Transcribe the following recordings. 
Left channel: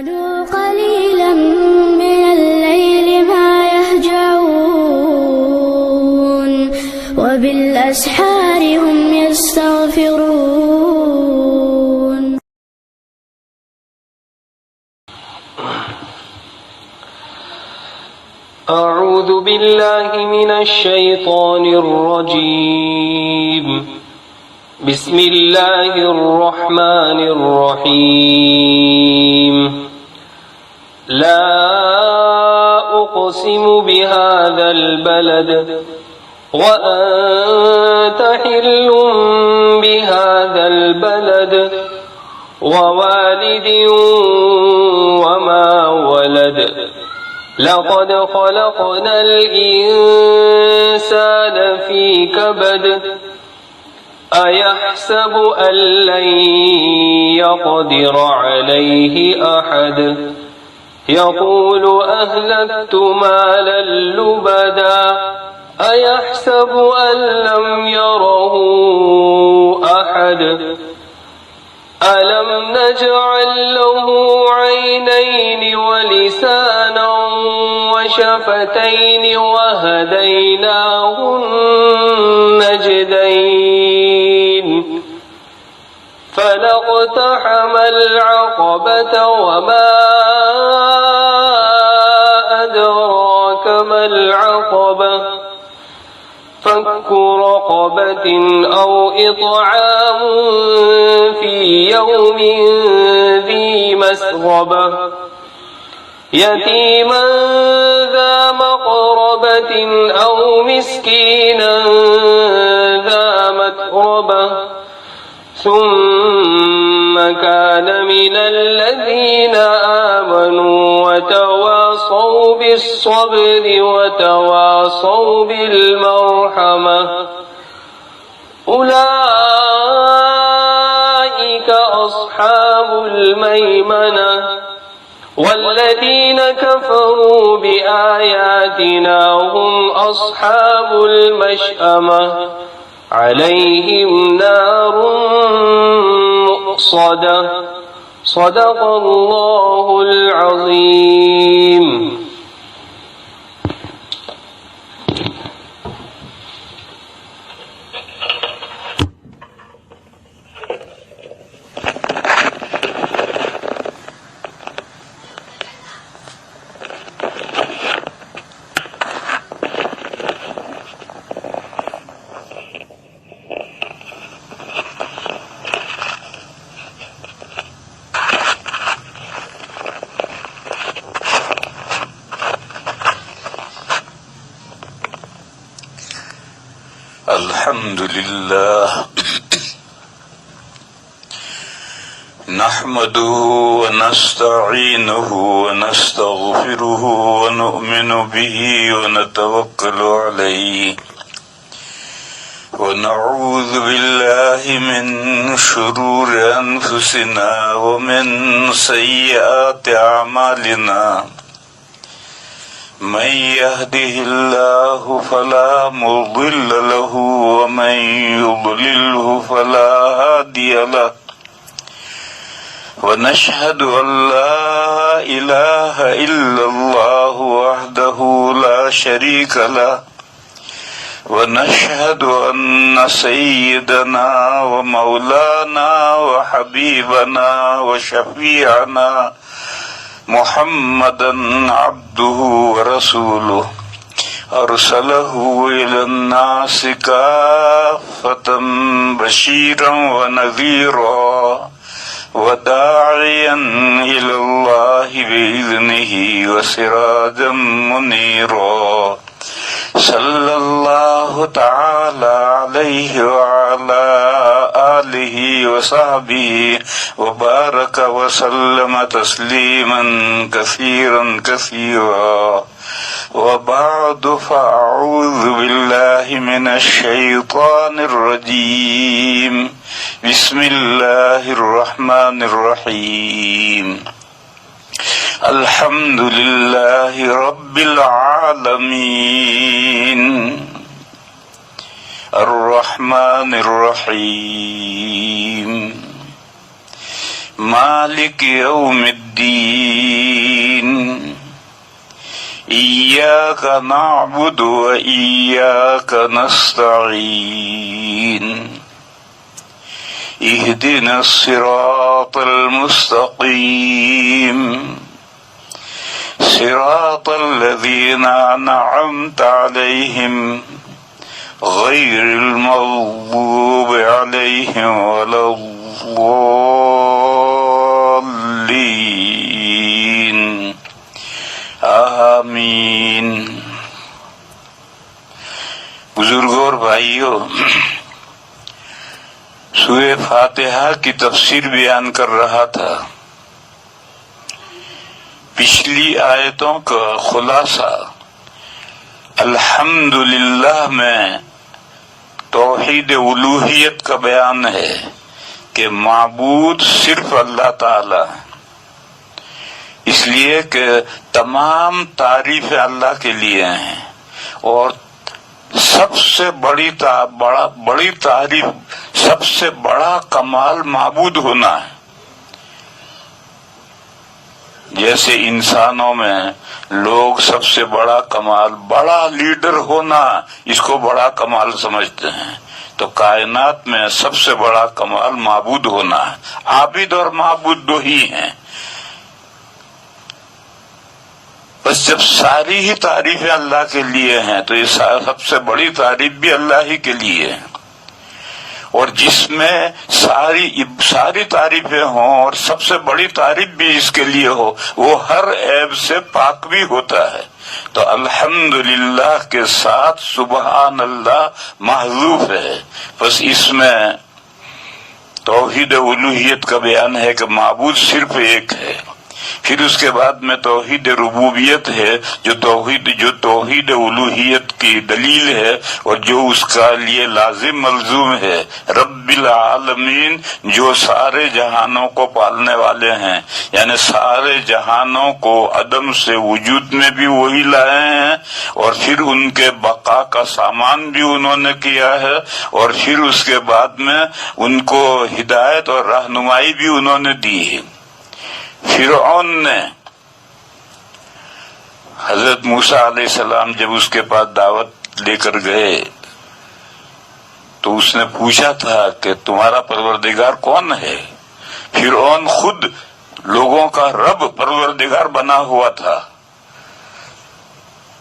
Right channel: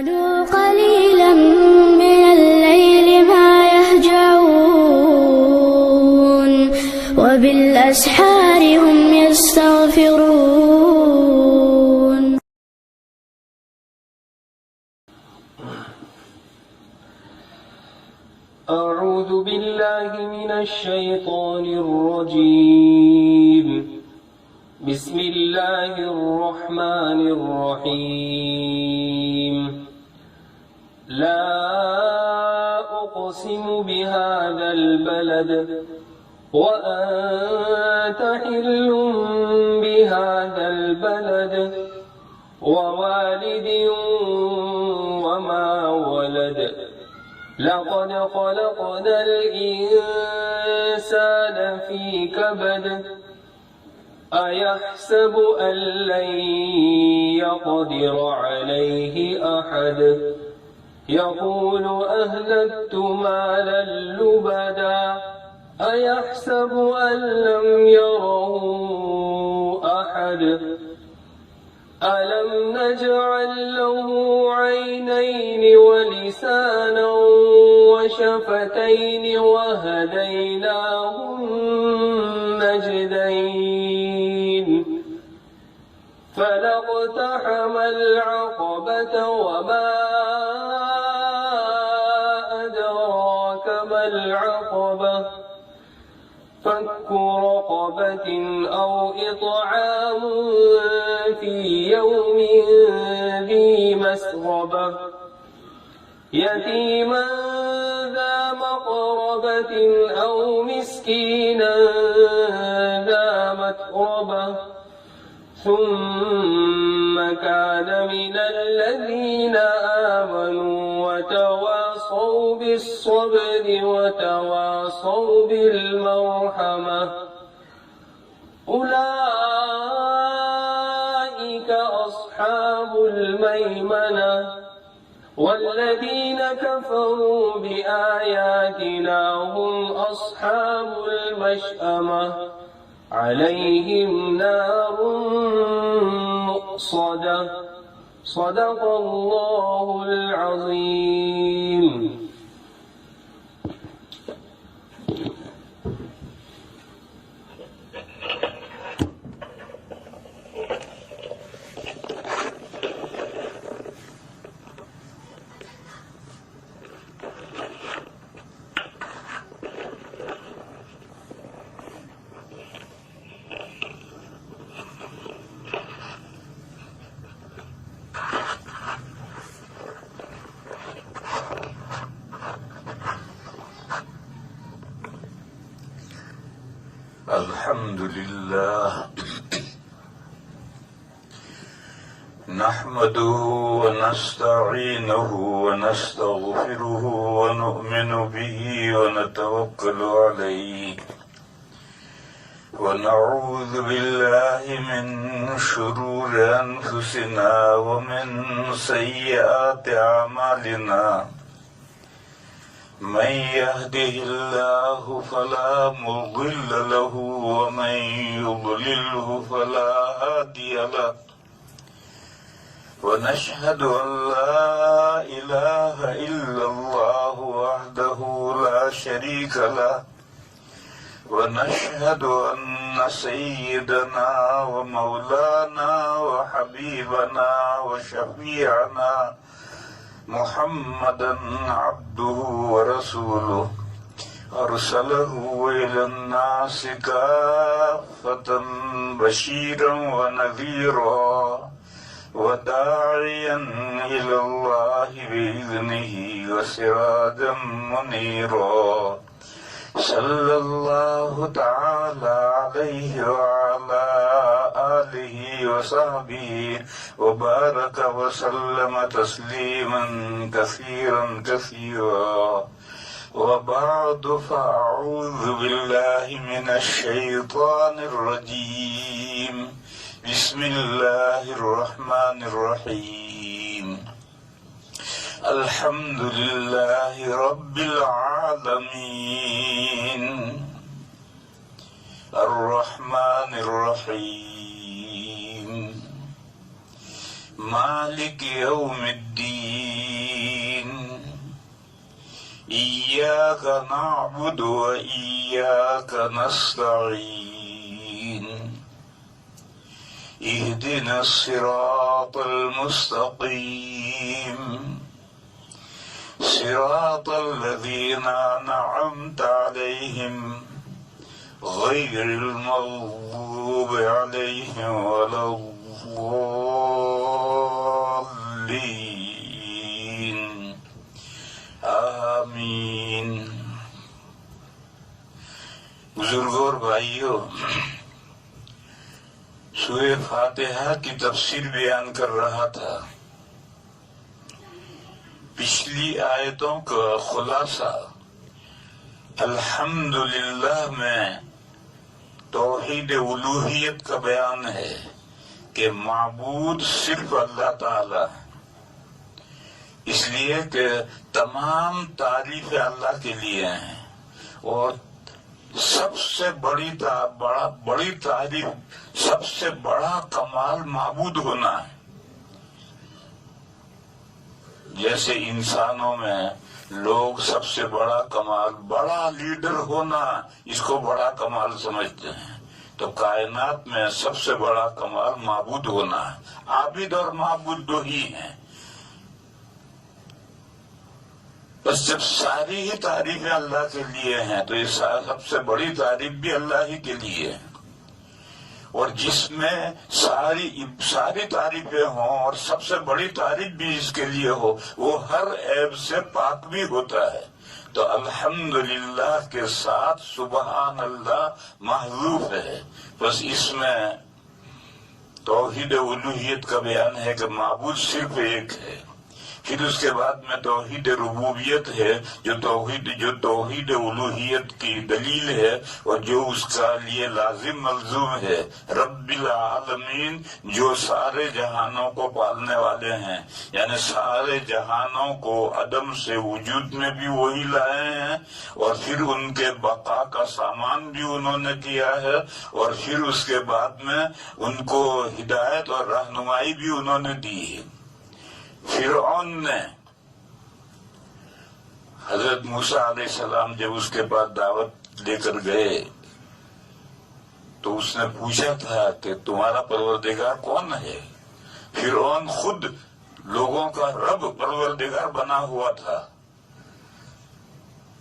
كانوا قليلا من الليل ما يهجعون وبالأسحار هم يستغفرون. أعوذ بالله من الشيطان الرجيم. بسم الله الرحمن الرحيم. لا أقسم بهذا البلد وأنت حل بهذا البلد ووالد وما ولد لقد خلقنا الإنسان في كبد أيحسب أن لن يقدر عليه أحد يقول أهلكت مالا لبدا أيحسب أن لم يره أحد ألم نجعل له عينين ولسانا وشفتين وهديناه النجدين فلاقتحم العقبة وما أدراك ما العقبة فك رقبة أو إطعام في يوم ذي مسغبة يتيما ذا مقربة أو مسكينا ذا متربة ثم كان من الذين آمنوا وتواصوا بالصبر وتواصوا بالمرحمة أولئك أصحاب الميمنة والذين كفروا بآياتنا هم أصحاب المشأمة عليهم نار مؤصدة صدق الله العظيم. الحمد لله نحمده ونستعينه ونستغفره ونؤمن به ونتوكل عليه ونعوذ بالله من شرور أنفسنا ومن سيئات أعمالنا من يهده الله فلا مضل له ومن يضلله فلا هادي له ونشهد أن لا إله إلا الله وحده لا شريك له ونشهد أن سيدنا ومولانا وحبيبنا وشفيعنا محمدا عبده ورسوله أرسله إلى الناس كافة بشيرا ونذيرا وداعيا إلى الله بإذنه وسراجا منيرا صلى الله تعالى عليه وعلى آله وصحبه وبارك وسلم تسليما كثيرا كثيرا وبعد فأعوذ بالله من الشيطان الرجيم بسم الله الرحمن الرحيم الحمد لله رب العالمين الرحمن الرحيم مالك يوم الدين الدين إياك نعبد وإياك نستعين اهدنا الصراط المستقيم صراط الذين أنعمت عليهم غير المغضوب عليهم ولا الضالين آمین۔ بزرگوں اور بھائیوں، سورہ فاتحہ کی تفسیر بیان کر رہا تھا۔ پچھلی آیتوں کا خلاصہ الحمدللہ میں توحید الوہیت کا بیان ہے کہ معبود صرف اللہ تعالی ہے، اس لیے کہ تمام تعریفیں اللہ کے لیے ہیں، اور سب سے بڑی تعریف، سب سے بڑا کمال معبود ہونا ہے۔ جیسے انسانوں میں لوگ سب سے بڑا کمال بڑا لیڈر ہونا، اس کو بڑا کمال سمجھتے ہیں، تو کائنات میں سب سے بڑا کمال معبود ہونا ہے۔ عابد اور معبود دو ہی ہیں، بس جب ساری ہی تعریفیں اللہ کے لیے ہیں تو یہ سب سے بڑی تعریف بھی اللہ ہی کے لیے ہے، اور جس میں ساری تعریفیں ہوں اور سب سے بڑی تعریف بھی اس کے لیے ہو، وہ ہر عیب سے پاک بھی ہوتا ہے۔ تو الحمدللہ کے ساتھ سبحان اللہ محذوف ہے، بس اس میں توحید الوہیت کا بیان ہے کہ معبود صرف ایک ہے۔ پھر اس کے بعد میں توحید ربوبیت ہے، جو توحید الوہیت کی دلیل ہے اور جو اس کا لیے لازم ملزوم ہے۔ رب العالمین، جو سارے جہانوں کو پالنے والے ہیں، یعنی سارے جہانوں کو عدم سے وجود میں بھی وہی لائے ہیں، اور پھر ان کے بقا کا سامان بھی انہوں نے کیا ہے، اور پھر اس کے بعد میں ان کو ہدایت اور رہنمائی بھی انہوں نے دی ہے۔ فرعون نے حضرت موسیٰ علیہ السلام جب اس کے پاس دعوت لے کر گئے تو اس نے پوچھا تھا کہ تمہارا پروردگار کون ہے؟ فرعون خود لوگوں کا رب پروردگار بنا ہوا تھا،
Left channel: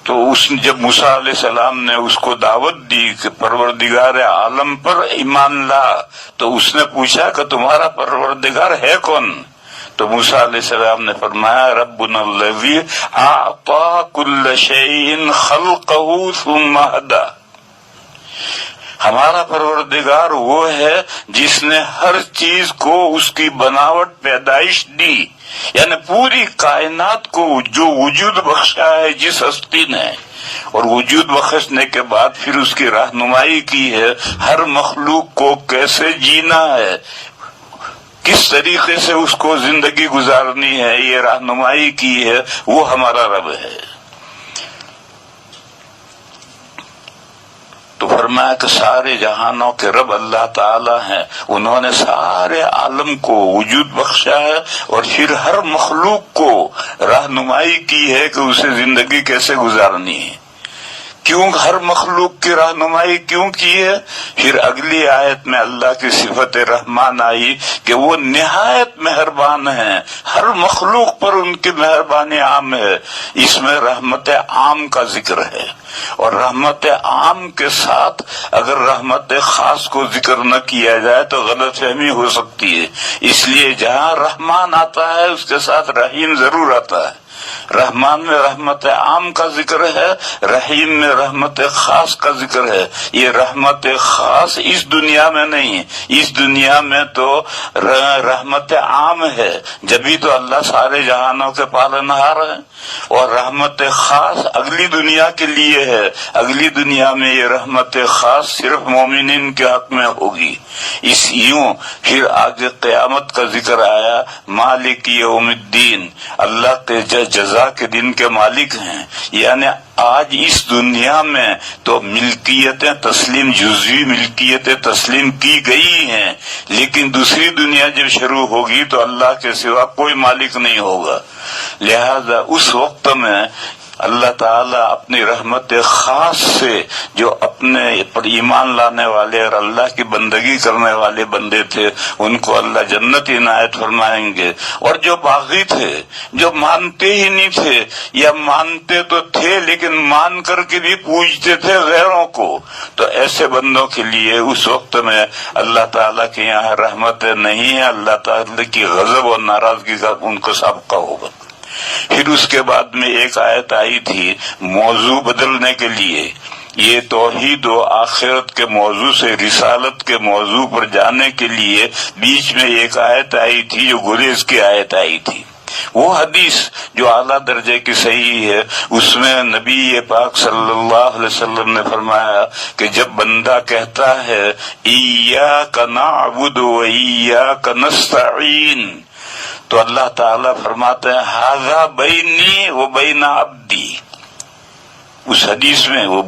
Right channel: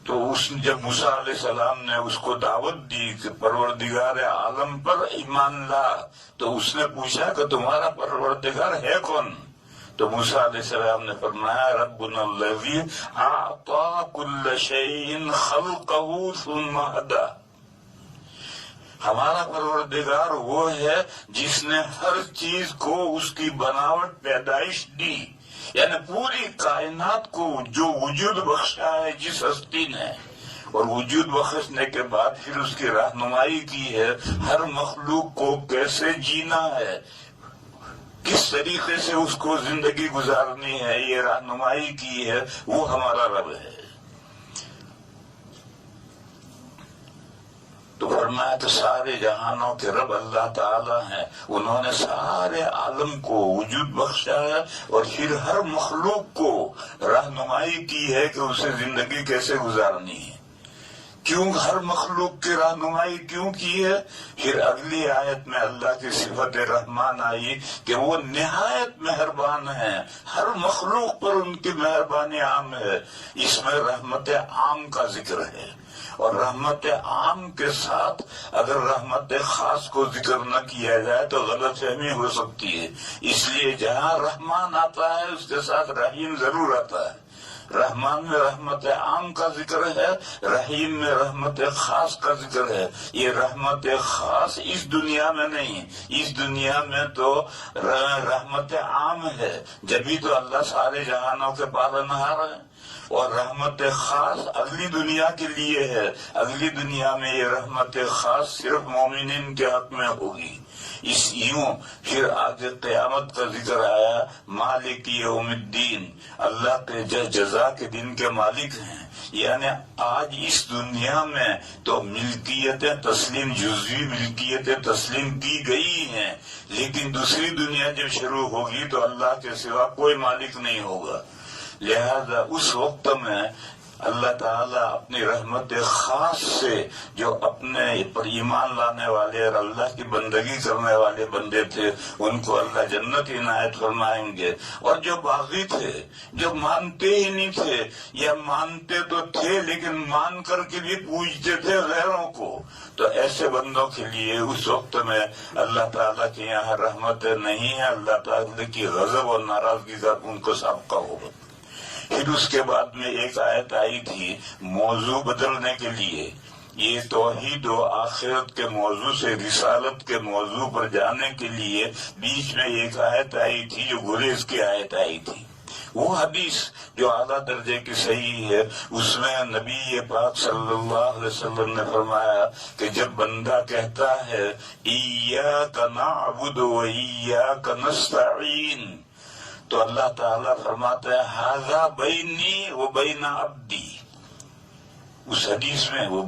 تو جب موسیٰ علیہ السلام نے اس کو دعوت دی کہ پروردگار عالم پر ایمان لا، تو اس نے پوچھا کہ تمہارا پروردگار ہے کون؟ تو موسیٰ علیہ السلام نے فرمایا ربنا الذی اعطی کل شیء خلقہ ثم ہدی، ہمارا پروردگار وہ ہے جس نے ہر چیز کو اس کی بناوٹ پیدائش دی، یعنی پوری کائنات کو جو وجود بخشا ہے جس ہستی نے، اور وجود بخشنے کے بعد پھر اس کی رہنمائی کی ہے، ہر مخلوق کو کیسے جینا ہے، کس طریقے سے اس کو زندگی گزارنی ہے، یہ رہنمائی کی ہے، وہ ہمارا رب ہے۔ تو فرمایا کہ سارے جہانوں کے رب اللہ تعالی ہیں، انہوں نے سارے عالم کو وجود بخشا ہے اور پھر ہر مخلوق کو رہنمائی کی ہے کہ اسے زندگی کیسے گزارنی ہے۔ کیوں ہر مخلوق کی رہنمائی کیوں کی ہے؟ پھر اگلی آیت میں اللہ کی صفت رحمان آئی کہ وہ نہایت مہربان ہیں، ہر مخلوق پر ان کی مہربانی عام ہے۔ اس میں رحمت عام کا ذکر ہے، اور رحمت عام کے ساتھ اگر رحمت خاص کو ذکر نہ کیا جائے تو غلط فہمی ہو سکتی ہے، اس لیے جہاں رحمان آتا ہے اس کے ساتھ رحیم ضرور آتا ہے۔ رحمان میں رحمت عام کا ذکر ہے، رحیم میں رحمت خاص کا ذکر ہے۔ یہ رحمت خاص اس دنیا میں نہیں، اس دنیا میں تو رحمت عام ہے، جبھی تو اللہ سارے جہانوں کے پالنہار ہے، اور رحمت خاص اگلی دنیا کے لیے ہے۔ اگلی دنیا میں یہ رحمت خاص صرف مومنین کے حق میں ہوگی۔ اس یوں پھر آگے قیامت کا ذکر آیا، مالک یوم الدین، اللہ کے جزا کے دن کے مالک ہیں. یعنی آج اس دنیا میں تو ملکیتیں تسلیم، جزوی ملکیتیں تسلیم کی گئی ہیں، لیکن دوسری دنیا جب شروع ہوگی تو اللہ کے سوا کوئی مالک نہیں ہوگا. لہذا اس وقت میں اللہ تعالیٰ اپنی رحمت خاص سے جو اپنے پر ایمان لانے والے اور اللہ کی بندگی کرنے والے بندے تھے ان کو اللہ جنت عنایت فرمائیں گے. اور جو باغی تھے، جو مانتے ہی نہیں تھے یا مانتے تو تھے لیکن مان کر کے بھی پوجتے تھے غیروں کو، تو ایسے بندوں کے لیے اس وقت میں اللہ تعالیٰ کے یہاں رحمت نہیں ہے، اللہ تعالیٰ کی غضب اور ناراضگی کا ان کو سابقہ ہوگا. پھر اس کے بعد میں ایک آیت آئی تھی موضوع بدلنے کے لیے. یہ توحید و آخرت کے موضوع سے رسالت کے موضوع پر جانے کے لیے بیچ میں ایک آیت آئی تھی جو گریز کی آیت آئی تھی. وہ حدیث جو اعلیٰ درجے کی صحیح ہے، اس میں نبی پاک صلی اللہ علیہ وسلم نے فرمایا کہ جب بندہ کہتا ہے ایاک نعبد و ایاک نستعین، تو اللہ تعالیٰ فرماتے ہیں ھذا بینی و بین عبدی. اس حدیث میں وہ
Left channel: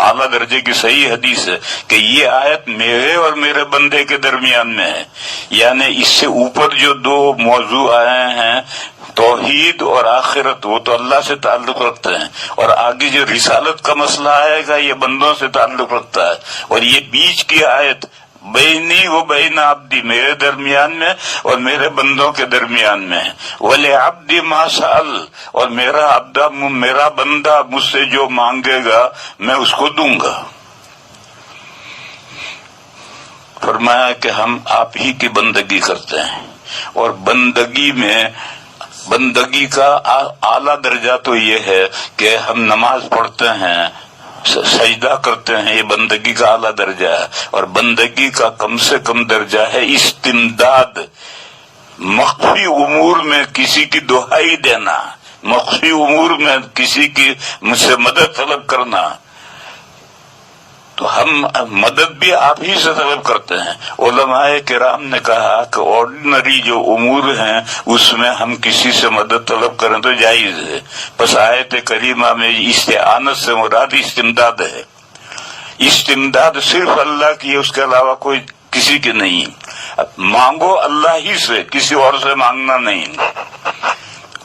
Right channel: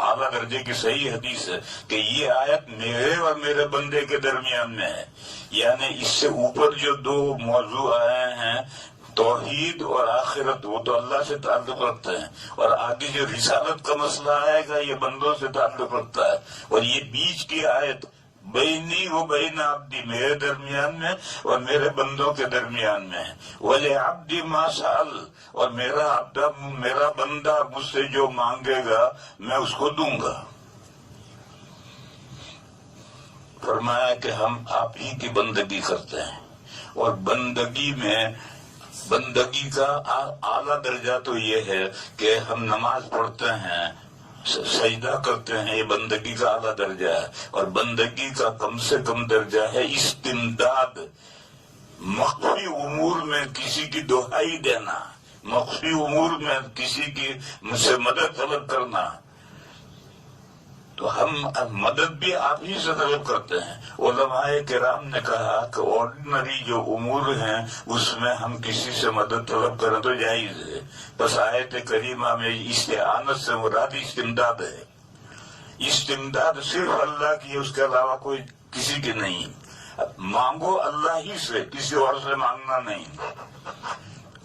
اعلیٰ درجے کی صحیح حدیث ہے کہ یہ آیت میرے اور میرے بندے کے درمیان میں ہے. یعنی اس سے اوپر جو دو موضوع آئے ہیں توحید اور آخرت، وہ تو اللہ سے تعلق رکھتے ہیں، اور آگے جو رسالت کا مسئلہ آئے گا یہ بندوں سے تعلق رکھتا ہے. اور یہ بیچ کی آیت بینی و بین عبدی، میرے درمیان میں اور میرے بندوں کے درمیان میں. وَلِعَبْدِ مَا سَأَلَ، اور میرا بندہ مجھ سے جو مانگے گا میں اس کو دوں گا. فرمایا کہ ہم آپ ہی کی بندگی کرتے ہیں، اور بندگی کا اعلیٰ درجہ تو یہ ہے کہ ہم نماز پڑھتے ہیں، سجدہ کرتے ہیں، یہ بندگی کا اعلیٰ درجہ ہے. اور بندگی کا کم سے کم درجہ ہے استمداد، مخفی امور میں کسی کی دہائی دینا، مخفی امور میں کسی کی مجھ سے مدد طلب کرنا. تو ہم مدد بھی آپ ہی سے طلب کرتے ہیں. علماء کرام نے کہا کہ آرڈنری جو امور ہیں اس میں ہم کسی سے مدد طلب کریں تو جائز ہے. بس آیت کریمہ میں استعانت سے مراد استمداد ہے. استمداد صرف اللہ کی ہے، اس کے علاوہ کوئی کسی کی نہیں. مانگو اللہ ہی سے، کسی اور سے مانگنا نہیں.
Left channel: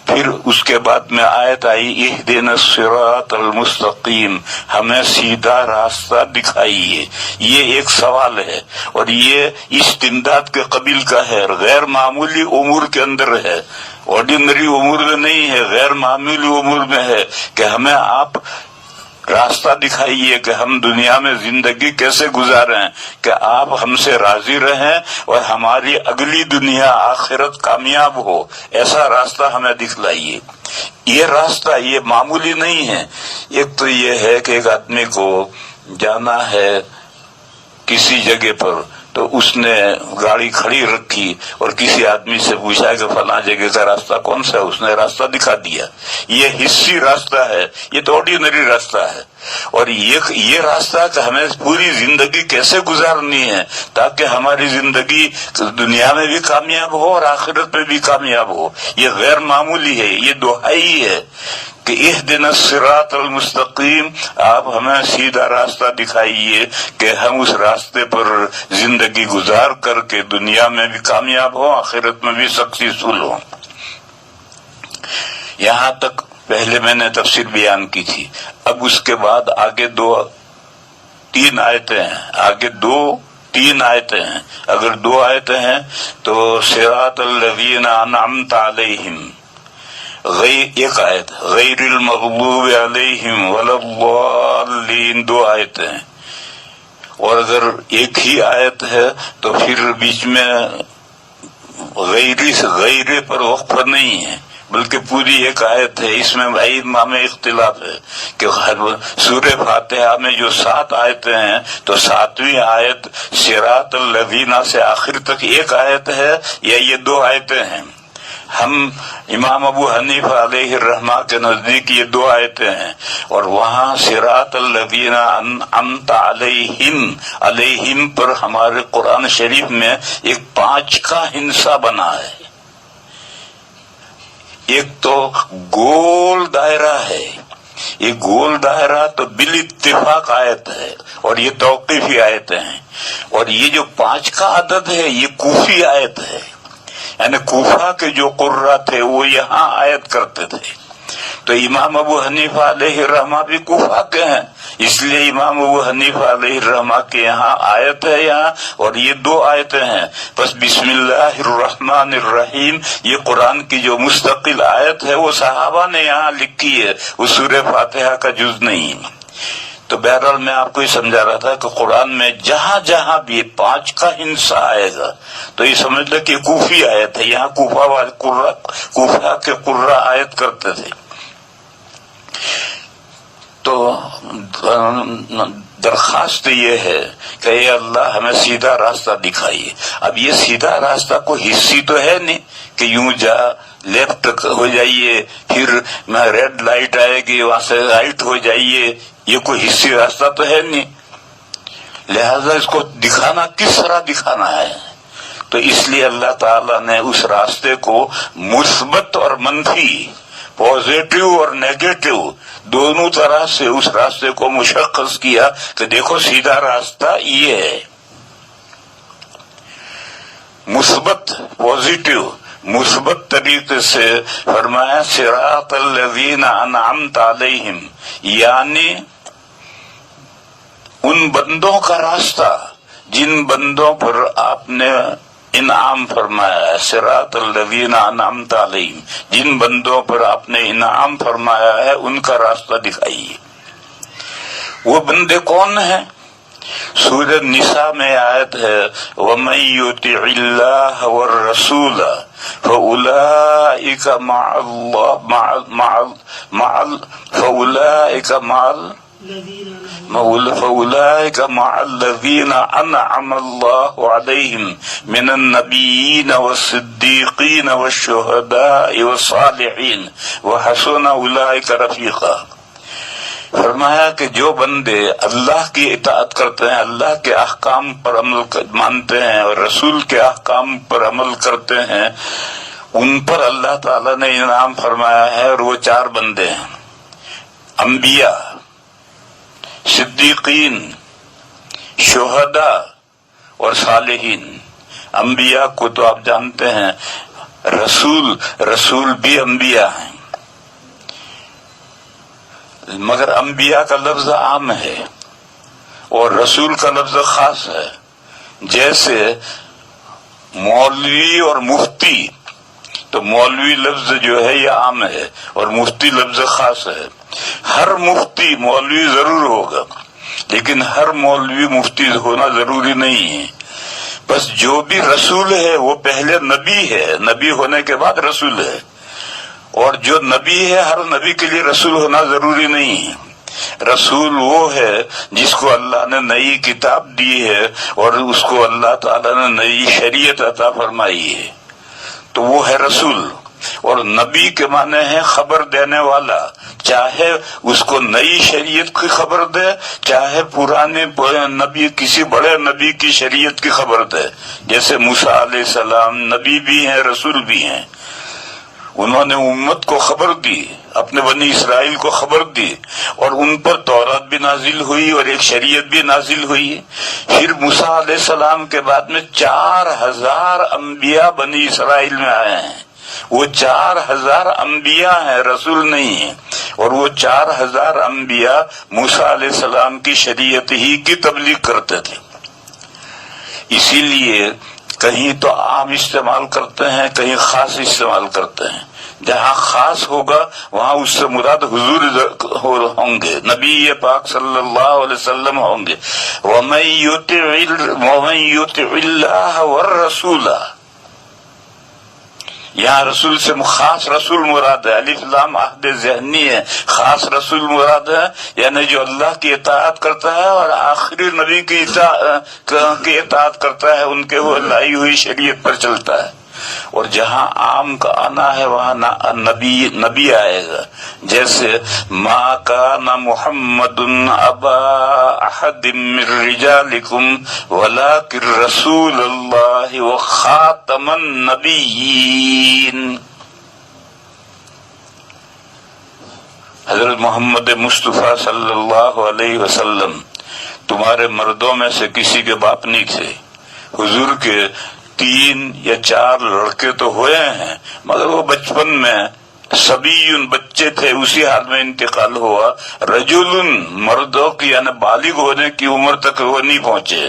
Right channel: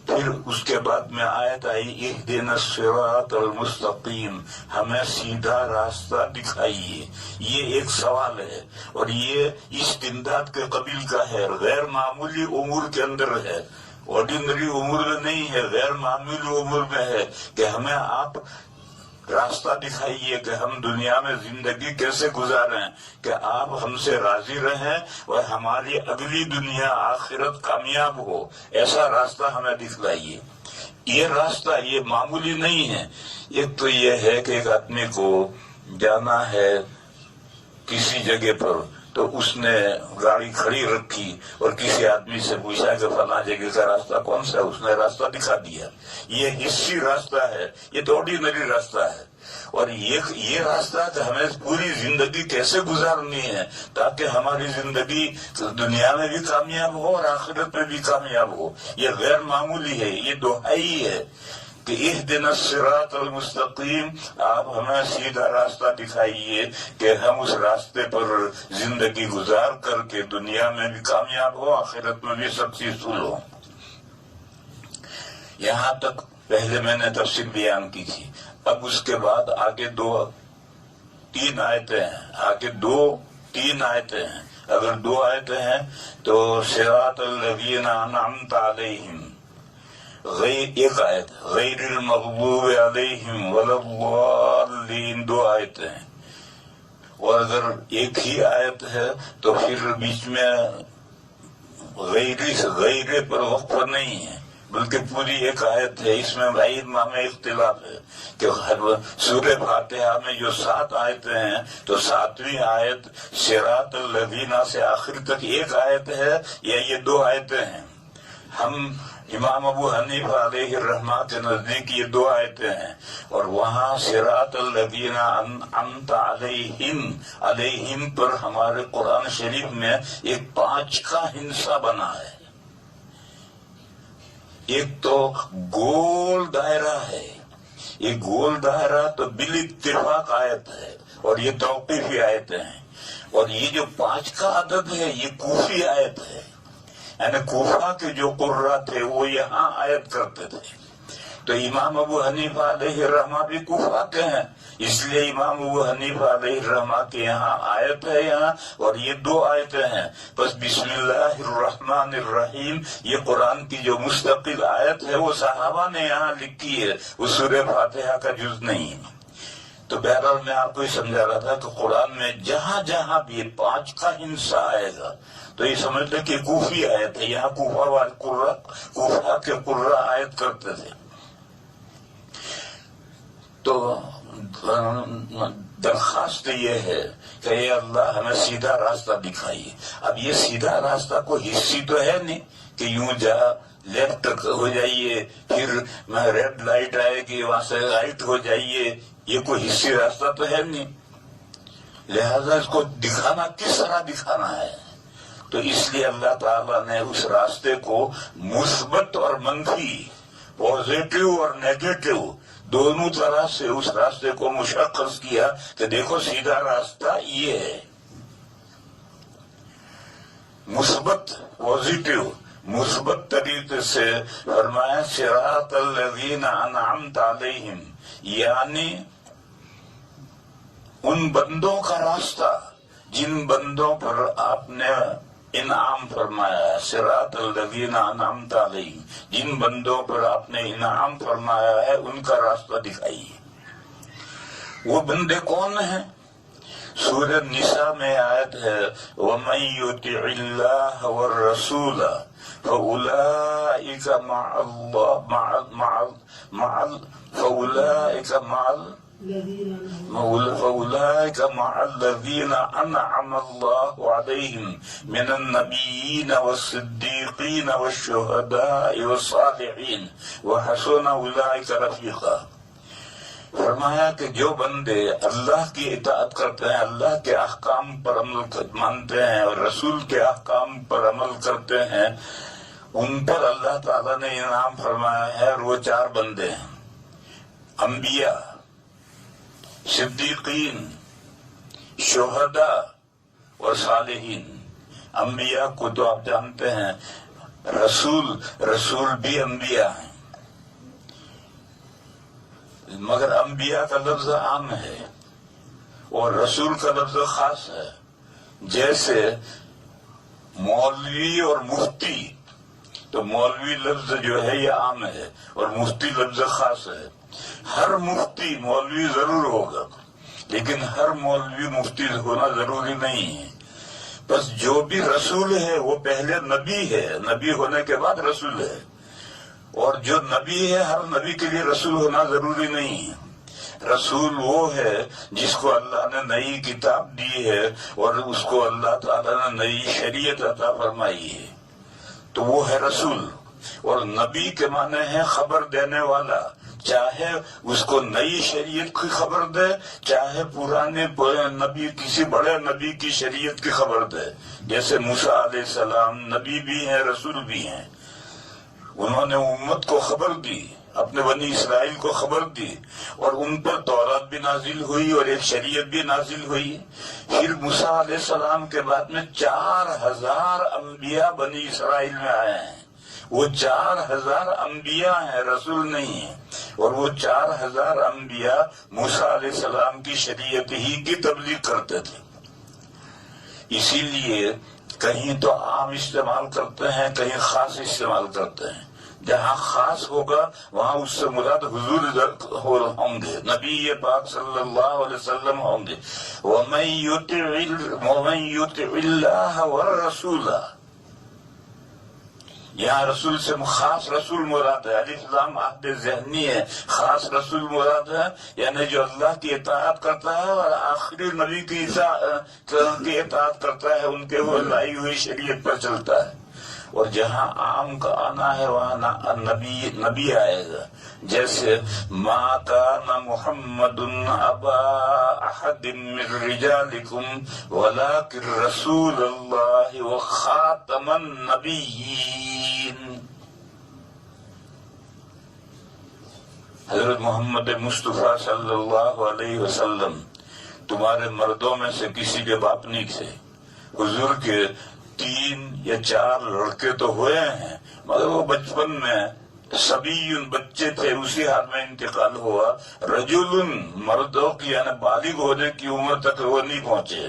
پھر اس کے بعد میں آیت آئی اہدنا الصراط المستقیم، ہمیں سیدھا راستہ دکھائیے. یہ ایک سوال ہے اور یہ استمداد کے قبیل کا ہے، غیر معمولی امور کے اندر ہے، آرڈینری امور میں نہیں ہے، غیر معمولی امور میں ہے کہ ہمیں آپ راستہ دکھائیے کہ ہم دنیا میں زندگی کیسے گزاریں کہ آپ ہم سے راضی رہیں اور ہماری اگلی دنیا آخرت کامیاب ہو. ایسا راستہ ہمیں دکھلائیے. یہ راستہ یہ معمولی نہیں ہے. ایک تو یہ ہے کہ ایک آدمی کو جانا ہے کسی جگہ پر، تو اس نے گاڑی کھڑی رکھی اور کسی آدمی سے پوچھا کہ فلاں جگہ کا راستہ کون سا ہے، اس نے راستہ دکھا دیا. یہ حصی راستہ ہے، یہ تو آرڈینری راستہ ہے. اور یہ راستہ کہ ہمیں پوری زندگی کیسے گزارنی ہے تاکہ ہماری زندگی دنیا میں بھی کامیاب ہو اور آخرت میں بھی کامیاب ہو، یہ غیر معمولی ہے. یہ دہائی ہے کہ اہدنا الصراط المستقیم، آپ ہمیں سیدھا راستہ دکھائیے کہ ہم اس راستے پر زندگی گزار کر کے دنیا میں بھی کامیاب ہوں، آخرت میں بھی سکسیسفل ہوں. یہاں تک پہلے میں نے تفسیر بیان کی تھی. اب اس کے بعد آگے تین آیتیں ہیں. آگے تین آیتیں ہیں. اگر 2 آیتیں ہیں تو صراط الذین انعمت علیہم، ایک آیت غیر المغضوب علیہم ولا الضالین، 2 آیتیں ہیں. اور اگر ایک ہی آیت ہے تو پھر بیچ میں غیر پر وقف نہیں ہے بلکہ پوری ایک آیت ہے. اس میں ائمہ میں اختلاف ہے کہ سورہ فاتحہ میں جو 7 آیتیں ہیں تو 7ویں آیت صراط الذین سے آخر تک ایک آیت ہے یا یہ 2 آیتیں ہیں. ہم امام ابو حنیفہ علیہ الرحمہ کے نزدیک یہ 2 آیتیں ہیں. اور وہاں صراط الذین انعمت علیہم پر ہمارے قرآن شریف میں ایک 5 کا ہندسہ بنا ہے. ایک تو گول دائرہ ہے، یہ گول دائرہ تو بال اتفاق آیت ہے اور یہ توقیفی آیتیں ہیں، اور یہ جو 5 کا عدد ہے یہ کوفی آیت ہے، یعنی کوفہ کے جو قرہ تھے وہ یہاں آیت کرتے تھے۔ تو امام ابو حنیفہ علیہ الرحمہ بھی کوفہ کے ہیں، اس لیے امام ابو حنیفہ علیہ الرحمہ کے یہاں آیت ہے یہاں، اور یہ 2 آیتیں ہیں۔ بس بسم اللہ الرحمن الرحیم یہ قرآن کی جو مستقل آیت ہے وہ صحابہ نے یہاں لکھی ہے، وہ سورہ فاتحہ کا جز نہیں۔ تو بہرحال میں آپ کو یہ سمجھا رہا تھا کہ قرآن میں جہاں جہاں بھی 5 کا ہندسہ آئے گا تو یہ سمجھ لیں کہ کوفی آیت ہے، یہاں کوفہ کے قرہ آیت کرتے تھے۔ تو درخواست یہ ہے کہ اے اللہ ہمیں سیدھا راستہ دکھائیے۔ اب یہ سیدھا راستہ کوئی حصی تو ہے نہیں کہ یوں جا لیفٹ ہو جائیے، پھر ریڈ لائٹ آئے گی وہاں سے رائٹ ہو جائیے، یہ کوئی حصی راستہ تو ہے نہیں، لہذا اس کو دکھانا کس طرح دکھانا ہے۔ تو اس لیے اللہ تعالیٰ نے اس راستے کو مثبت اور منفی، پازیٹو اور نیگیٹو دونوں طرح سے اس راستے کو مشخص کیا کہ دیکھو سیدھا راستہ یہ ہے، مثبت پازیٹو مثبت طریقے سے فرمایا صراط الذین انعمت علیہم، یعنی ان بندوں کا راستہ جن بندوں پر آپ نے انعام فرمایا ہے، صراط الذین انعمت علیہم، جن بندوں پر آپ نے انعام فرمایا ہے ان کا راستہ دکھائیے۔ وہ بندے کون ہیں؟ سورہ نساء میں آیت ہے وَمَن يُطِعِ اللَّهَ وَالرَّسُولَ فَأُولَئِكَ مع الذين أنعم الله عليهم من النبيين والصديقين والشهداء والصالحين وحسن أولئك رفيقا۔ فرمایا کہ جو بندے اللہ کی اطاعت کرتے ہیں، اللہ کے احکام پر عمل مانتے ہیں اور رسول کے احکام پر عمل کرتے ہیں، ان پر اللہ تعالیٰ نے انعام فرمایا ہے، اور وہ 4 بندے ہیں: انبیاء، صدیقین، شہداء اور صالحین۔ انبیاء کو تو آپ جانتے ہیں، رسول بھی انبیاء ہیں، مگر انبیاء کا لفظ عام ہے اور رسول کا لفظ خاص ہے۔ جیسے مولوی اور مفتی، تو مولوی لفظ جو ہے یہ عام ہے اور مفتی لفظ خاص ہے۔ ہر مفتی مولوی ضرور ہوگا، لیکن ہر مولوی مفتی ہونا ضروری نہیں ہے۔ بس جو بھی رسول ہے وہ پہلے نبی ہے، نبی ہونے کے بعد رسول ہے، اور جو نبی ہے ہر نبی کے لیے رسول ہونا ضروری نہیں ہے۔ رسول وہ ہے جس کو اللہ نے نئی کتاب دی ہے اور اس کو اللہ تعالیٰ نے نئی شریعت عطا فرمائی ہے، تو وہ ہے رسول۔ اور نبی کے معنی ہے خبر دینے والا، چاہے اس کو نئی شریعت کی خبر دے، چاہے پرانے نبی کسی بڑے نبی کی شریعت کی خبر دے۔ جیسے موسیٰ علیہ السلام نبی بھی ہیں رسول بھی ہیں، انہوں نے امت کو خبر دی، اپنے بنی اسرائیل کو خبر دی، اور ان پر تورات بھی نازل ہوئی اور ایک شریعت بھی نازل ہوئی۔ پھر موسیٰ علیہ السلام کے بعد میں 4000 انبیاء بنی اسرائیل میں آئے ہیں، وہ 4000 انبیاء ہیں، رسول نہیں ہیں، اور وہ 4000 انبیاء موسیٰ علیہ السلام کی شریعت ہی کی تبلیغ کرتے تھے۔ اسی لیے کہیں تو عام استعمال کرتے ہیں، کہیں خاص استعمال کرتے ہیں۔ جہاں خاص ہوگا وہاں اس سے مراد حضور ہوں گے، نبی پاک صلی اللہ علیہ وسلم ہوں گے۔ وَمَن يُطِعِ اللَّهَ وَالرَّسُولَ، یہاں رسول سے خاص رسول مراد ہے، الف لام عہد ذہنی ہے، خاص رسول مراد ہے، یعنی جو اللہ کی اطاعت کرتا ہے اور آخری نبی کی اطاعت کرتا ہے، ان کے وہ لائی ہوئی شریعت پر چلتا ہے۔ اور جہاں عام کا آنا ہے وہاں نبی آئے گا، جیسے ما کان محمد ابا احد من رجالکم ولکن رسول اللہ وخاتم النبیین۔ حضرت محمد مصطفیٰ صلی اللہ علیہ وسلم تمہارے مردوں میں سے کسی کے باپ نہیں تھے. حضور کے 3 یا 4 لڑکے تو ہوئے ہیں، مگر وہ بچپن میں صبی بچے تھے، اسی حال میں انتقال ہوا. رجل مردوں کی یعنی بالغ ہونے کی عمر تک وہ نہیں پہنچے.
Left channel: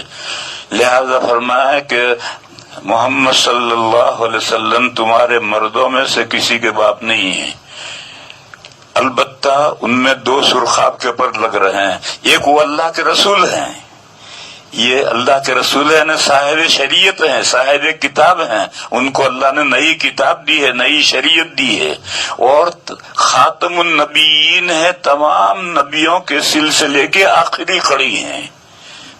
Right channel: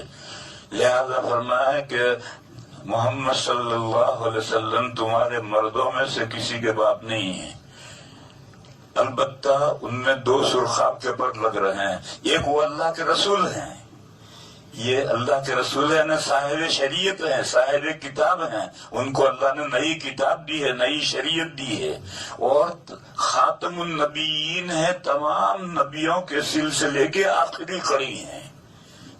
لہذا فرمایا کہ محمد صلی اللہ علیہ وسلم تمہارے مردوں میں سے کسی کے باپ نہیں ہیں. البتہ ان میں 2 سرخاب کے پر لگ رہے ہیں. ایک وہ اللہ کے رسول ہیں، یہ اللہ کے رسول ہیں، صاحب شریعت ہیں، صاحب کتاب ہیں. ان کو اللہ نے نئی کتاب دی ہے، نئی شریعت دی ہے. اور خاتم النبیین ہے، تمام نبیوں کے سلسلے کے آخری کڑی ہیں.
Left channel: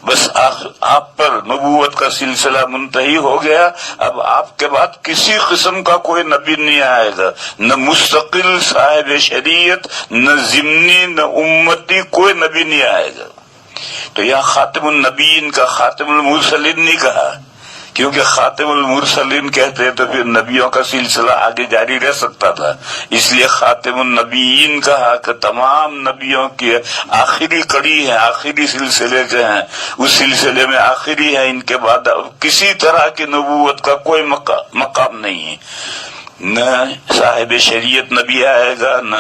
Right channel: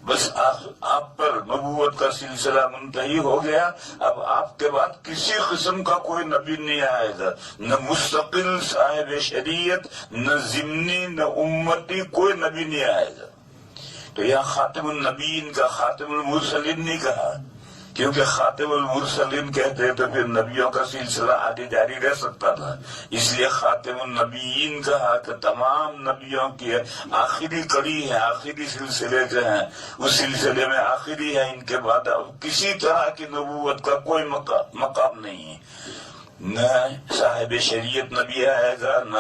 بس آپ پر نبوت کا سلسلہ منتہی ہو گیا. اب آپ کے بعد کسی قسم کا کوئی نبی نہیں آئے گا، نہ مستقل صاحب شریعت، نہ ضمنی، نہ امتی، کوئی نبی نہیں آئے گا. تو یہاں خاتم النبیین کا خاتم المرسلین نہیں کہا، کیونکہ خاتم المرسلین کہتے تو پھر نبیوں کا سلسلہ آگے جاری رہ سکتا تھا. اس لیے خاتم النبیین کہا کہ تمام نبیوں کی آخری کڑی ہے، آخری سلسلے کے ہیں، اس سلسلے میں آخری ہے. ان کے بعد کسی طرح کی نبوت کا کوئی مقام نہیں ہے. نہ صاحب شریعت نبی آئے گا، نہ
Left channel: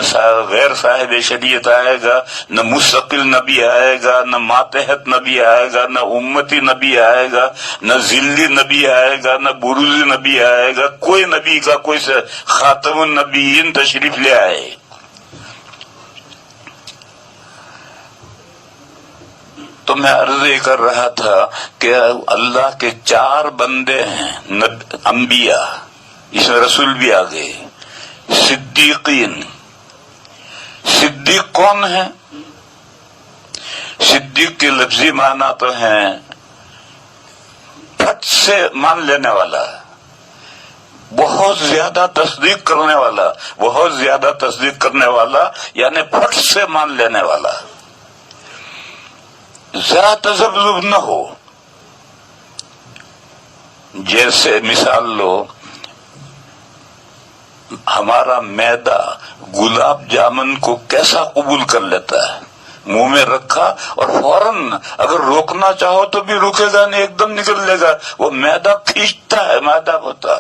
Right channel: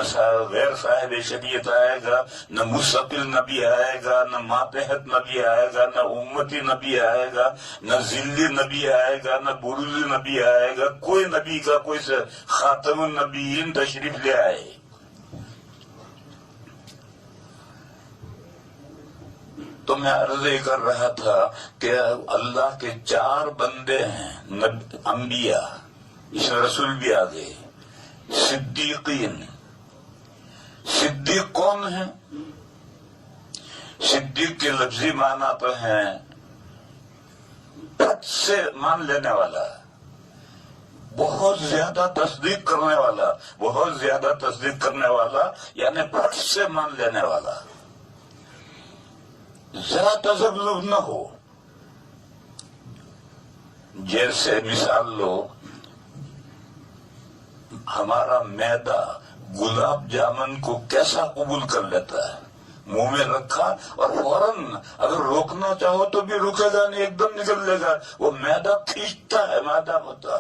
غیر صاحب شریعت آئے گا، نہ مستقل نبی آئے گا، نہ ماتحت نبی آئے گا، نہ امتی نبی آئے گا، نہ ذلی نبی آئے گا، نہ بروزی نبی آئے گا. کوئی نبی کا کوئی خاتم النبیین تشریف لے آئے. تو میں عرض یہ کر رہا تھا کہ اللہ کے 4 بندے ہیں انبیاء، اس میں رسول بھی آ گئے. صدیقین. صدیق کون ہے؟ صدیق کے لفظی معنی تو ہیں پھٹ سے مان لینے والا، بہت زیادہ تصدیق کرنے والا، بہت زیادہ تصدیق کرنے والا یعنی پھٹ سے مان لینے والا، ذرا تذبذب نہ ہو. جیسے مثال لو، ہمارا معدہ گلاب جامن کو کیسا قبول کر لیتا ہے، منہ میں رکھا اور فوراً اگر روکنا چاہو تو بھی رکے گا نہیں، ایک دم نکل لے گا. وہ معدہ کھینچتا ہے، معدہ ہوتا.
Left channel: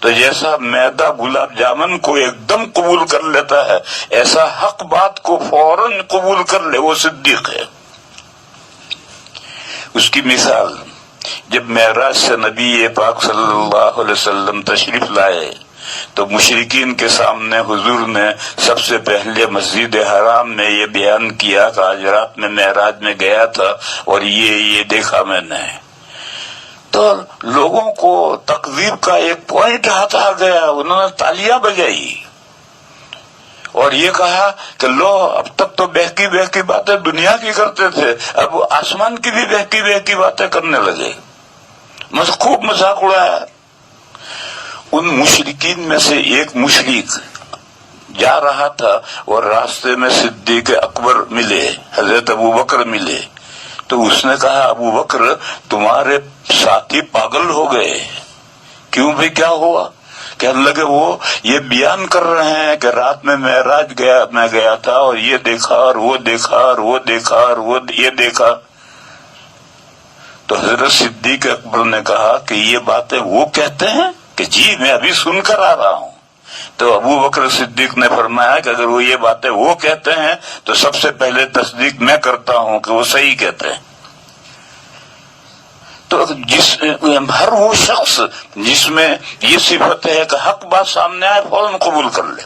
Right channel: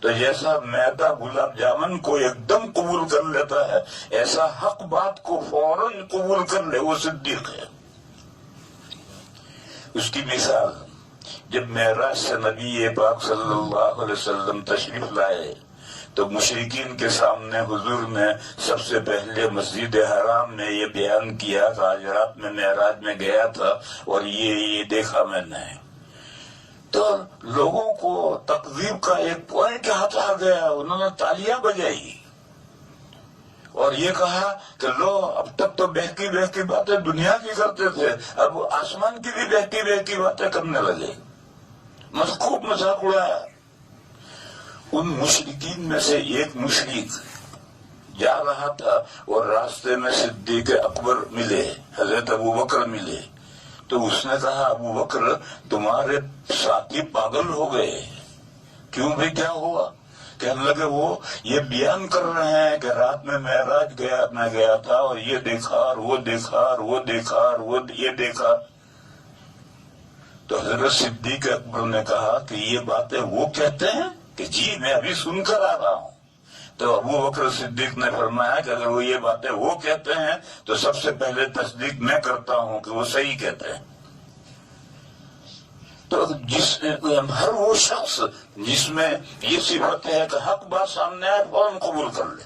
تو جیسا معدہ گلاب جامن کو ایک دم قبول کر لیتا ہے، ایسا حق بات کو فوراً قبول کر لے، وہ صدیق ہے. اس کی مثال، جب معراج سے نبی پاک صلی اللہ علیہ وسلم تشریف لائے تو مشرکین کے سامنے حضور نے سب سے پہلے مسجد حرام میں یہ بیان کیا کہ آج رات میں معراج میں گیا تھا اور یہ دیکھا میں نے. تو لوگوں کو تقریب کا ایک پوائنٹ ہاتھ آ گیا، انہوں نے تالیاں بجائی اور یہ کہا کہ لو اب تک تو بہکی بہکی باتیں دنیا کی کرتے تھے، اب آسمان کی بھی بہکی بہکی باتیں کرنے لگے. خوب مذاق اڑایا. ان مشرکین میں سے ایک مشرک جا رہا تھا اور راستے میں صدیق اکبر ملے، حضرت ابو بکر ملے. تو اس نے کہا ابو بکر تمہارے ساتھی پاگل ہو گئے. کیوں بھائی، کیا ہوا؟ کہنے لگے وہ یہ بیان کر رہے ہیں کہ رات میں معراج میں گیا تھا اور یہ دیکھا اور وہ دیکھا اور وہ دیکھا اور وہ یہ دیکھا. تو حضرت صدیق اکبر نے کہا کہ یہ باتیں وہ کہتے ہیں کہ جی میں ابھی سن کر آ رہا ہوں. تو ابو بکر صدیق نے فرمایا کہ اگر وہ یہ باتیں وہ کہتے ہیں تو سب سے پہلے تصدیق میں کرتا ہوں کہ وہ صحیح کہتے ہیں. تو ہر وہ شخص جس میں یہ صفت ہے کہ حق بات سامنے آئے فوراً قبول کر لے.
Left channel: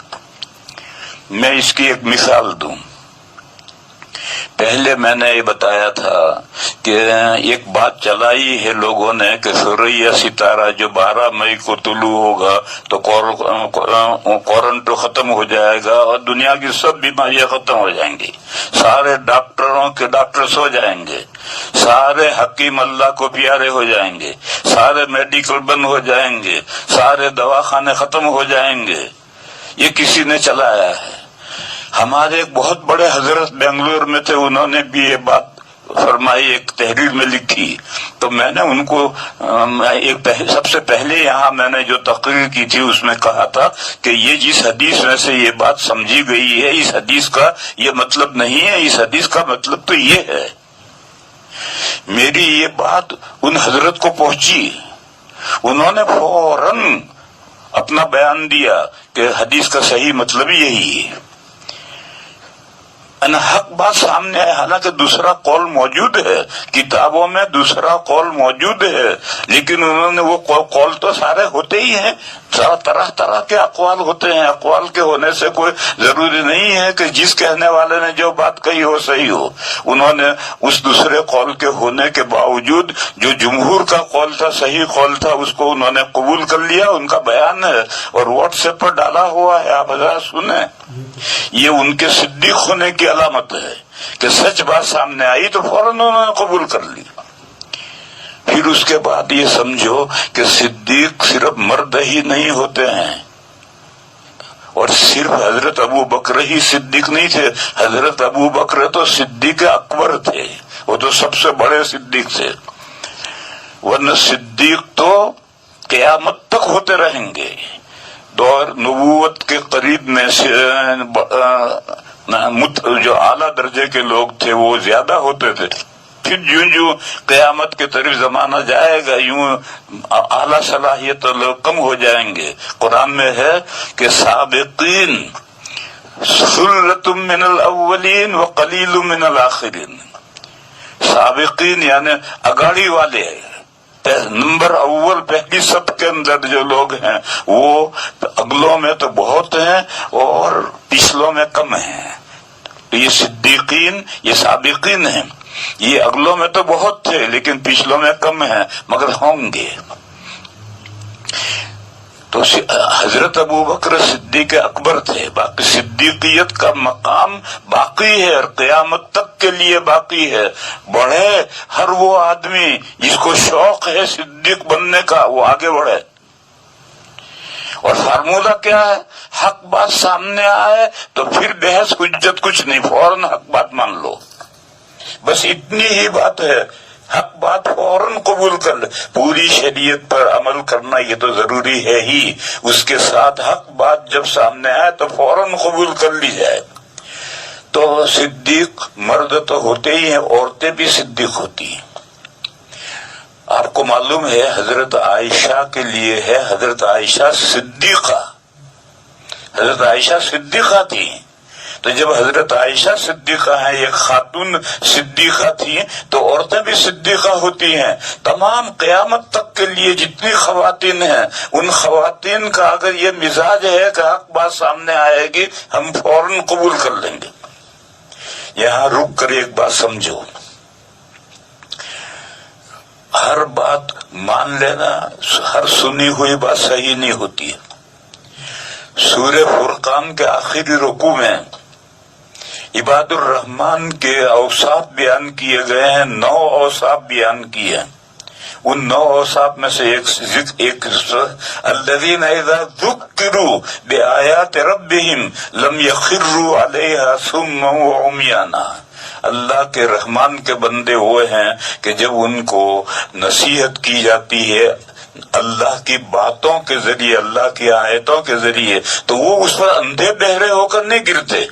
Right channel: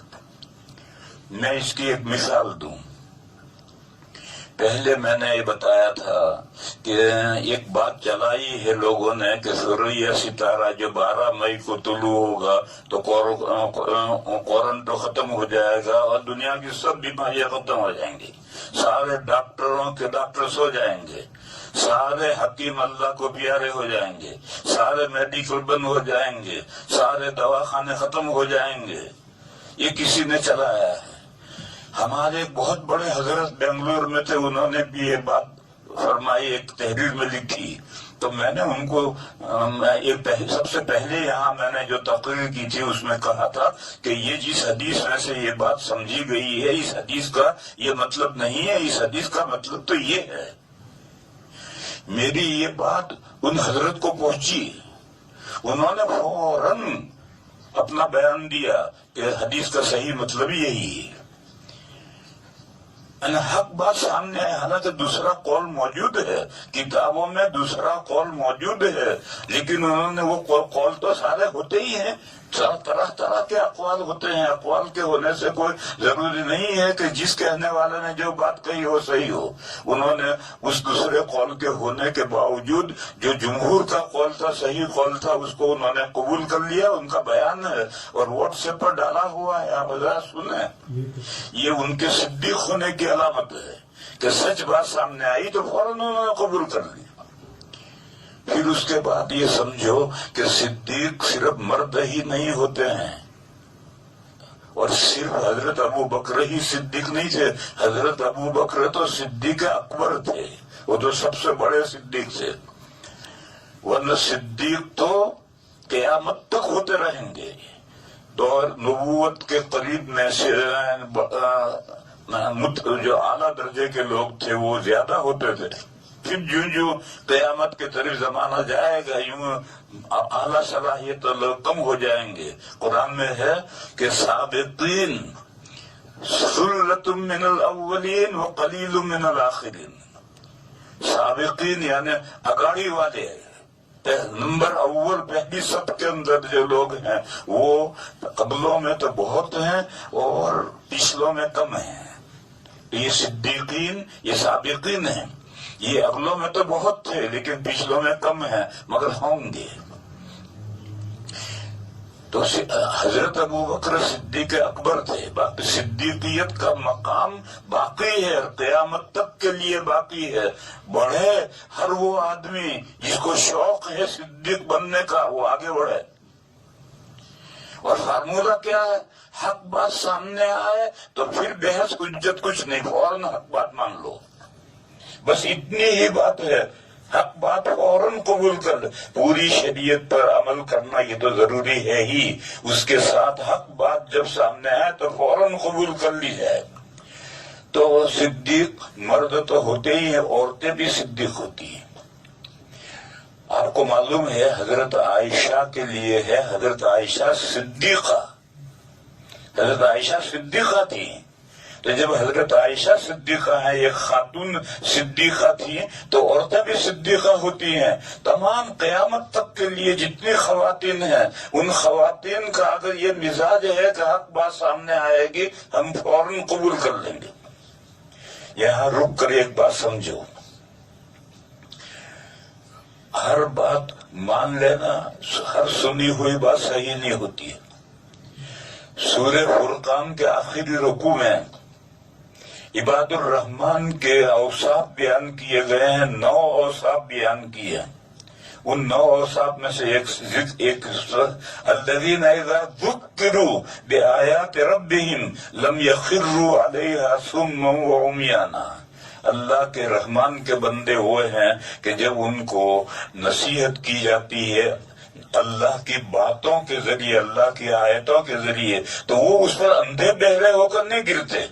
میں اس کی ایک مثال دوں. پہلے میں نے یہ بتایا تھا کہ ایک بات چلائی ہے لوگوں نے کہ سورہ ستارہ جو 12 مئی کو طلوع ہوگا تو کوارنٹو ختم ہو جائے گا اور دنیا کی سب بیماریاں ختم ہو جائیں گی، سارے ڈاکٹروں کے ڈاکٹر سو جائیں گے، سارے حکیم اللہ کو پیارے ہو جائیں گے، سارے میڈیکل بند ہو جائیں گے، سارے دواخانے ختم ہو جائیں گے. یہ کسی نے چلایا ہے. ہمارے ایک بہت بڑے حضرت بنگلور میں تھے، انہوں نے بھی یہ بات فرمائی، ایک تحریر میں لکھی تو میں نے ان کو سب سے پہلے یہاں میں نے جو تقریر کی تھی اس میں کہا تھا کہ یہ جس حدیث میں سے یہ بات سمجھی گئی ہے اس حدیث کا یہ مطلب نہیں ہے، اس حدیث کا مطلب تو یہ ہے۔ میری یہ بات ان حضرت کو پہنچی، انہوں نے فوراً اپنا بیان دیا کہ حدیث کا صحیح مطلب یہی ہے۔ حق بات سامنے ہے، حالانکہ دوسرا قول موجود ہے، کتابوں میں دوسرا قول موجود ہے، لیکن انہوں نے وہ قول تو سارے ہوتے ہی ہیں، طرح طرح کے اقوال ہوتے ہیں۔ اقوال کے ہونے سے کوئی ضروری نہیں ہے کہ جس کہنے والے نے جو بات کہی ہو صحیح ہو۔ انہوں نے اس دوسرے قول کے ہونے کے باوجود جو جمہور کا قول تھا، صحیح قول تھا، اس کو انہوں نے قبول کر لیا۔ ان کا بیان ہے اور واٹس ایپ پر ڈالا ہوا ہے، آپ حضرات سنیں۔ یہ ان کے صدیق ہونے کی علامت ہے کہ سچ بات سامنے آئی تو فوراً انہوں نے قبول کر لی۔ پھر اس کے بعد یہ سمجھو کہ صدیق صرف مرد ہی نہیں ہوتے ہیں، اور صرف حضرت ابو بکر ہی صدیق نہیں تھے، حضرت ابو بکر تو صدیق اکبر تھے، وہ تو سب سے بڑے صدیق تھے، ورنہ صدیق تو قیامت تک ہوتے رہیں گے۔ دور نبوت کے قریب میں جو اعلیٰ درجے کے لوگ تھے وہ زیادہ ہوتے تھے، پھر یوں قیامت کے طرف زمانہ جائے گا یوں اعلیٰ صلاحیت لوگ کم ہو جائیں گے۔ قرآن میں ہے کہ سابقین ثلۃ من الاولین وقلیل من الاخرین، سابقین یعنی اگاڑی والے، نمبر اول پہلی سب کے اندر جو لوگ ہیں وہ اگلوں میں تو بہت ہیں اور پچھلوں میں کم ہیں۔ یہ صدیقین، یہ سابقین ہیں، یہ اگلوں میں تو بہت تھے لیکن پچھلوں میں کم ہیں، مگر ہوں گے۔ تو حضرت ابو بکر صدیق اکبر تھے، باقی صدیقیت کا مقام باقی ہے اور قیامت تک کے لیے باقی ہے۔ بڑھے ہر وہ آدمی جس کو شوق ہے صدیق بننے کا، وہ آگے بڑھے۔ اور فارمولہ کیا ہے؟ حق بات سامنے آئے تو پھر بحث حجت کچھ نہیں، فوراً حق بات مان لو، بس اتنی ہی بات ہے۔ حق بات فوراً قبول کر لے، پوری شریعت پر عمل کرنا یہ تو ضروری ہے ہی، اس کے ساتھ حق بات جب سامنے آئے تو فوراً قبول کر لی جائے۔ تو صدیق مرد تو ہوتے ہی ہیں، عورتیں بھی صدیق ہوتی ہیں۔ آپ کو معلوم ہے حضرت عائشہ کے لیے ہے حضرت عائشہ صدیقہ، حضرت عائشہ صدیقہ تھی۔ تو جب حضرت عائشہ صدیقہ ہیں، ایک خاتون صدیقہ تھی، تو عورتیں بھی صدیقہ ہوتی ہیں۔ تمام قیامت تک کے لیے جتنی خواتین ہیں، ان خواتین کا اگر یہ مزاج ہے کہ حق بات سامنے آئے گی ہم فوراً قبول کر لیں گے۔ یہاں رک کر ایک بات سمجھو، ہر بات مان لینا، ہر سنی ہوئی بات صحیح نہیں ہوتی ہے۔ سورہ فرقان کے آخری رکوع میں عباد الرحمن کے اوصاف بیان کیے گئے ہیں، 9 اوصاف بیان کیے ہیں۔ ان 9 اوصاف میں سے ایک الذین اذا ذکروا بآیات ربہم لم یخروا علیہا صما وعمیانا، اللہ کے رحمان کے بندے وہ ہیں کہ جب ان کو نصیحت کی جاتی ہے اللہ کی باتوں کے ذریعے، اللہ کی آیتوں کے ذریعے، تو وہ اس پر اندھے بہرے ہو کر نہیں گرتے،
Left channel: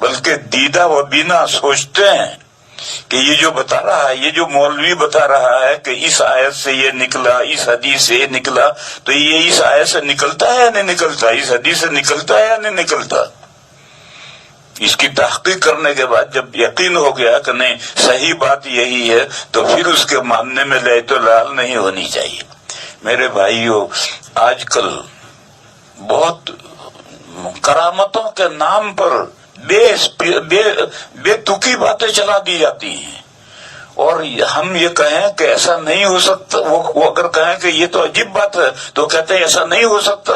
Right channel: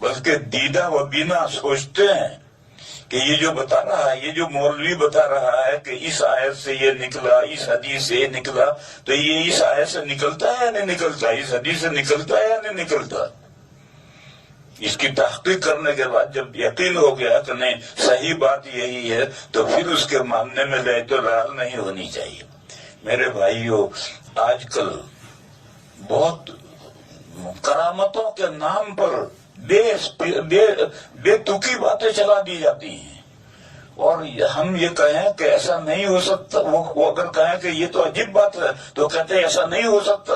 بلکہ دیدہ و بینا سوچتے ہیں کہ یہ جو بتا رہا ہے، یہ جو مولوی بتا رہا ہے کہ اس آیت سے یہ نکلا، اس حدیث سے یہ نکلا، تو یہ اس آیت سے نکلتا ہے یا نہیں نکلتا، اس حدیث سے نکلتا ہے یا نہیں نکلتا۔ اس کی تحقیق کرنے کے بعد جب یقین ہو گیا کہ نہیں صحیح بات یہی ہے، تو پھر اس کے ماننے میں لعت و لعل نہیں ہونی چاہیے۔ میرے بھائیو، آج کل بہت کرامتوں کے نام پر بے تکی باتیں چلا دی جاتی ہیں، اور ہم یہ کہیں کہ ایسا نہیں ہو سکتا، وہ اگر کہیں کہ یہ تو عجیب بات ہے تو کہتے ہیں ایسا نہیں ہو سکتا۔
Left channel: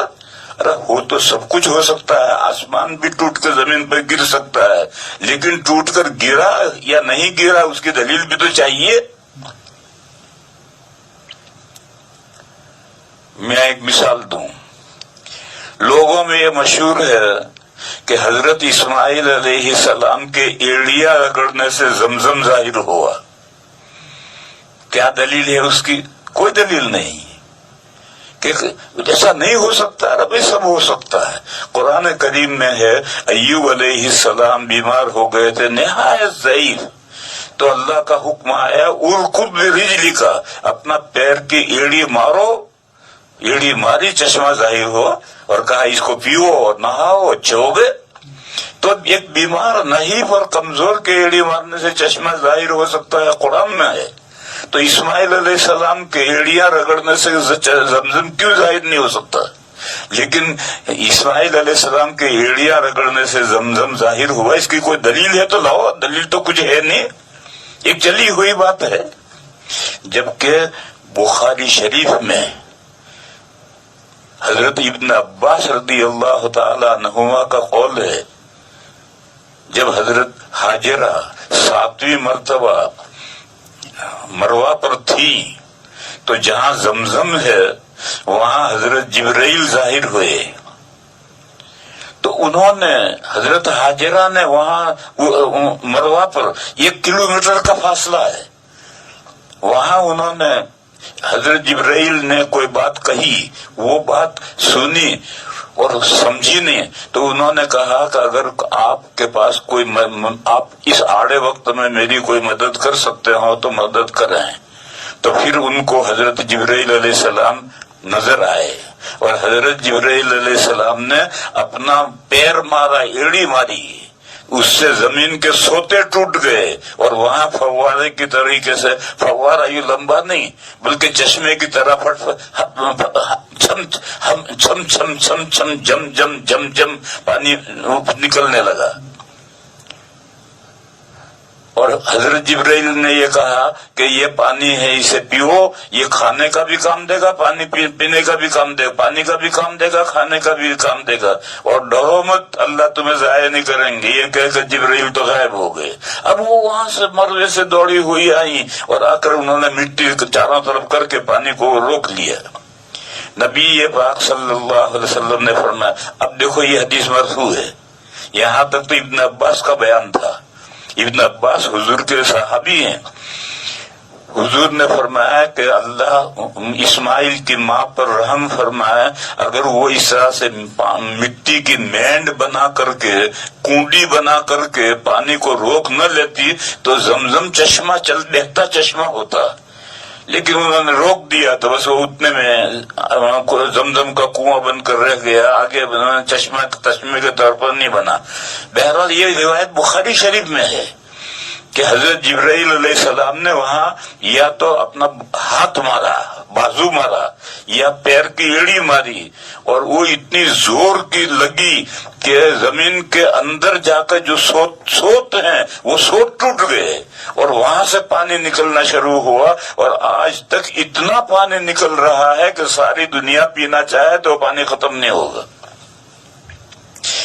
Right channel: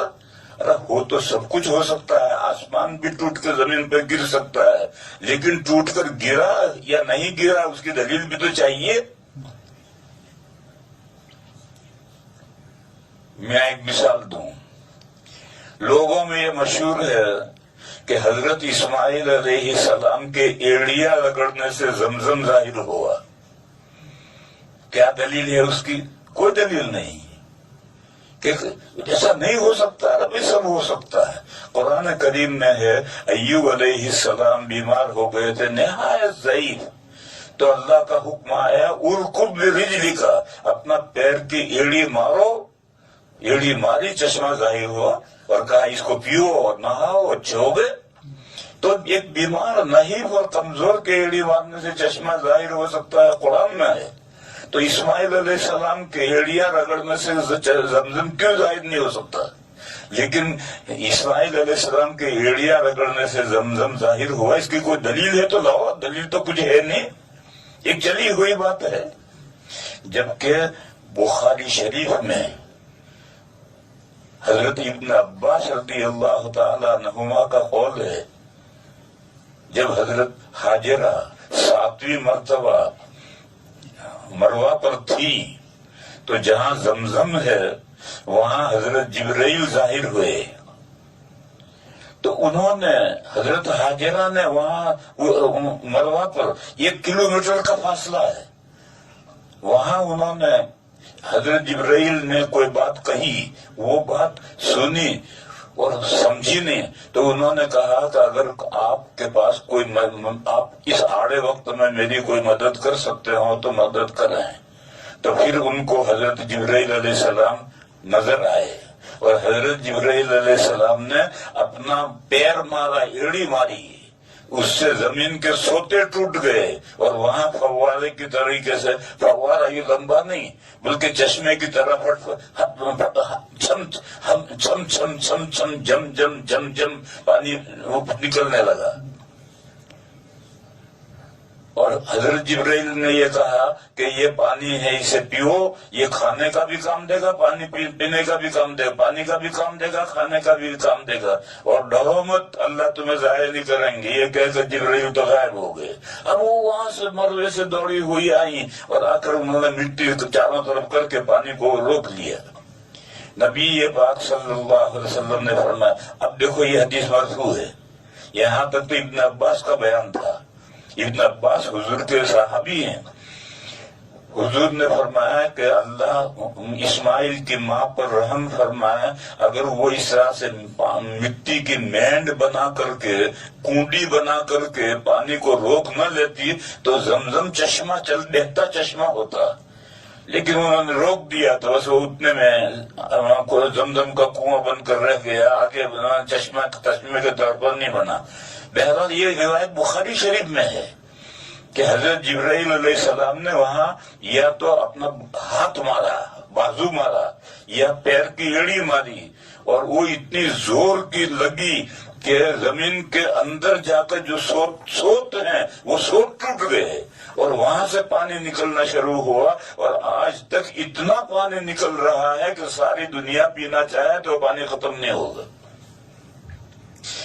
ارے ہو تو سب کچھ ہو سکتا ہے، آسمان بھی ٹوٹ کے زمین پہ گر سکتا ہے، لیکن ٹوٹ کر گرا یا نہیں گرا اس کی دلیل بھی تو چاہیے۔ میں ایک مثال دوں، لوگوں میں یہ مشہور ہے کہ حضرت اسماعیل علیہ السلام کے ایڑیاں رگڑنے سے زمزم ظاہر ہوا۔ کیا دلیل ہے اس کی؟ کوئی دلیل نہیں کہ ایسا نہیں ہو سکتا. رب سب ہو سکتا ہے. قرآن کریم میں ہے ایوب علیہ السلام بیمار ہو گئے تھے نہایت ضعیف، تو اللہ کا حکم آیا ارکض برجلک، اپنا پیر کی ایڑی مارو. ایڑی ماری، چشمہ ظاہر ہوا اور کہا اس کو پیو اور نہاؤ، اچھے ہو گئے. تو ایک بیمار نحیف اور کمزور کے ایڑی مارنے سے چشمہ ظاہر ہو سکتا ہے؟ قرآن میں ہے. تو اسماعیل علیہ السلام کے ایڑیاں رگڑنے سے زمزم کیوں ظاہر نہیں ہو سکتا؟ لیکن اسماعیل علیہ السلام کے ایڑیاں رگڑنے سے زمزم ظاہر ہوا، اس کی کوئی دلیل ہے تو لاؤ. دلیل تو کچھ ہے نہیں، ایک چلی ہوئی بات ہے. جبکہ بخاری شریف میں حضرت ابن عباس رضی اللہ تعالی عنہما کا قول ہے، جب حضرت ہاجرہ 7ویں مرتبہ مروہ پر تھی تو جہاں زمزم ہے وہاں حضرت جبرائیل ظاہر ہوئے. تو انہوں نے حضرت ہاجرہ نے وہاں مروہ پر 1 کلومیٹر کا فاصلہ ہے، وہاں انہوں نے حضرت جبرائیل نے کوئی بات کہی، وہ بات سنی اور سمجھی نہیں. تو انہوں نے کہا کہ اگر آپ کے پاس کوئی آپ اس آڑے وقت میں میری کوئی مدد کر سکتے ہو تو مدد کریں. تو پھر ان کو حضرت جبرائیل علیہ السلام نظر آئے اور حضرت جبرائیل علیہ السلام نے اپنا پیر مارا، ایڑی ماری، اس سے زمین کے سوتے ٹوٹ گئے اور وہاں فوارے کی طریقے سے، فوارہ یہ لمبا نہیں بلکہ چشمے کی طرح چھم چھم چھم چھم چھم جم جم جم جم پانی نکلنے لگا. اور حضرت جبرائیل نے یہ کہا کہ یہ پانی ہے، اسے پیو، یہ کھانے کا بھی کام دے گا، پانی پینے کا بھی کام دے گا، پانی کا بھی کام دے گا، کھانے کا بھی کام دے گا، اور ڈرو مت، اللہ تمہیں ضائع نہیں کریں گے. یہ کہہ کر جبرائیل تو غائب ہو گئے. اب وہ وہاں سے مروے سے دوڑی ہوئی آئی اور آ کر انہوں نے مٹی چاروں طرف کر کے پانی کو روک لیا. نبی پاک صلی اللہ علیہ وسلم نے فرمایا، اب دیکھو یہ حدیث مرفوع ہے، یہاں تک تو ابن عباس کا بیان تھا. ابن عباس حضور کے صحابی ہیں. حضور نے فرمایا کہ اللہ اسماعیل کی ماں پر رحم فرمائے، اگر وہ اس طرح سے مٹی کی مینڈ بنا کر کے، کنڈی بنا کر کے پانی کو روک نہ لیتی تو زمزم چشمہ بہتا چشمہ ہوتا. لیکن انہوں نے روک دیا تو بس وہ اتنے میں زمزم کا کنواں بن کر رہ گیا، آگے چشمے کے طور پر نہیں بنا. بہرحال یہ روایت بخاری شریف میں ہے کہ حضرت جبرائیل علیہ السلام نے وہاں یا تو اپنا ہاتھ مارا، بازو مارا، یا پیر کی ایڑی ماری، اور وہ اتنی زور کی لگی کہ زمین کے اندر جا کر جو سوت ہیں وہ سوت ٹوٹ گئے اور وہاں سے پانی نکلنا شروع ہوا. اور آج تک اتنا پانی نکل رہا ہے کہ ساری دنیا پینا چاہے تو پانی ختم نہیں ہوگا.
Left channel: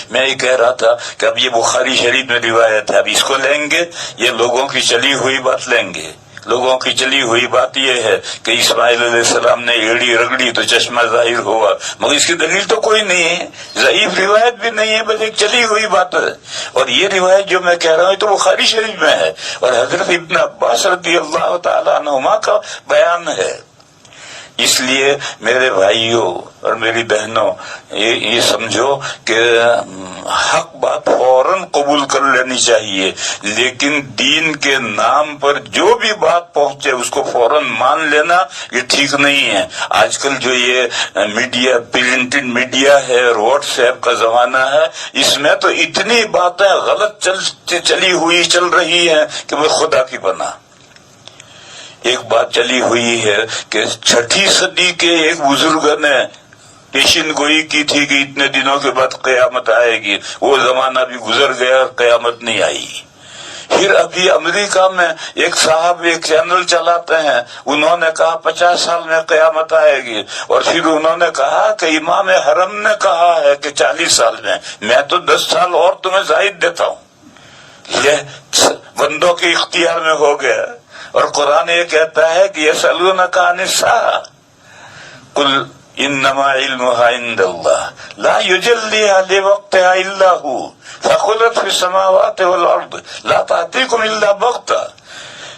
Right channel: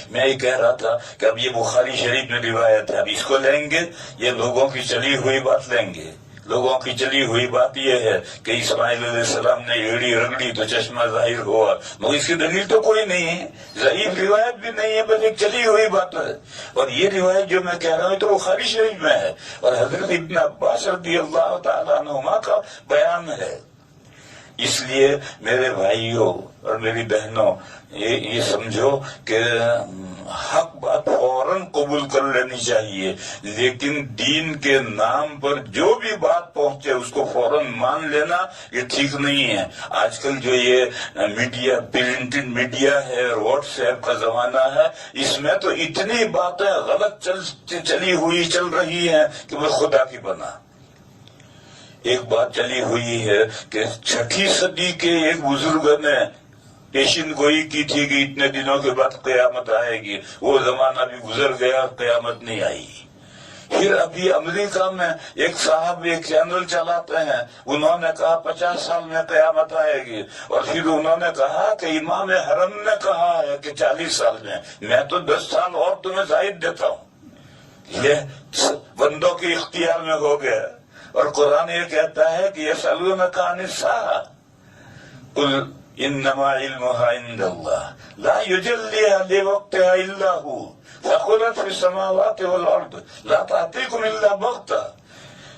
میں یہ کہہ رہا تھا کہ اب یہ بخاری شریف میں روایت ہے، اب اس کو لیں گے، یہ لوگوں کی چلی ہوئی بات لیں گے. لوگوں کی چلی ہوئی بات یہ ہے کہ اسماعیل علیہ السلام نے ایڑی رگڑی تو چشمہ ظاہر ہوا، مگر اس کی دلیل تو کوئی نہیں ہے، ضعیف روایت بھی نہیں ہے، بس ایک چلی ہوئی بات ہے. اور یہ روایت جو میں کہہ رہا ہوں تو بخاری شریف میں ہے اور حضرت ابن عباس رضی اللہ تعالی عنہما کا بیان ہے. اس لیے میرے بھائیوں اور میری بہنوں، یہ سمجھو کہ حق بات فوراً قبول کر لینی چاہیے، لیکن دین کے نام پر جو بھی بات پہنچے اس کو فوراً مان لینا یہ ٹھیک نہیں ہے. آج کل جو یہ میڈیا، پرنٹڈ میڈیا ہے اور واٹس ایپ کا زمانہ ہے، اس میں تو اتنی باتیں غلط چلی ہوئی چل رہی ہیں کہ میں خدا کی پناہ. ایک بات چلی ہوئی ہے کہ 6 صدی کے ایک بزرگ نے پیشن گوئی کی تھی کہ اتنے دنوں کے بعد قیامت آئے گی. وہ زمانہ بھی گزر گیا اور قیامت نہیں آئی. پھر ابھی امریکہ میں ایک صاحب ایک چینل چلاتے ہیں، انہوں نے کہا 50 سال میں قیامت آئے گی، اور پھر انہوں نے کہا کہ امام حرم نے کہا ہے کہ 40 سال میں تو 10 سال اور تمہیں زائد دیتا ہوں. یہ بندوں کے اختیار میں ہو گیا. اور قرآن یہ کہتا ہے کہ یسألونک عن الساعة قل انما علمها عند الله لا يجليها لوقتها الا هو ثقلت في السماوات والارض لا تأتيكم الا بغتة.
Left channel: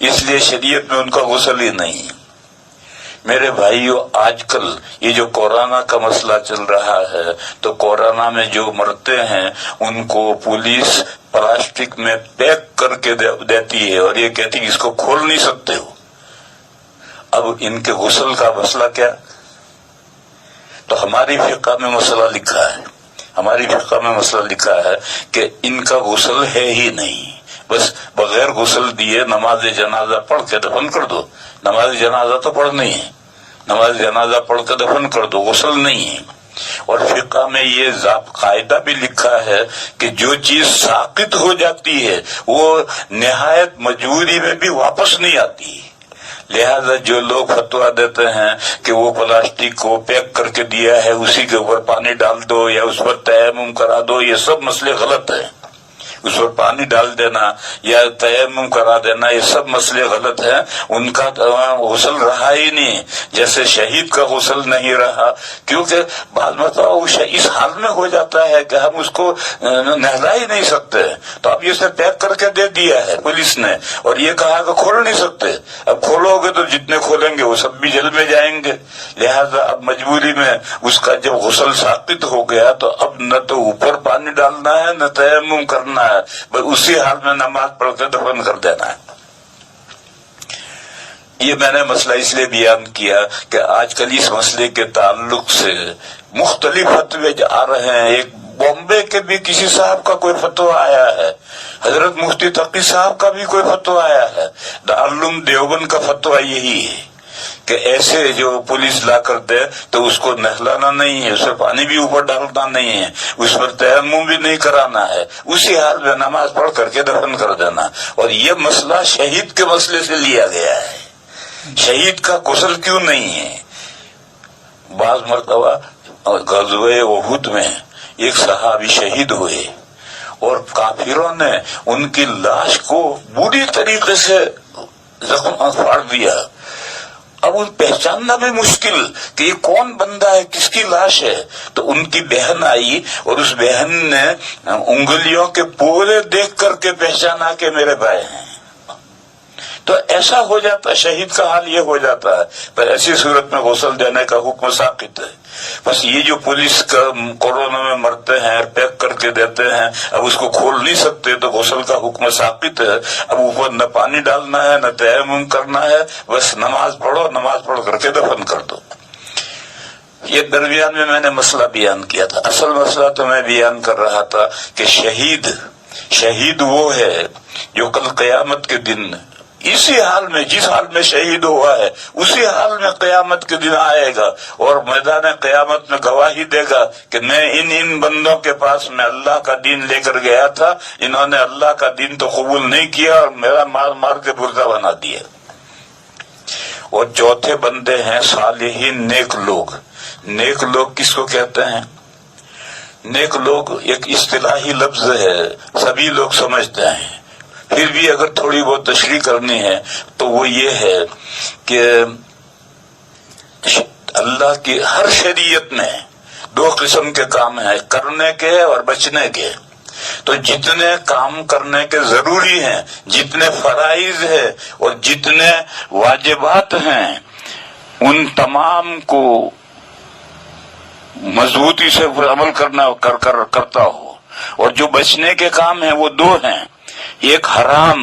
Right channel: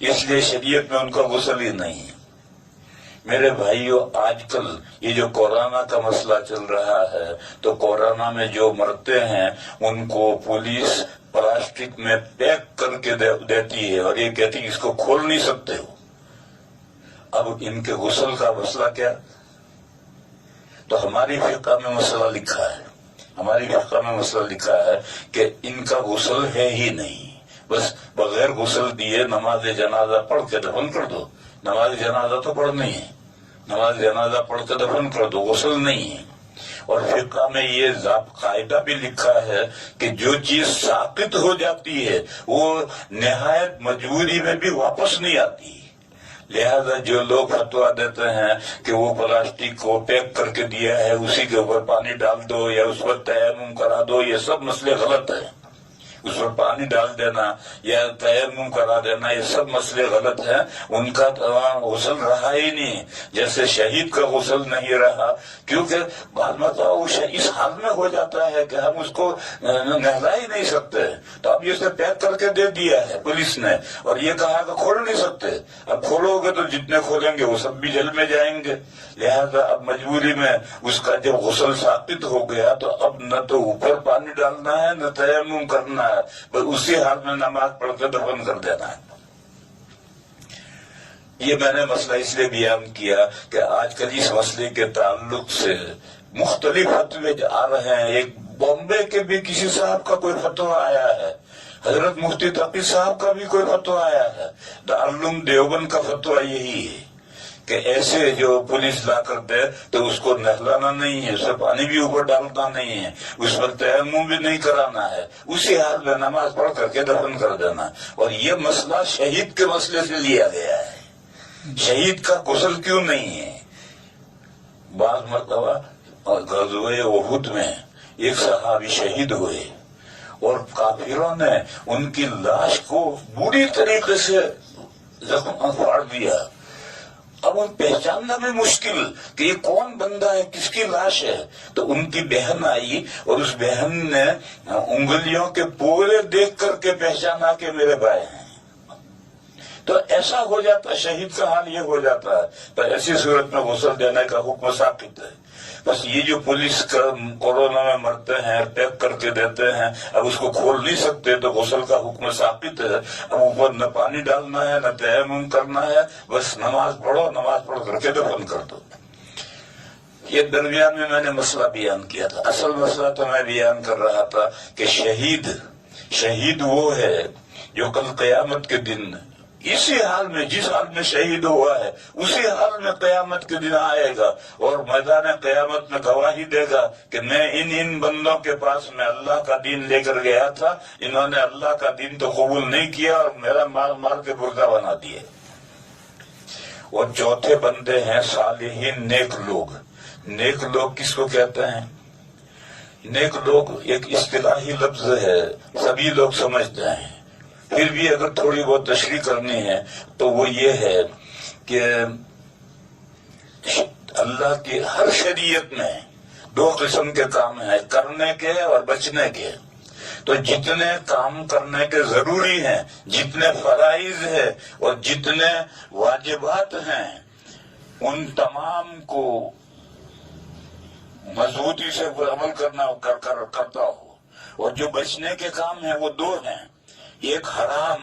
اس لیے شریعت میں ان کا غسل ہی نہیں۔ میرے بھائیو، آج کل یہ جو کورونا کا مسئلہ چل رہا ہے تو کورونا میں جو مرتے ہیں ان کو پولیس پلاسٹک میں پیک کر کے دیتی ہے اور یہ کہتی ہے اس کو کھول نہیں سکتے ہو۔ اب ان کے غسل کا مسئلہ کیا؟ تو ہماری فقہ میں مسئلہ لکھا ہے، ہماری فقہ میں مسئلہ لکھا ہے کہ ان کا غسل ہے ہی نہیں، بس بغیر غسل دیے نماز جنازہ پڑھ کے دفن کر دو۔ نماز جنازہ تو پڑھنی ہے، نماز جنازہ پڑھ کے دفن کر دو، غسل نہیں ہے۔ اور فقہ میں یہ قاعدہ بھی لکھا ہے کہ جو چیز ساقط ہو جاتی ہے وہ نہایت مجبوری میں بھی واپس نہیں آتی۔ لہذا جو لوگ فتویٰ دیتے ہیں کہ وہ پلاسٹک کو پیک کر کے دیا ہے اسی کے اوپر پانی ڈال دو یا اس پر تیمم کرا دو، یہ سب مسئلے غلط ہیں۔ اس پر پانی ڈال دینا یا تیمم کرا دینا یہ سب مسئلے غلط ہیں، ان کا غسل رہا ہی نہیں، جیسے شہید کا غسل نہیں رہا، کیونکہ بعض مرتبہ وہ اس حال میں ہو جاتا ہے کہ ہم اس کو نہلا ہی نہیں سکتے، تو اب یہ اسے پیک کر کے دے دیا ہے پولیس نے اور یہ کہا کہ کھول نہیں سکتے۔ اب کھولو گے تو جتنے کھولیں گے وہ سب بھی جیل میں جائیں گے، لہذا اب مجبوری میں اس کا جب غسل ساقط ہو گیا تو اب نہ تو اوپر پانی ڈالنا ہے نہ تیمم کرنا ہے، بس اسی حال میں نماز پڑھ کے دفن کر دینا ہے۔ یہ میں نے مسئلہ اس لیے بیان کیا کہ آج کل اس مسئلے کے تعلق سے مختلف فتوے آ رہے ہیں۔ ایک بامبے کے بھی کسی صاحب کا کوئی فتویٰ آیا ہے، حضرت مفتی تقی صاحب کا بھی کوئی فتویٰ آیا ہے، دارالعلوم دیوبند کا فتویٰ یہی ہے کہ ایسے جو پولیس لا کر دے تو اس کو نہلانا نہیں ہے، اس پر پانی بھی اوپر ڈالنا نہیں ہے، اس پر تیمم بھی نہیں کرانا ہے، اسی حال میں نماز پڑھ کر کے دفن کر دینا۔ اور یہ مسئلہ شہید کے مسئلے سے لیا گیا ہے، شہید کا غسل کیوں نہیں ہے؟ بعض مرتبہ غزوہ احد میں ایک صحابی شہید ہوئے اور کافروں نے ان کی لاش کو بری طریقے سے زخم پھاڑ دیا۔ اب ان پہچاننا بھی مشکل کہ یہ کون بندہ ہے، کس کی لاش ہے، تو ان کی بہن آئی اور اس بہن نے انگلیوں کے پورے دیکھ کر کے پہچانا کہ میرے بھائی ہیں۔ تو ایسا ہو جاتا، شہید کا حال یہ ہو جاتا ہے، پر ایسی صورت میں غسل دینے کا حکم ساقط ہے۔ بس یہ جو پولیس کا کورونا میں مرتے ہیں پیک کر کے دیتے ہیں، اب اس کو کھول نہیں سکتے تو غسل کا حکم ساقط ہے۔ اب اوپر نہ پانی ڈالنا ہے نہ تیمم کرنا ہے، بس نماز پڑھو، نماز پڑھ کر کے دفن کر دو۔ یہ درمیان میں میں نے مسئلہ بیان کیا تھا، اصل مسئلہ تو میں بیان کر رہا تھا کہ شہید وہ ہے جو کل قیامت کے دن اسی حال میں، جس حال میں شہید ہوا ہے اسی حال میں قیامت کے دن آئے گا اور میدان قیامت میں گواہی دے گا کہ میں ان بندوں کے پاس میں اللہ کا دین لے کر گیا تھا، انہوں نے اللہ کا دین تو قبول نہیں کیا اور میرا مار کے مردہ بنا دیا۔ اور چوتھے بندے ہیں صالحین، نیک لوگ۔ نیک لوگ کس کو کہتے ہیں؟ نیک لوگ ایک اصطلاحی لفظ ہے، سبھی لوگ سمجھتے ہیں، پھر بھی اگر تھوڑی بہت تشریح کرنی ہے تو وہ یہ ہے کہ اللہ کی ہر شریعت میں دو قسم کے کام ہیں، کرنے کے اور بچنے کے۔ تو جتنے کام کرنے کے ضروری ہیں، جتنے فرائض ہیں اور جتنے واجبات ہیں، ان تمام کو مضبوطی سے عمل کرتا ہو۔ اور جو بچنے کے کام ہیں وہ دو ہیں، ایک حرام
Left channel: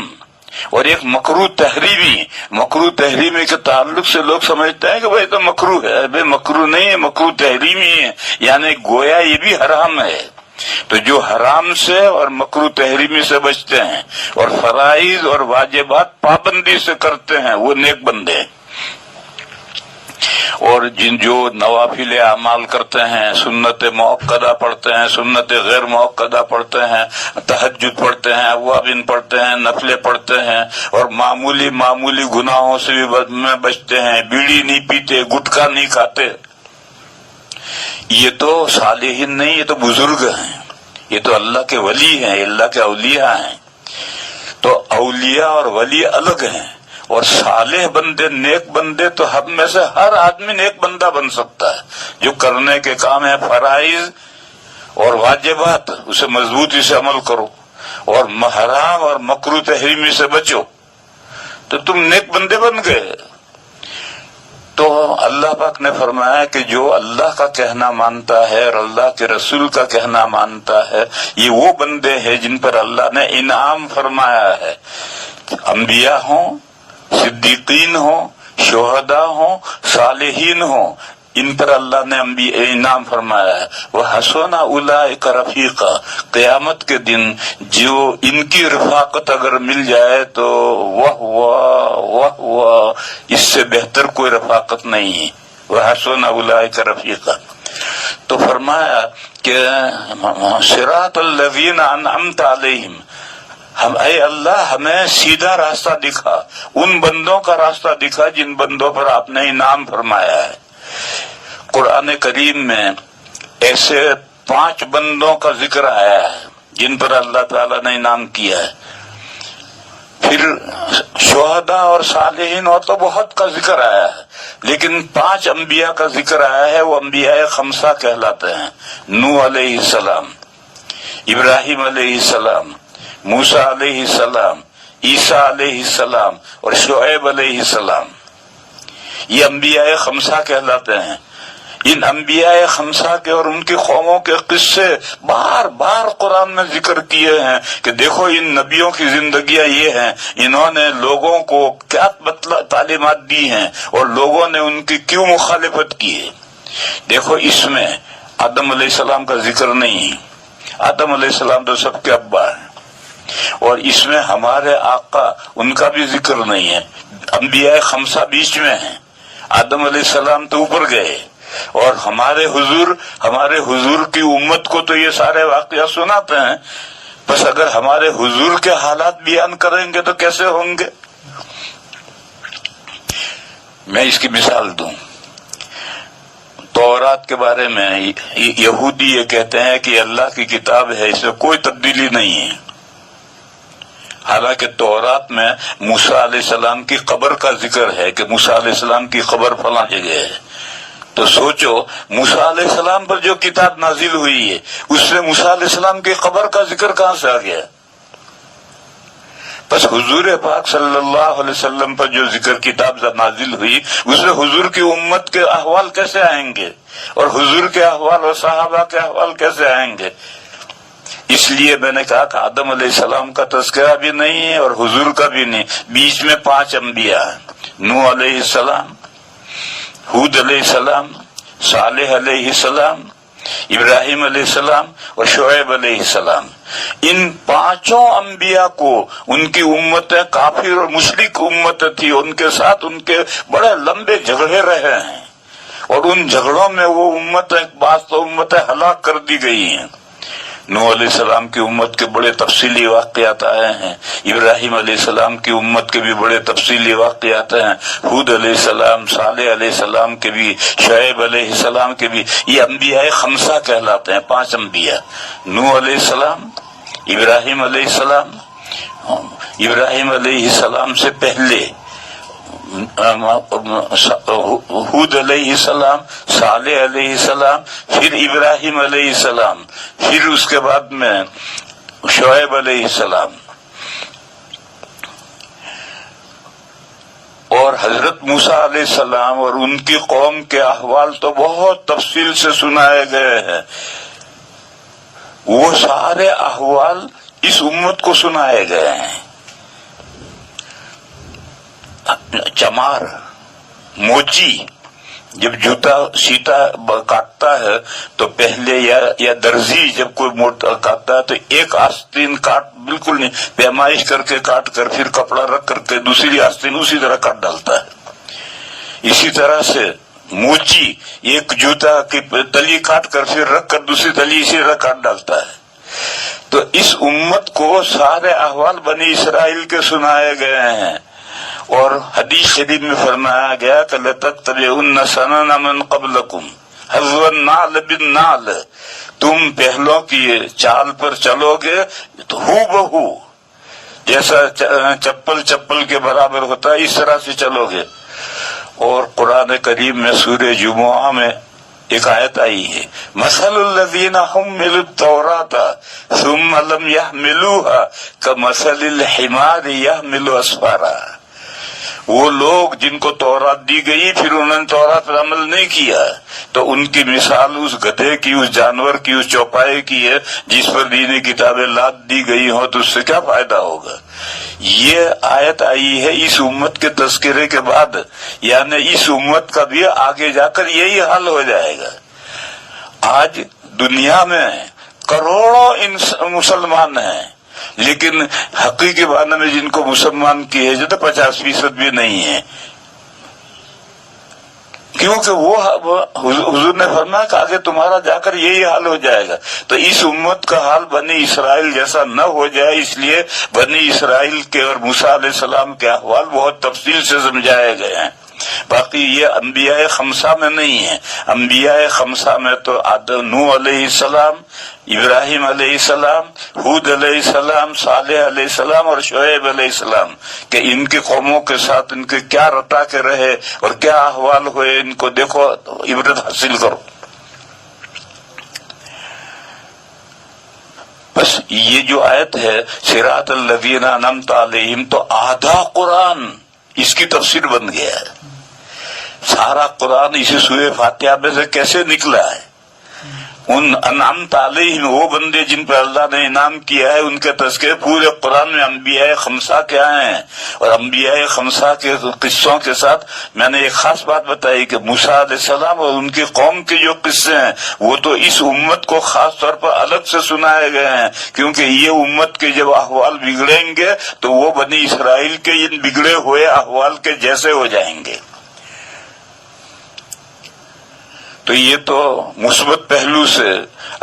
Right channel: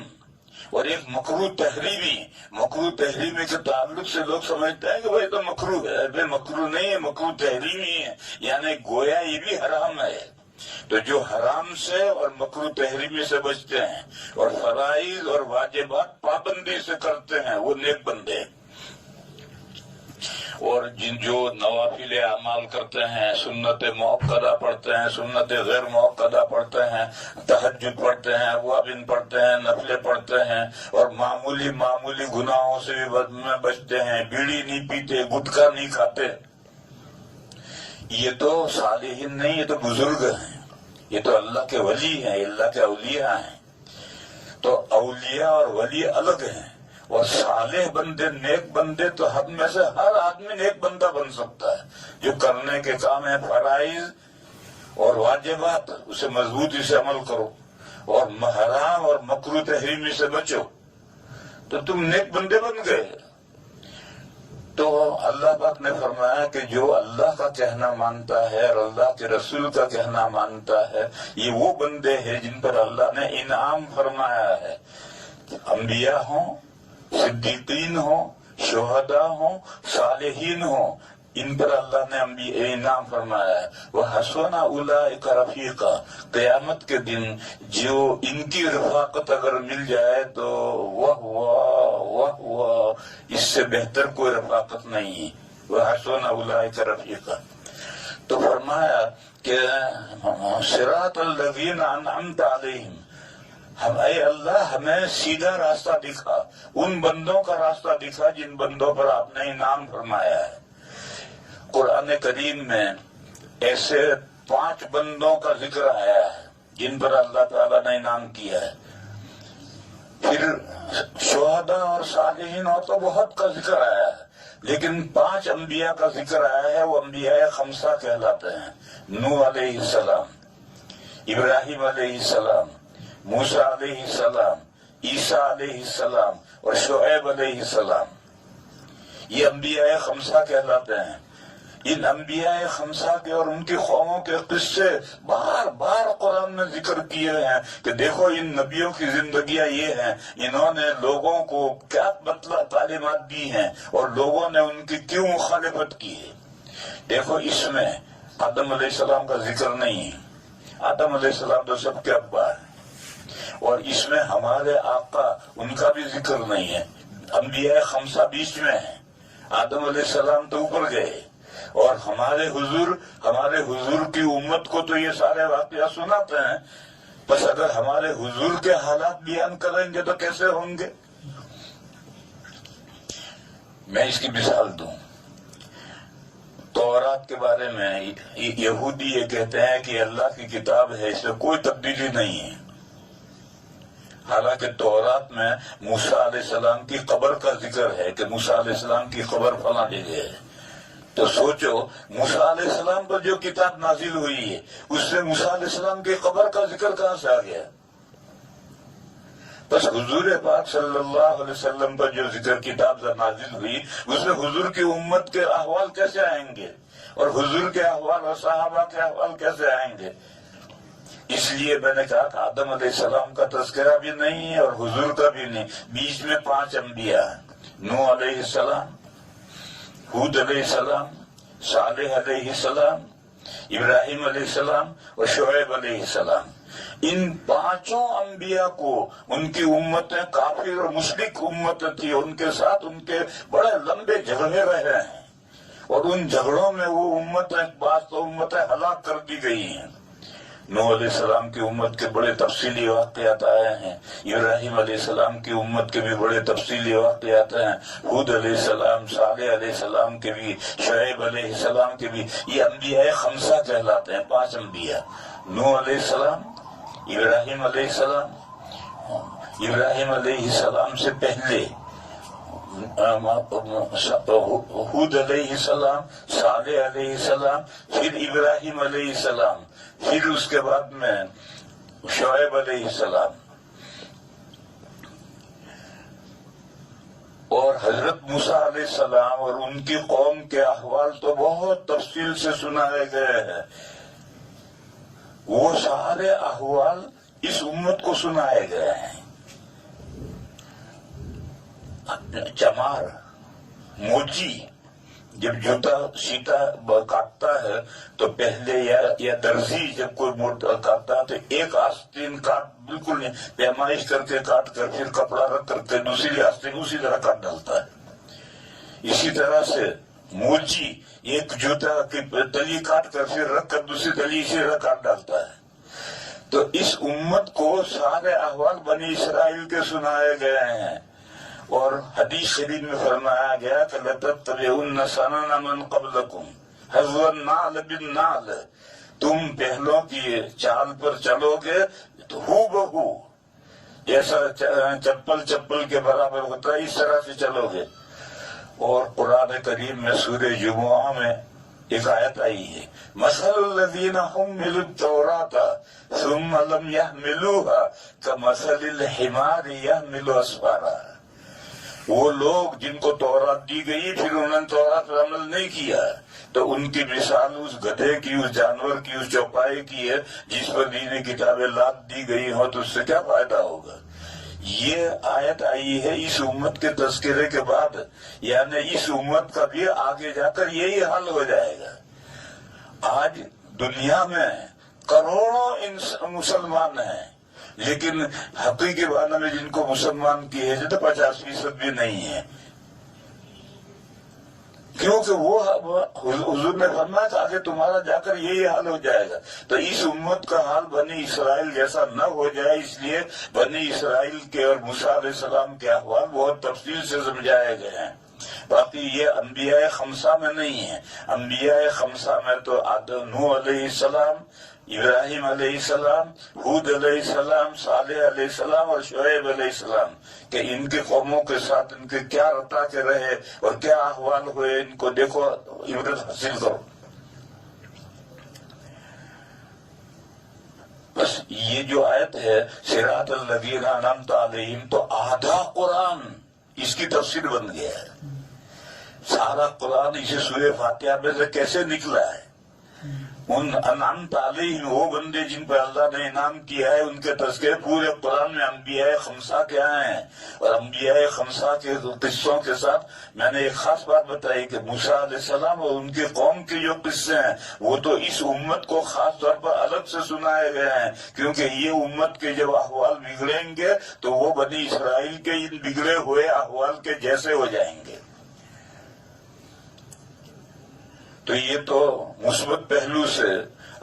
اور ایک مکروہ تحریمی۔ مکروہ تحریمی کے تعلق سے لوگ سمجھتے ہیں کہ بھائی تو مکروہ ہے، بھائی مکروہ نہیں ہے، مکروہ تحریمی ہے، یعنی گویا یہ بھی حرام ہے۔ تو جو حرام سے اور مکروہ تحریمی سے بچتے ہیں اور فرائض اور واجبات پابندی سے کرتے ہیں وہ نیک بندے ہیں۔ اور جو نوافل اعمال کرتے ہیں، سنت مؤکدہ پڑھتے ہیں، سنت غیر مؤکدہ پڑھتے ہیں، تہجد پڑھتے ہیں، اوابین پڑھتے ہیں، نفلیں پڑھتے ہیں، اور معمولی گناہوں سے بھی بچتے ہیں، بیڑی نہیں پیتے، گٹکا نہیں کھاتے، یہ تو صالحین نہیں، یہ تو بزرگ ہیں، یہ تو اللہ کے ولی ہیں، اللہ کے اولیاء ہیں۔ تو اولیاء اور ولی الگ ہیں، اور صالح بندے، نیک بندے تو ہم میں سے ہر آدمی نیک بندہ بن سکتا ہے۔ جو کرنے کے کام ہے فرائض اور واجبات، اسے مضبوطی سے عمل کرو اور حرام اور مکروہ تحریمی سے بچو۔ تو تم نیک بندے بن گئے۔ تو اللہ پاک نے فرمایا کہ جو اللہ کا کہنا مانتا ہے اور اللہ کے رسول کا کہنا مانتا ہے، یہ وہ بندے ہیں جن پر اللہ نے انعام فرمایا ہے، انبیاء ہوں، صدیقین ہوں، شہداء ہوں، صالحین ہوں، ان پر اللہ نے انعام فرمایا ہے۔ وَحَسُنَ أُولَئِكَ رَفِيقًا، قیامت کے دن جو ان کی رفاقت اگر مل جائے تو وہ اس سے بہتر کوئی رفاقت نہیں ہے۔ وَحَسُنَ أُولَئِكَ رَفِيقًا، تو فرمایا کہ صراط الذین انعمت علیہم، اے اللہ ہمیں سیدھا راستہ دکھا، ان بندوں کا راستہ دکھا جن بندوں پر آپ نے انعام فرمایا ہے۔ قرآن کریم میں ایسے 5 بندوں کا ذکر آیا ہے جن پر اللہ تعالیٰ نے انعام کیا ہے۔ پھر شہداء اور صالحین اور تو بہت کا ذکر آیا ہے، لیکن 5 انبیاء کا ذکر آیا ہے، وہ انبیاء 5 کہلاتے ہیں۔ نوح علیہ السلام، ابراہیم علیہ السلام، موسیٰ علیہ السلام، عیسیٰ علیہ السلام اور شعیب علیہ السلام، یہ انبیاء 5 کہلاتے ہیں۔ ان انبیاء 5 کے اور ان کی قوموں کے قصے بار بار قرآن میں ذکر کیے ہیں کہ دیکھو ان نبیوں کی زندگیاں یہ ہیں، انہوں نے لوگوں کو کیا تعلیمات دی ہیں اور لوگوں نے ان کی کیوں مخالفت کی ہے۔ دیکھو اس میں آدم علیہ السلام کا ذکر نہیں، آدم علیہ السلام تو سب کے ابا ہیں، اور اس میں ہمارے آقا ان کا بھی ذکر نہیں ہے۔ انبیاء 5 بیچ میں ہیں، آدم علیہ السلام تو اوپر گئے، اور ہمارے حضور کی امت کو تو یہ سارے واقعات سناتے ہیں، بس اگر ہمارے حضور کے حالات بیان کریں گے تو کیسے ہوں گے؟ میں اس کی مثال دوں، تورات کے بارے میں یہودی یہ کہتے ہیں کہ اللہ کی کتاب ہے، اس میں کوئی تبدیلی نہیں ہے، حالانکہ تورات میں موسیٰ علیہ السلام کی قبر کا ذکر ہے کہ موسیٰ علیہ السلام کی قبر فلاں جگہ ہے۔ تو سوچو موسیٰ علیہ السلام پر جو کتاب نازل ہوئی ہے اس میں موسیٰ علیہ السلام کی قبر کا ذکر کہاں سے آ گیا؟ بس حضور پاک صلی اللہ علیہ وسلم پر جو ذکر کتاب نازل ہوئی اس میں حضور کی امت کے احوال کیسے آئیں گے اور حضور کے احوال اور صحابہ کے احوال کیسے آئیں گے؟ اس لیے میں نے کہا کہ آدم علیہ السلام کا تذکرہ بھی نہیں ہے اور حضور کا بھی نہیں، بیچ میں 5 انبیاء ہیں، نوح علیہ السلام، ہود علیہ السلام، صالح علیہ السلام، ابراہیم علیہ السلام اور شعیب علیہ السلام۔ ان 5 انبیاء کو ان کی امتیں کافر اور مشرک امت تھی، ان کے ساتھ ان کے بڑے لمبے جھگڑے رہے ہیں، اور ان جھگڑوں میں وہ بعض تو امتیں ہلاک کر دی گئی ہیں۔ نوح علیہ السلام کی امت کے بڑے تفصیلی واقعات آئے ہیں، ابراہیم علیہ السلام کی امت کے بھی بڑے تفصیلی واقعات ہیں، ہود علیہ السلام، صالح علیہ السلام کے بھی، شعیب علیہ السلام کے بھی۔ یہ انبیاء 5 کہلاتے ہیں، 5 انبیاء، نوح علیہ السلام، ابراہیم علیہ السلام، ابراہیم علیہ السلام سے پہلے ہود علیہ السلام، صالح علیہ السلام، پھر ابراہیم علیہ السلام، پھر اس کے بعد میں شعیب علیہ السلام، اور حضرت موسیٰ علیہ السلام اور ان کی قوم کے احوال تو بہت تفصیل سے سنائے گئے ہیں۔ وہ سارے احوال اس امت کو سنائے گئے ہیں۔ چمار، موچی، جب جوتا سیتا کاٹتا ہے تو پہلے یا درزی جب کوئی موٹا کاٹتا ہے تو ایک آستین کاٹ بالکل نہیں، پیمائش کر کے کاٹ کر پھر کپڑا رکھ کر کے دوسری آستین اسی طرح کاٹ ڈالتا ہے۔ اسی طرح سے موچی ایک جوتا کی تلی کاٹ کر پھر رکھ کر دوسری تلی اسی طرح کاٹ ڈالتا ہے۔ تو اس امت کو سارے احوال بنی اسرائیل کے سنائے گئے ہیں، اور حدیث شریف میں فرمایا گیا کہ لَتَتَّبِعُنَّ سَنَنَ مَنْ قَبْلَكُمْ حَذْوَ النَّعْلِ بِالنَّعْلِ، تم پہلوں کی چال پر چلو گے تو ہو بہو جیسا چپل کے برابر ہوتا ہے اس طرح سے چلو گے۔ اور قرآن کریم میں سورہ جمعہ میں ایک آیت آئی ہے، مَثَلُ الَّذِينَ حُمِّلُوا التَّوْرَاةَ ثُمَّ لَمْ يَحْمِلُوهَا كَمَثَلِ الْحِمَارِ يَحْمِلُ أَسْفَارًا۔ وہ لوگ جن کو تورات دی گئی پھر انہوں نے تورات پر عمل نہیں کیا تو ان کی مثال اس گدھے کی، اس جانور کی، اس چوپائے کی ہے جس پر دینی کتابیں لاد دی گئی ہوں، تو اس سے کیا فائدہ ہوگا؟ یہ آیت آئی ہے اس امت کے تذکرے کے بعد، یعنی اس امت کا بھی آگے جا کر یہی حال ہو جائے گا۔ آج دنیا میں کروڑوں مسلمان ہیں، لیکن حقیقی معنی میں جن کو مسلمان کی ہے تو 50% بھی نہیں ہے، کیونکہ وہ حضور نے فرمایا کہ آگے تمہارا جا کر یہی حال ہو جائے گا۔ تو اس امت کا حال بنی اسرائیل جیسا نہ ہو جائے، اس لیے بنی اسرائیل کے اور موسیٰ علیہ السلام کے احوال بہت تفصیل سے سمجھائے گئے ہیں۔ باقی یہ انبیاء خمسہ میں نہیں ہے۔ انبیاء خمسہ میں تو نوح علیہ السلام، ابراہیم علیہ السلام، ہود علیہ السلام، صالح علیہ السلام اور شعیب علیہ السلام کہ ان کی قوموں کے ساتھ ان کے کیا رٹا کے رہے اور کیا احوال ہوئے، ان کو دیکھو، عبرت حاصل کرو۔ بس یہ جو آیت ہے صراط الذین انعمت علیہم، تو آدھا قرآن اس کی تفسیر بن گیا ہے۔ سارا قرآن اسی سورہ فاتحہ میں سے کیسے نکلا ہے؟ ان انعمت علیہم، وہ بندے جن پر اللہ نے انعام کیا ہے، ان کے تذکرے پورے قرآن میں انبیاء خمسہ کے آئے ہیں۔ اور انبیاء خمسہ کے قصوں کے ساتھ میں نے ایک خاص بات بتائی کہ موسیٰ علیہ السلام اور ان کی قوم کے جو قصے ہیں وہ تو اس امت کو خاص طور پر الگ سے سنائے گئے ہیں، کیونکہ یہ امت کے جب احوال بگڑیں گے تو وہ بنی اسرائیل کے ان بگڑے ہوئے احوال کے جیسے ہو جائیں گے۔ تو یہ تو مثبت پہلو سے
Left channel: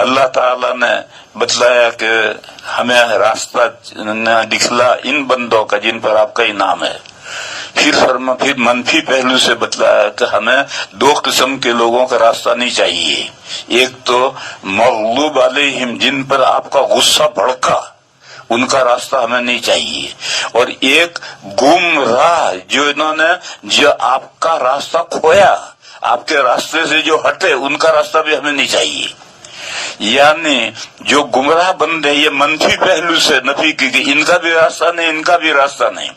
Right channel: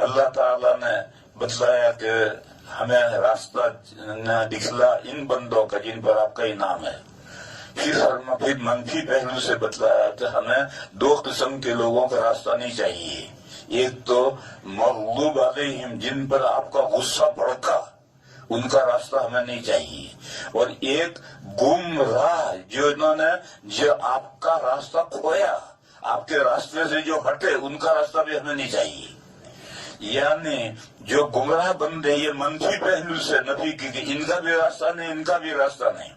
اللہ تعالی نے بتلایا کہ ہمیں راستہ دکھلا ان بندوں کا جن پر آپ کا انعام ہے۔ پھر منفی پہلو سے بتلایا کہ ہمیں دو قسم کے لوگوں کا راستہ نہیں چاہیے، ایک تو مغلوب علیہم جن پر آپ کا غصہ بھڑکا، ان کا راستہ ہمیں نہیں چاہیے، اور ایک گمراہ جو آپ کا راستہ کھویا، آپ کے راستے سے جو ہٹے، ان کا راستہ بھی ہمیں نہیں چاہیے۔ یعنی جو گمراہ بندے، یہ منفی پہلو سے نفی کی کہ ان کا بھی راستہ نہیں، ان کا بھی راستہ نہیں۔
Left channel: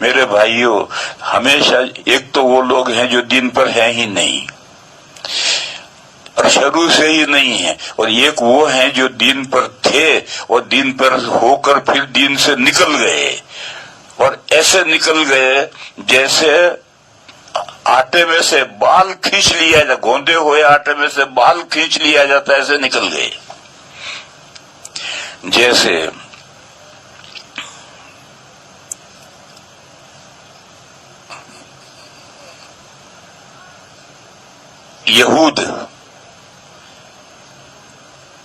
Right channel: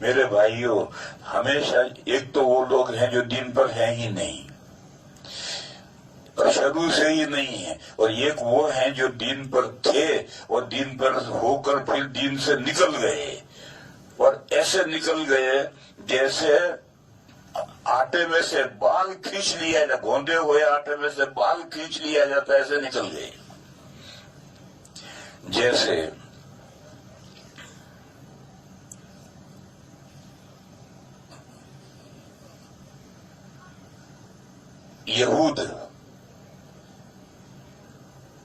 میرے بھائیوں، ہمیشہ ایک تو وہ لوگ ہیں جو دین پر ہیں ہی نہیں اور شروع سے ہی نہیں ہیں، اور ایک وہ ہیں جو دین پر تھے اور دین پر ہو کر پھر دین سے نکل گئے، اور ایسے نکل گئے جیسے آٹے میں سے بال کھینچ لیا جاتا، گوندے ہوئے آٹے میں سے بال کھینچ لیا جاتا، ایسے نکل گئے۔ جیسے یہود،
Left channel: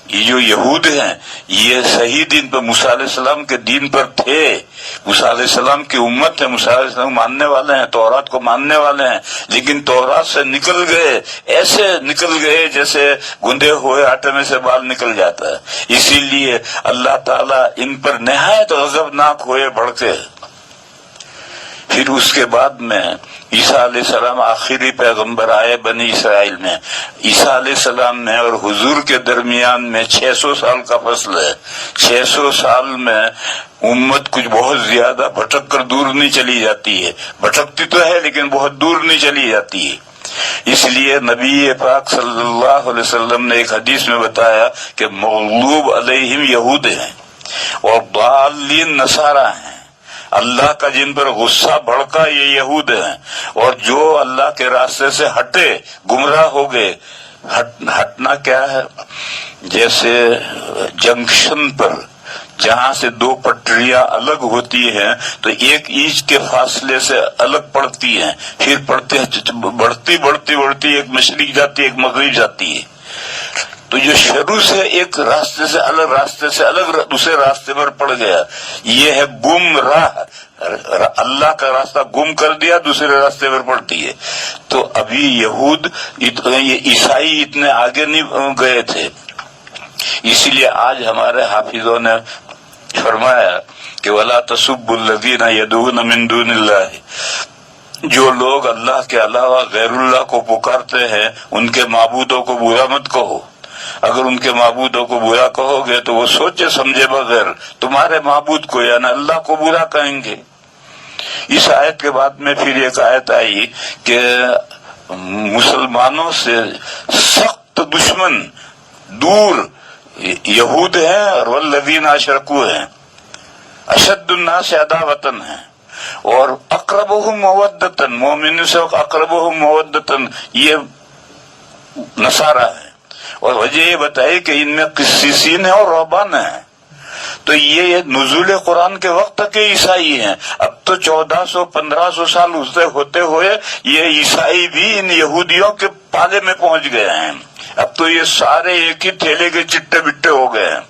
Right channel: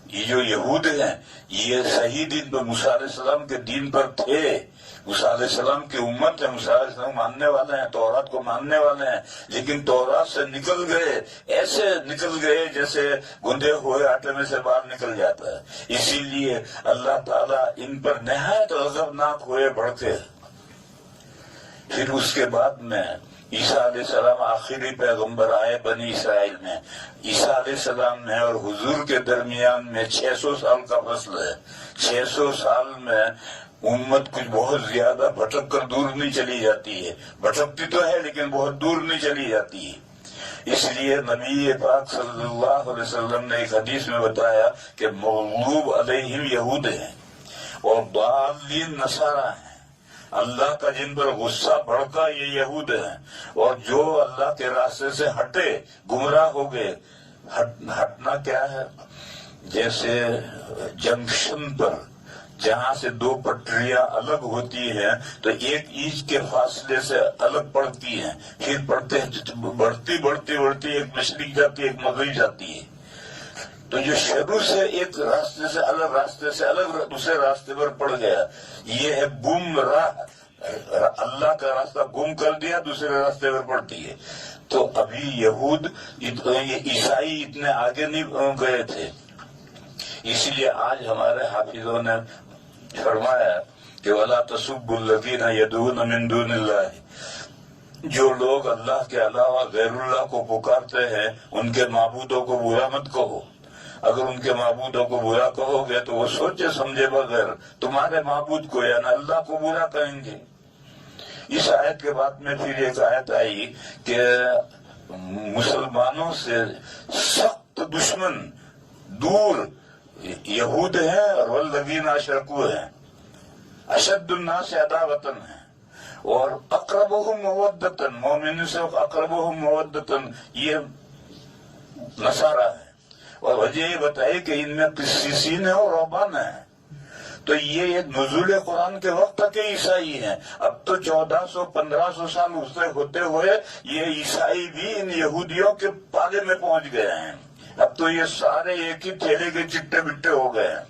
یہ جو یہود ہیں یہ صحیح دین پر، موسیٰ علیہ السلام کے دین پر تھے، موسیٰ علیہ السلام کی امت ہے، موسیٰ علیہ السلام ماننے والے ہیں، تورات کو ماننے والے ہیں، لیکن تورات سے نکل گئے، ایسے نکل گئے جیسے گندے ہوئے آٹے میں سے بال نکل جاتا ہے۔ اسی لیے اللہ تعالیٰ ان پر نہایت غضبناک ہوئے، بھڑکے۔ پھر اس کے بعد میں عیسیٰ علیہ السلام آخری پیغمبر آئے بنی اسرائیل میں۔ عیسیٰ علیہ السلام میں اور حضور کے درمیان میں 600 سال کا فصل ہے۔ 600 سال میں امت کچھ بہت زیادہ بھٹک کر دور نہیں چلی جاتی ہے، بھٹکتی تو ہے لیکن بہت دور نہیں چلی جاتی ہے۔ اس لیے نبی پاک صلی اللہ علیہ وسلم نے ایک حدیث میں بتایا کہ مغلوب علیہم یہود ہیں اور ضالین نصارہ ہیں۔ اللہ کا جن پر غصہ بھڑکا یہ یہود ہیں، اور جو اللہ کے راستے سے ہٹے، گمراہ ہو گئے۔ ہٹنا کیا ہے؟ جیسے جنکشن پر جہاں سے دو پٹریاں الگ ہوتی ہیں تو ایک اینچ کے فاصلے سے الگ پڑتی ہیں، پھر بڑھتی ایک مشرق جاتی ہے، ایک مغرب جاتی ہے۔ تو جو شروع سے ایک راستے سے الگ دوسرے راستے پر پڑ گیا، یہ ہے گمراہ، اللہ کا راستہ گم کر دیا، دوسرے راستے پر پڑتی ہے۔ تو ابھی یہود، عیسائی اتنے آگے نہیں گئے تھے، اسی لیے آج ہمارے حافظوں نے فرمایا کہ وَلَا تَسُبُّوا الَّذِينَ يَدْعُونَ مِن دُونِ اللَّهِ، جو لوگ اللہ کے علاوہ غیر اللہ کو پکارتے ہیں ان کے معبودوں کو برا مت کہو۔ اگر ان کے معبودوں کو برا کہو گے تو وہ سوچے سمجھے بغیر تمہارے معبود کو یعنی اللہ کو برا کہیں گے، اس آیت کے بعد میں پھر ایک آیت آئی کہ مسلمانوں سے سخت دشمن دور یہود ہیں اور والذین اشرکوا ہیں، اشد الناس عداوتن ہیں، اور اقربہم مودتن، مومن سے اقربہم مودتن یہ نصارہ ہیں، اور وجہ یہ بتائی کہ ان میں قسیسین ہیں اور رہبان ہیں۔ تو یہ نزول قرآن کے وقت کے عیسائی ہیں، اب تو 1400-1500 سال ہوتے ہوئے یہ عیسائی بھی ان یہودیوں کے پالے میں پہنچ گئے ہیں، اب تو یہ سارے ایک ہی تھیلے کے چٹے بٹے ہو گئے ہیں۔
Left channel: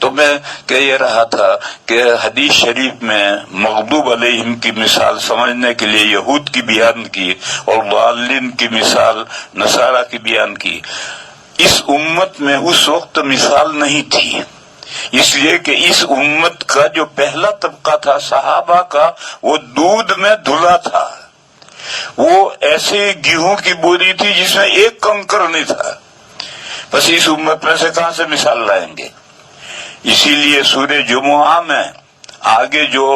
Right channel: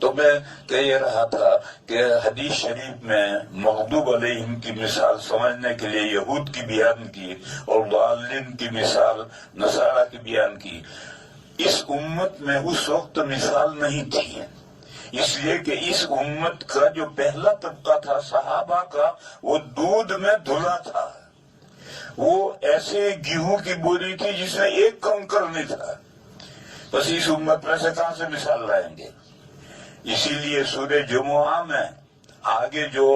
تو میں کہہ یہ رہا تھا کہ حدیث شریف میں مغضوب علیہم کی مثال سمجھنے کے لیے یہود کی بیان کی اور ضالین کی مثال نصارہ کی بیان کی۔ اس امت میں اس وقت مثال نہیں تھی، اس لیے کہ اس امت کا جو پہلا طبقہ تھا صحابہ کا، وہ دودھ میں دھلا تھا، وہ ایسے گیہوں کی بوری تھی جس میں ایک کنکر نہیں تھا۔ بس اس امت میں سے کہاں سے مثال لائیں گے؟ اسی لیے سورہ جمعہ میں آگے جو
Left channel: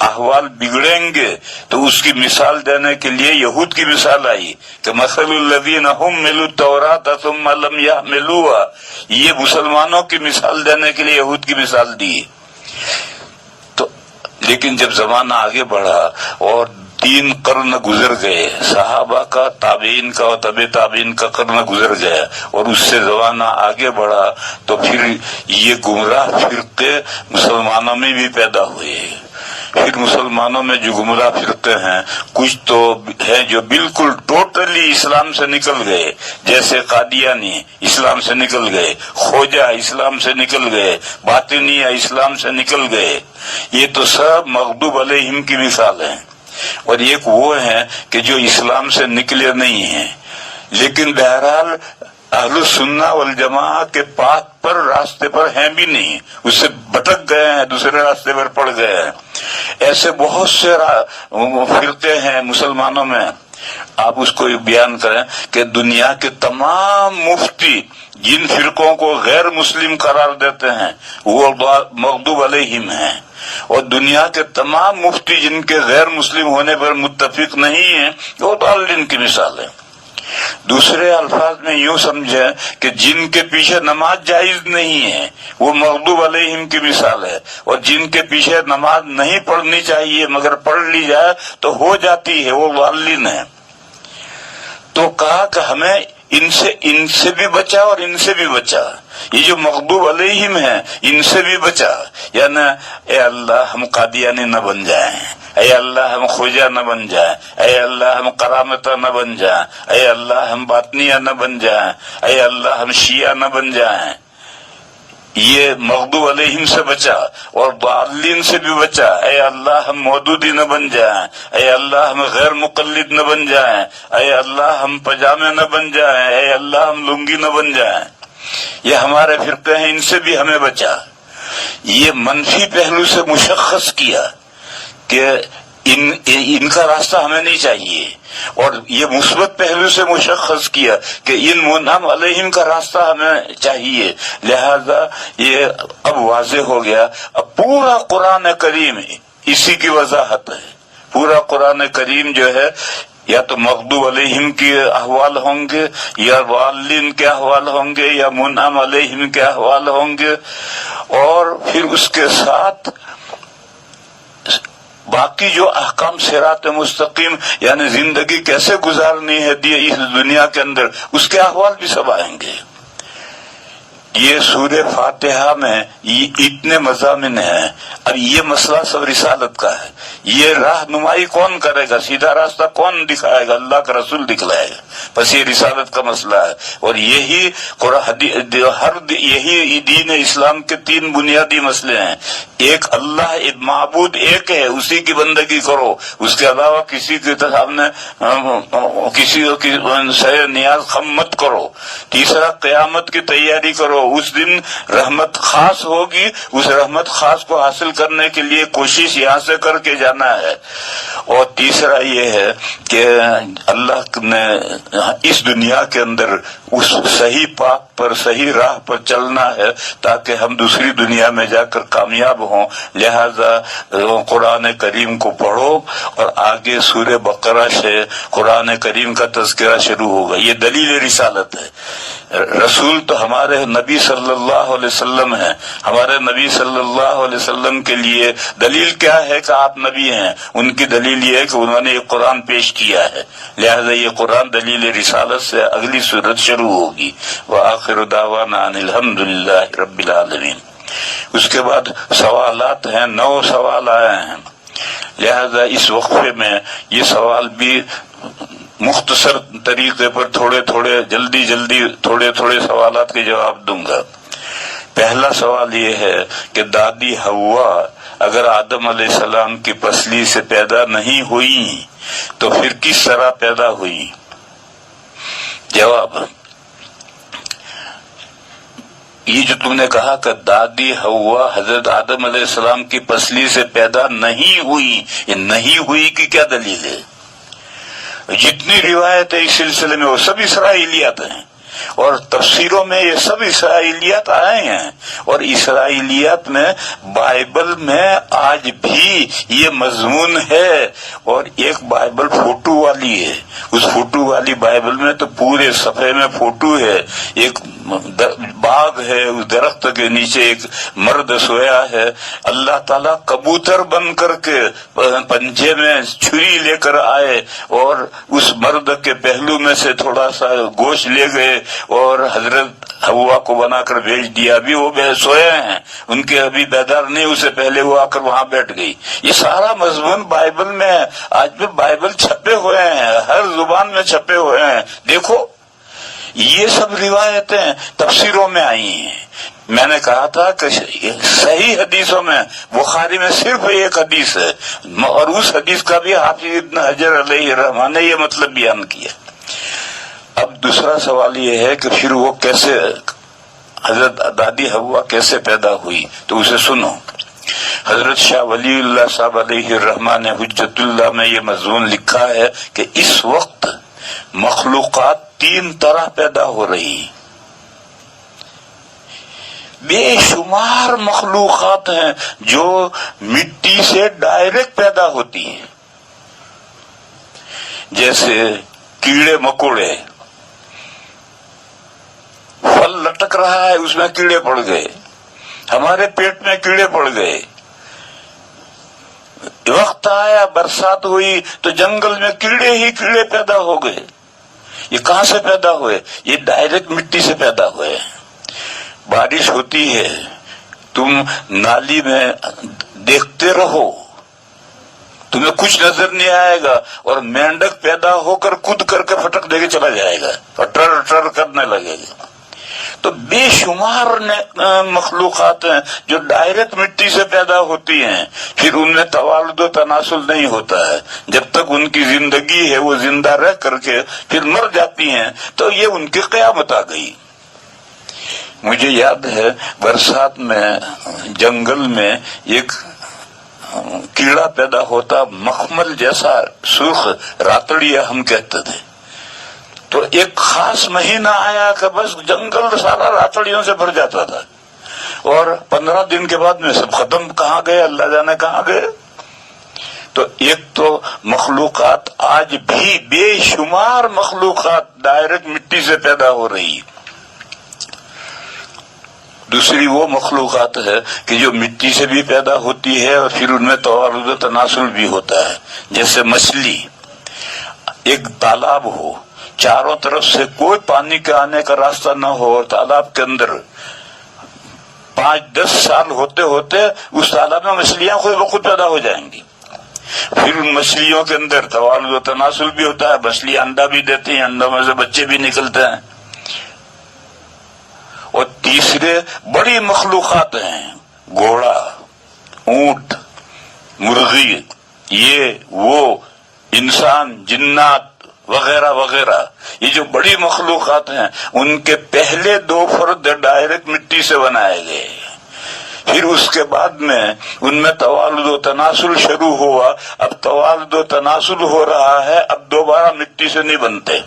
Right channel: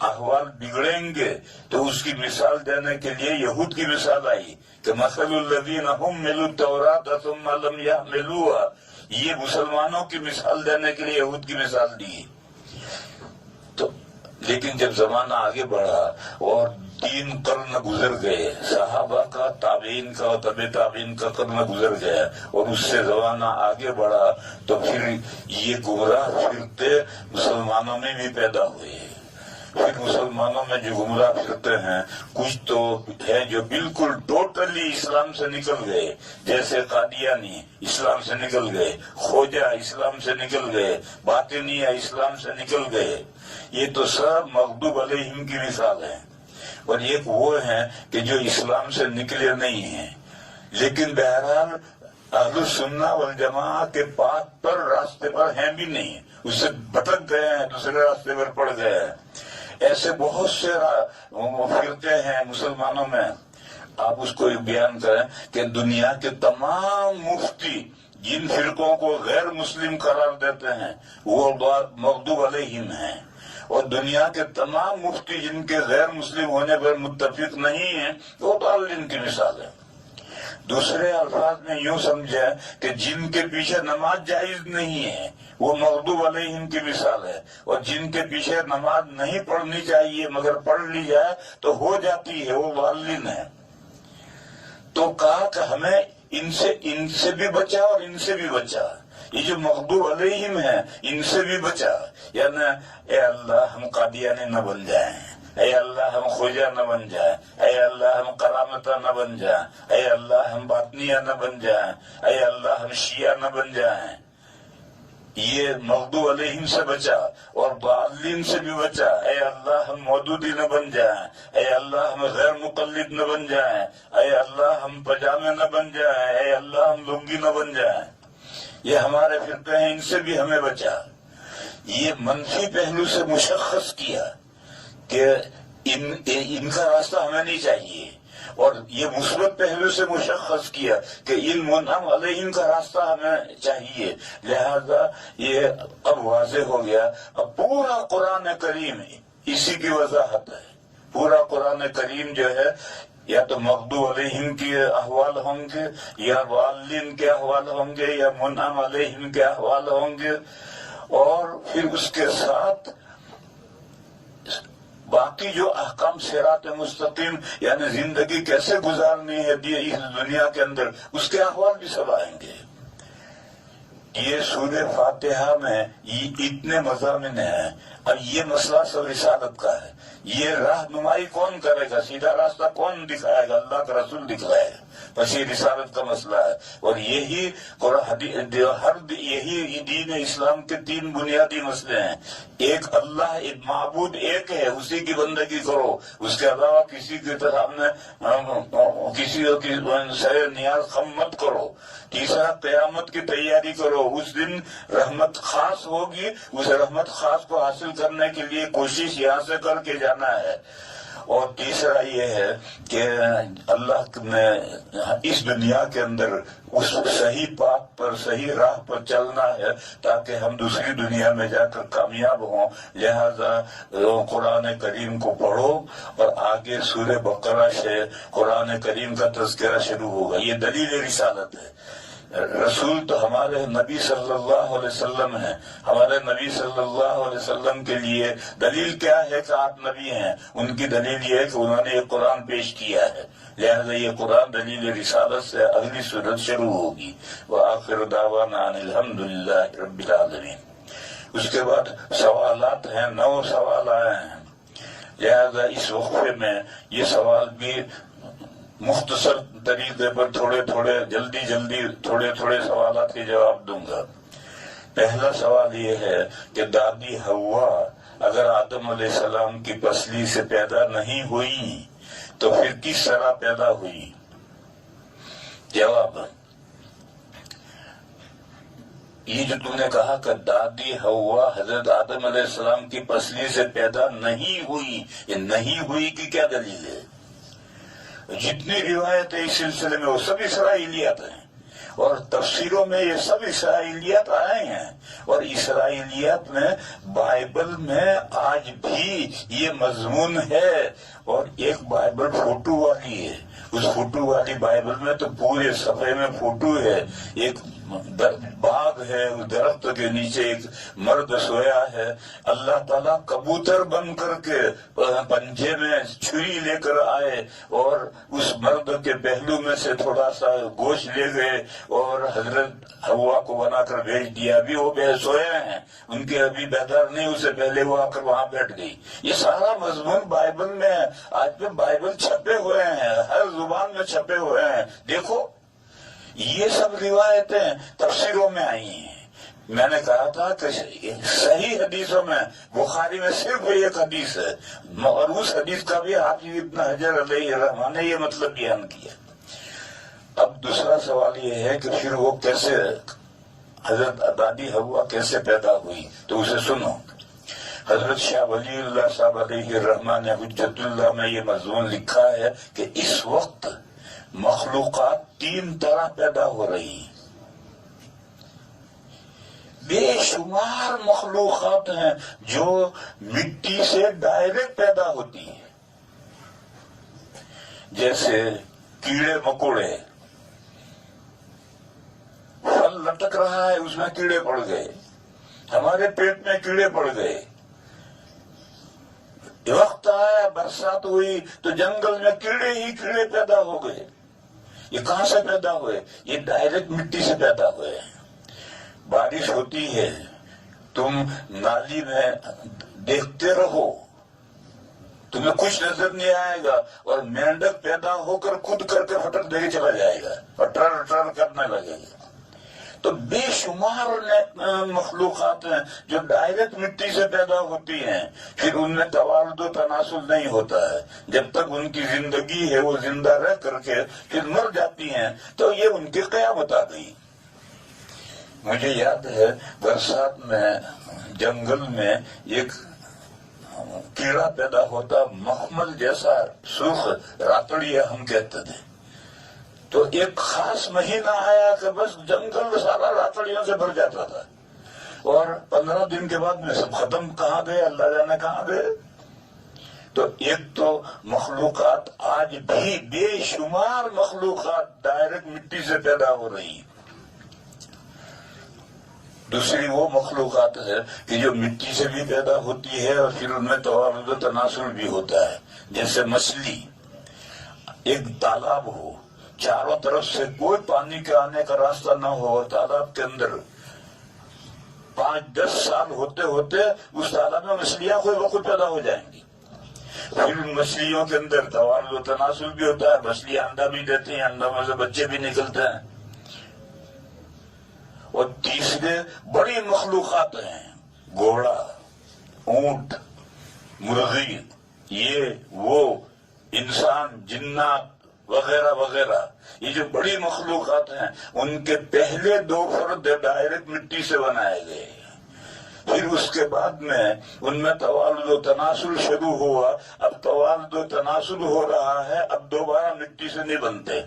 احوال بگڑیں گے تو اس کی مثال دینے کے لیے یہود کی مثال آئی کہ مثل الذین حملوا التوراۃ ثم لم یحملوها، یہ مسلمانوں کی مثال دینے کے لیے یہود کی مثال دی۔ تو لیکن جب زمانہ آگے بڑھا اور 3 قرن گزر گئے، صحابہ کا، تابعین کا اور تبع تابعین کا قرن گزر گیا، اور اس سے زمانہ آگے بڑھا تو پھر یہ گمراہ فرقے مسلمانوں میں بھی پیدا ہوئے۔ پھر مسلمانوں میں جو گمراہ فرقے ہیں، کچھ تو ہیں جو بالکل ٹوٹلی اسلام سے نکل گئے، جیسے قادیانی اسلام سے نکل گئے، خوجہ اسلام سے نکل گئے، باطنیہ اسلام سے نکل گئے، یہ تو سب مغضوب علیہم کی مثال ہیں۔ اور ایک وہ ہیں کہ جو اسلام سے نکلے نہیں ہیں لیکن بہرحال اہل السنہ والجماعہ کے پاتھ پر، راستے پر ہیں بھی نہیں، اس سے بھٹک گئے ہیں، دوسرے راستے پر پڑ گئے ہیں۔ ایسے بہت سے فرقے ہیں مسلمانوں میں۔ آپ اس کو بیان کریں کہ دنیا کے تمام مفتی جن فرقوں کو غیر مسلم قرار دیتے ہیں وہ مغضوب علیہم ہیں، اور دنیا کے تمام مفتی جن کے غیر مسلم ہونے پر متفق نہیں ہیں وہ ضالین کی مثال ہے۔ دوسرے الفاظ میں یوں سمجھیں کہ جن کے پیچھے نماز جائز نہیں ہے وہ مغضوب علیہم کی مثال ہے، اور جن کے پیچھے نماز نہیں پڑھنی چاہیے مگر پڑھ لی جائے تو ہو جاتی ہے، وہ ضالین ہے۔ تو کہا کہ ہمیں ان سے بھی بچا اور ان سے بھی بچا، یہ جو مغضوب علیہم ہیں ان سے بھی بچا، یعنی اے اللہ ہم قادیانی نہ بن جائیں، اے اللہ ہم خوجہ نہ بن جائیں، اے اللہ ہم کرامتہ نہ بن جائیں، اے اللہ ہم باطنیہ نہ بن جائیں، اے اللہ ہم شیعہ نہ بن جائیں۔ یہ مغضوب علیہم سے بچا، اور ضالین سے بھی بچا، اے اللہ ہم مودودی نہ بن جائیں، اے اللہ ہم غیر مقلد نہ بن جائیں، اے اللہ ہم پجامے نہ بن جائیں، اے اللہ ہم لنگی نہ بن جائیں۔ یہ ہمارے فرقے ہیں، ان سے بھی ہمیں بچا۔ یہ منفی پہلو سے مشخص کیا کہ ان کا راستہ ہمیں نہیں چاہیے، اور یہ مثبت پہلو سے مشخص کیا کہ ان منعم علیہم کا راستہ ہمیں چاہیے۔ لہذا یہ اب واضح ہو گیا، اب پورا قرآن کریم اسی کی وضاحت ہے۔ پورا قرآن کریم جو ہے یا تو مغضوب علیہم کے احوال ہوں گے، یا ضالین کے احوال ہوں گے، یا منعم علیہم کے احوال ہوں گے، اور پھر اس کے ساتھ باقی جو احکام صراط مستقیم یعنی زندگی کیسے گزارنی ہے اس دنیا کے اندر، اس کے احوال بھی سب آئیں گے۔ یہ سورہ فاتحہ میں یہ اتنے مضامین ہیں۔ اب یہ مسئلہ سب رسالت کا ہے، یہ رہنمائی کون کرے گا، سیدھا راستہ کون دکھائے گا، اللہ کا رسول دکھلائے گا، بس یہ رسالت کا مسئلہ ہے۔ اور یہی یہی دین اسلام کے 3 بنیادی مسئلے ہیں۔ ایک اللہ معبود ایک ہے، اسی کی بندگی کرو، اس کے علاوہ کسی کے سامنے کسی کی نیاز خم مت کرو۔ تیسرا قیامت کی تیاری کرو، کرو, اس دن رحمت خاص ہوگی, اس رحمت خاص کو حاصل کرنے کے لیے کوشش یہاں سے کر کے جانا ہے. اور تیسرا یہ ہے کہ اللہ نے اس دنیا کے اندر اس صحیح پاک پر, صحیح راہ پر چلنا ہے تاکہ ہم دوسری دنیا میں جا کر کامیاب ہوں. لہذا قرآن کریم کو پڑھو, اور آگے سورہ بقرہ سے قرآن کریم کا تذکرہ شروع ہوگا. یہ دلیل رسالت ہے. رسول تو ہمارے نبی صلی اللہ علیہ وسلم ہیں. ہمارے نبی صلی اللہ علیہ وسلم کے لیے دلیل کیا ہے کہ آپ نبی ہیں؟ ان کی دلیل یہ ہے کہ انہوں نے یہ قرآن پیش کیا ہے. لہذا یہ قرآن دلیل رسالت سے اگلی صورت شروع ہوگی. وآخر دعوانا ان الحمد للہ رب العالمین. اس کے بعد سوالات ہیں, 9 سوال آئے ہیں. لہذا اس وقفے میں یہ سوال بھی مختصر طریقے پر تھوڑے تھوڑے سوالات کے جواب دوں گا. پہلا سوال یہ ہے کہ دادی حوا اگر آدم علیہ السلام کی پسلی سے پیدا نہیں ہوئی تو پھر کس طرح پیدا ہوئی؟ جواب, یہ جو تم نے کہا کہ دادی حوا حضرت آدم علیہ السلام کی پسلی سے پیدا نہیں ہوئی, یہ نہیں ہوئی کی کیا دلیل ہے؟ جتنی روایت ہے اس سلسلے میں وہ سب اسرائیلیات ہیں, اور تفسیروں میں یہ سب اسرائیلیات آئے ہیں. اور اسرائیلیات میں بائبل میں آج بھی یہ مضمون ہے. اور ایک بائبل فوٹو والی ہے, اس فوٹو والی بائبل میں تو پورے صفحے میں فوٹو ہے. ایک باغ ہے, اس درخت کے نیچے ایک مرد سویا ہے. اللہ تعالیٰ کبوتر بن کر کے پنجے میں چھری لے کر آئے اور اس مرد کے پہلو میں سے تھوڑا سا گوشت لے گئے اور حضرت حوا کو بنا کر بھیج دیا. ابھی وہ سوئے ہیں, ان کے ابھی بیدار نہیں, اسے پہلے وہ آ کر وہاں بیٹھ گئی. یہ سارا مضمون بائبل میں ہے. آج بھی بائبل چھپے ہوئے ہیں, ہر زبان میں چھپے ہوئے ہیں. دیکھو یہ سب روایتیں تفسیروں میں آئی ہیں. میں نے کہا تھا کہ صحیح حدیثوں میں بخاری میں صرف ایک حدیث ہے, اور اس حدیث کا بھی حافظ ابن حجر علیہ الرحمہ نے یہ مطلب بیان کیا. اب دوسرا سوال یہ ہے کہ پھر وہ کیسے, حضرت دادی حوا کیسے پیدا ہوئی؟ تو اسے سنو. حضرت شاہ ولی اللہ صاحب علیہ الرحمہ نے حجت اللہ میں یہ مضمون لکھا ہے کہ اس وقت مخلوقات 3 طرح پیدا ہو رہی. بے شمار مخلوقات ہیں جو مٹی سے ڈائریکٹ پیدا ہوتی ہیں, جیسے کیڑے مکوڑے. پھل لٹک رہا ہے, اس میں کیڑے پڑ گئے, ہمارے پیٹ میں کیڑے پڑ گئے. وقت آیا, برسات ہوئی تو جنگل میں کیڑے ہی کیڑے پیدا ہو گئے. یہ کہاں سے پیدا ہوئے؟ یہ ڈائریکٹ مٹی سے پیدا ہوئے. بارش ہوتی ہے, تم نالی میں دیکھتے رہو, تمہیں کچھ نظر نہیں آئے گا, اور مینڈک پیدا ہو کر کود کر کے پھٹک دے کے چلا جائے گا اور ٹر ٹر کرنے لگے گا. تو بے شمار مخلوقات ہیں جو ڈائریکٹ مٹی سے پیدا ہوتی ہیں. پھر ان میں توالد و تناسل نہیں ہوتا ہے. جب تک ان کی زندگی ہے وہ زندہ رہ کر کے پھر مر جاتی ہیں, تو یہ ان کی قیامت آ گئی. مجھے یاد ہے برسات میں جنگل میں ایک کیڑا پیدا ہوتا, مخمل جیسا سرخ, راتڑیا ہم کہتے تھے. تو ایک خاص مہینہ آیا کہ بس جنگل سارا راتڑیوں سے بھر جاتا تھا, اور 15 دن کے بعد میں سب ختم. کہاں گئے اللہ جانے کہاں گئے. تو ایک تو مخلوقات آج بھی بے شمار مخلوقات ڈائریکٹ مٹی سے پیدا ہو رہی. دوسری وہ مخلوقات ہے کہ جو مٹی سے بھی پیدا ہوتی ہے اور پھر ان میں توالد و تناسل بھی ہوتا ہے. جیسے مچھلی, ایک تالاب ہو, چاروں طرف سے کوئی پانی کے آنے کا راستہ نہ ہو, اور تالاب کے اندر 5-10 سال ہوتے ہوتے اس تالاب میں مچھلیاں خود بخود پیدا ہو جائیں گی. پھر ان مچھلیوں کے اندر توالد و تناسل بھی ہوتا ہے, مچھلی انڈا بھی دیتی ہیں, انڈوں میں سے بچے بھی نکلتے ہیں. اور تیسرے بڑی مخلوقات ہیں, گھوڑا, اونٹ, مرغی, یہ وہ, انسان, جنات, وغیرہ وغیرہ، یہ جو بڑی مخلوقات ہیں ان کے پہلے 2 فرد ڈائریکٹ مٹی سے بنائے گئے، پھر اس کے بعد میں ان میں توالد و تناسل شروع ہوا، اب توالد و تناسل ہو رہا ہے، اب دوبارہ مٹی سے نہیں بنتے۔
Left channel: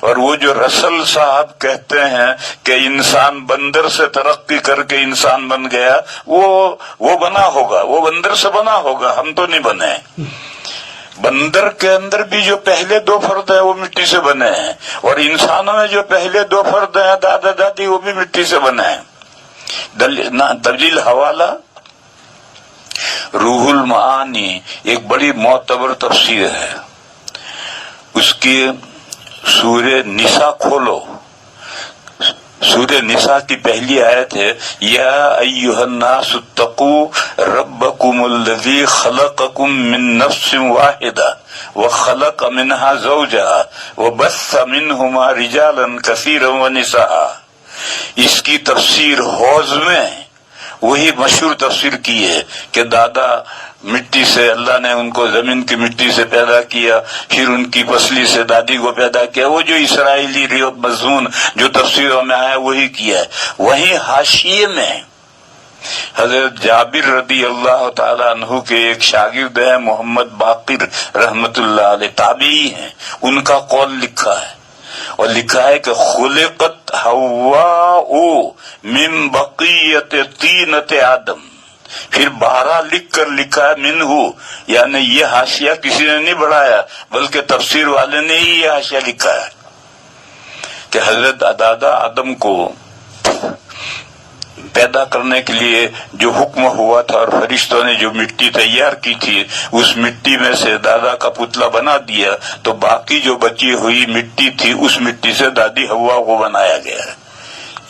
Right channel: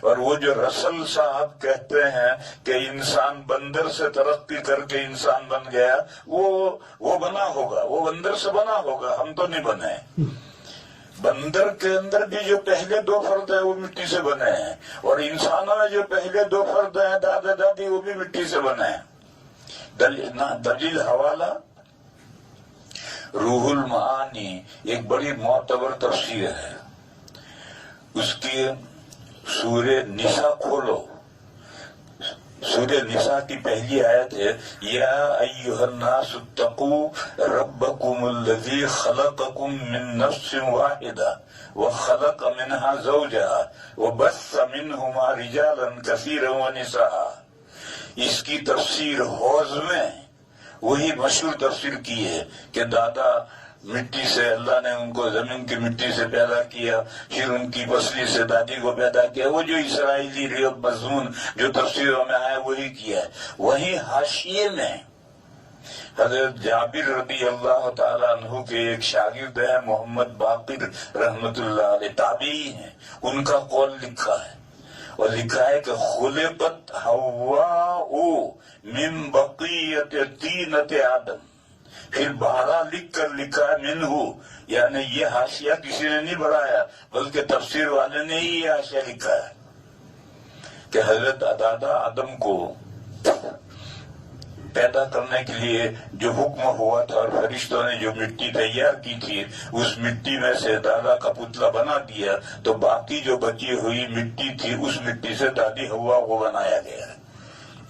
اور وہ جو رسل صاحب کہتے ہیں کہ انسان بندر سے ترقی کر کے انسان بن گیا، وہ بنا ہوگا، وہ بندر سے بنا ہوگا، ہم تو نہیں بنے۔ بندر کے اندر بھی جو پہلے 2 فرد ہیں وہ مٹی سے بنے ہیں، اور انسانوں میں جو پہلے 2 فرد ہیں دادا دادی وہ بھی مٹی سے بنے ہیں۔ دلیل حوالہ روح المعانی ایک بڑی معتبر تفسیر ہے، اس کی سورہ نساء کھولو، سورہ نساء کی پہلی آیت ہے یا ایھا الناس اتقوا ربکم الذی خلقکم من نفس واحدہ وخلق منها زوجها وبث منہما رجالا کثیرا ونساء۔ اس کی تفسیر حوض میں وہی مشہور تفسیر کی ہے کہ دادا مٹی سے، اللہ نے ان کو زمین کی مٹی سے پیدا کیا، پھر ان کی پسلی سے دادی کو پیدا کیا، وہ جو اسرائیلی مضمون جو تفسیروں میں آیا وہی کیا ہے۔ وہیں حاشیے میں حضرت جابر رضی اللہ تعالیٰ عنہ کے ایک شاگرد ہیں محمد باقر رحمت اللہ علیہ، تابعی ہیں، ان کا قول لکھا ہے، اور لکھا ہے کہ خلقت حواء من بقیت طینۃ آدم، پھر 12 لکھ کر لکھا ہے منہ، یعنی یہ حاشیہ کسی نے نہیں بڑھایا بلکہ تفسیر والے نے ہی یہ حاشیہ لکھا ہے کہ حضرت دادا آدم کو پیدا کرنے کے لیے جو حکم ہوا تھا اور فرشتوں نے جو مٹی تیار کی تھی اس مٹی میں سے دادا کا پتلا بنا دیا، تو باقی جو بچی ہوئی مٹی تھی اس مٹی سے دادی حوا کو بنایا گیا۔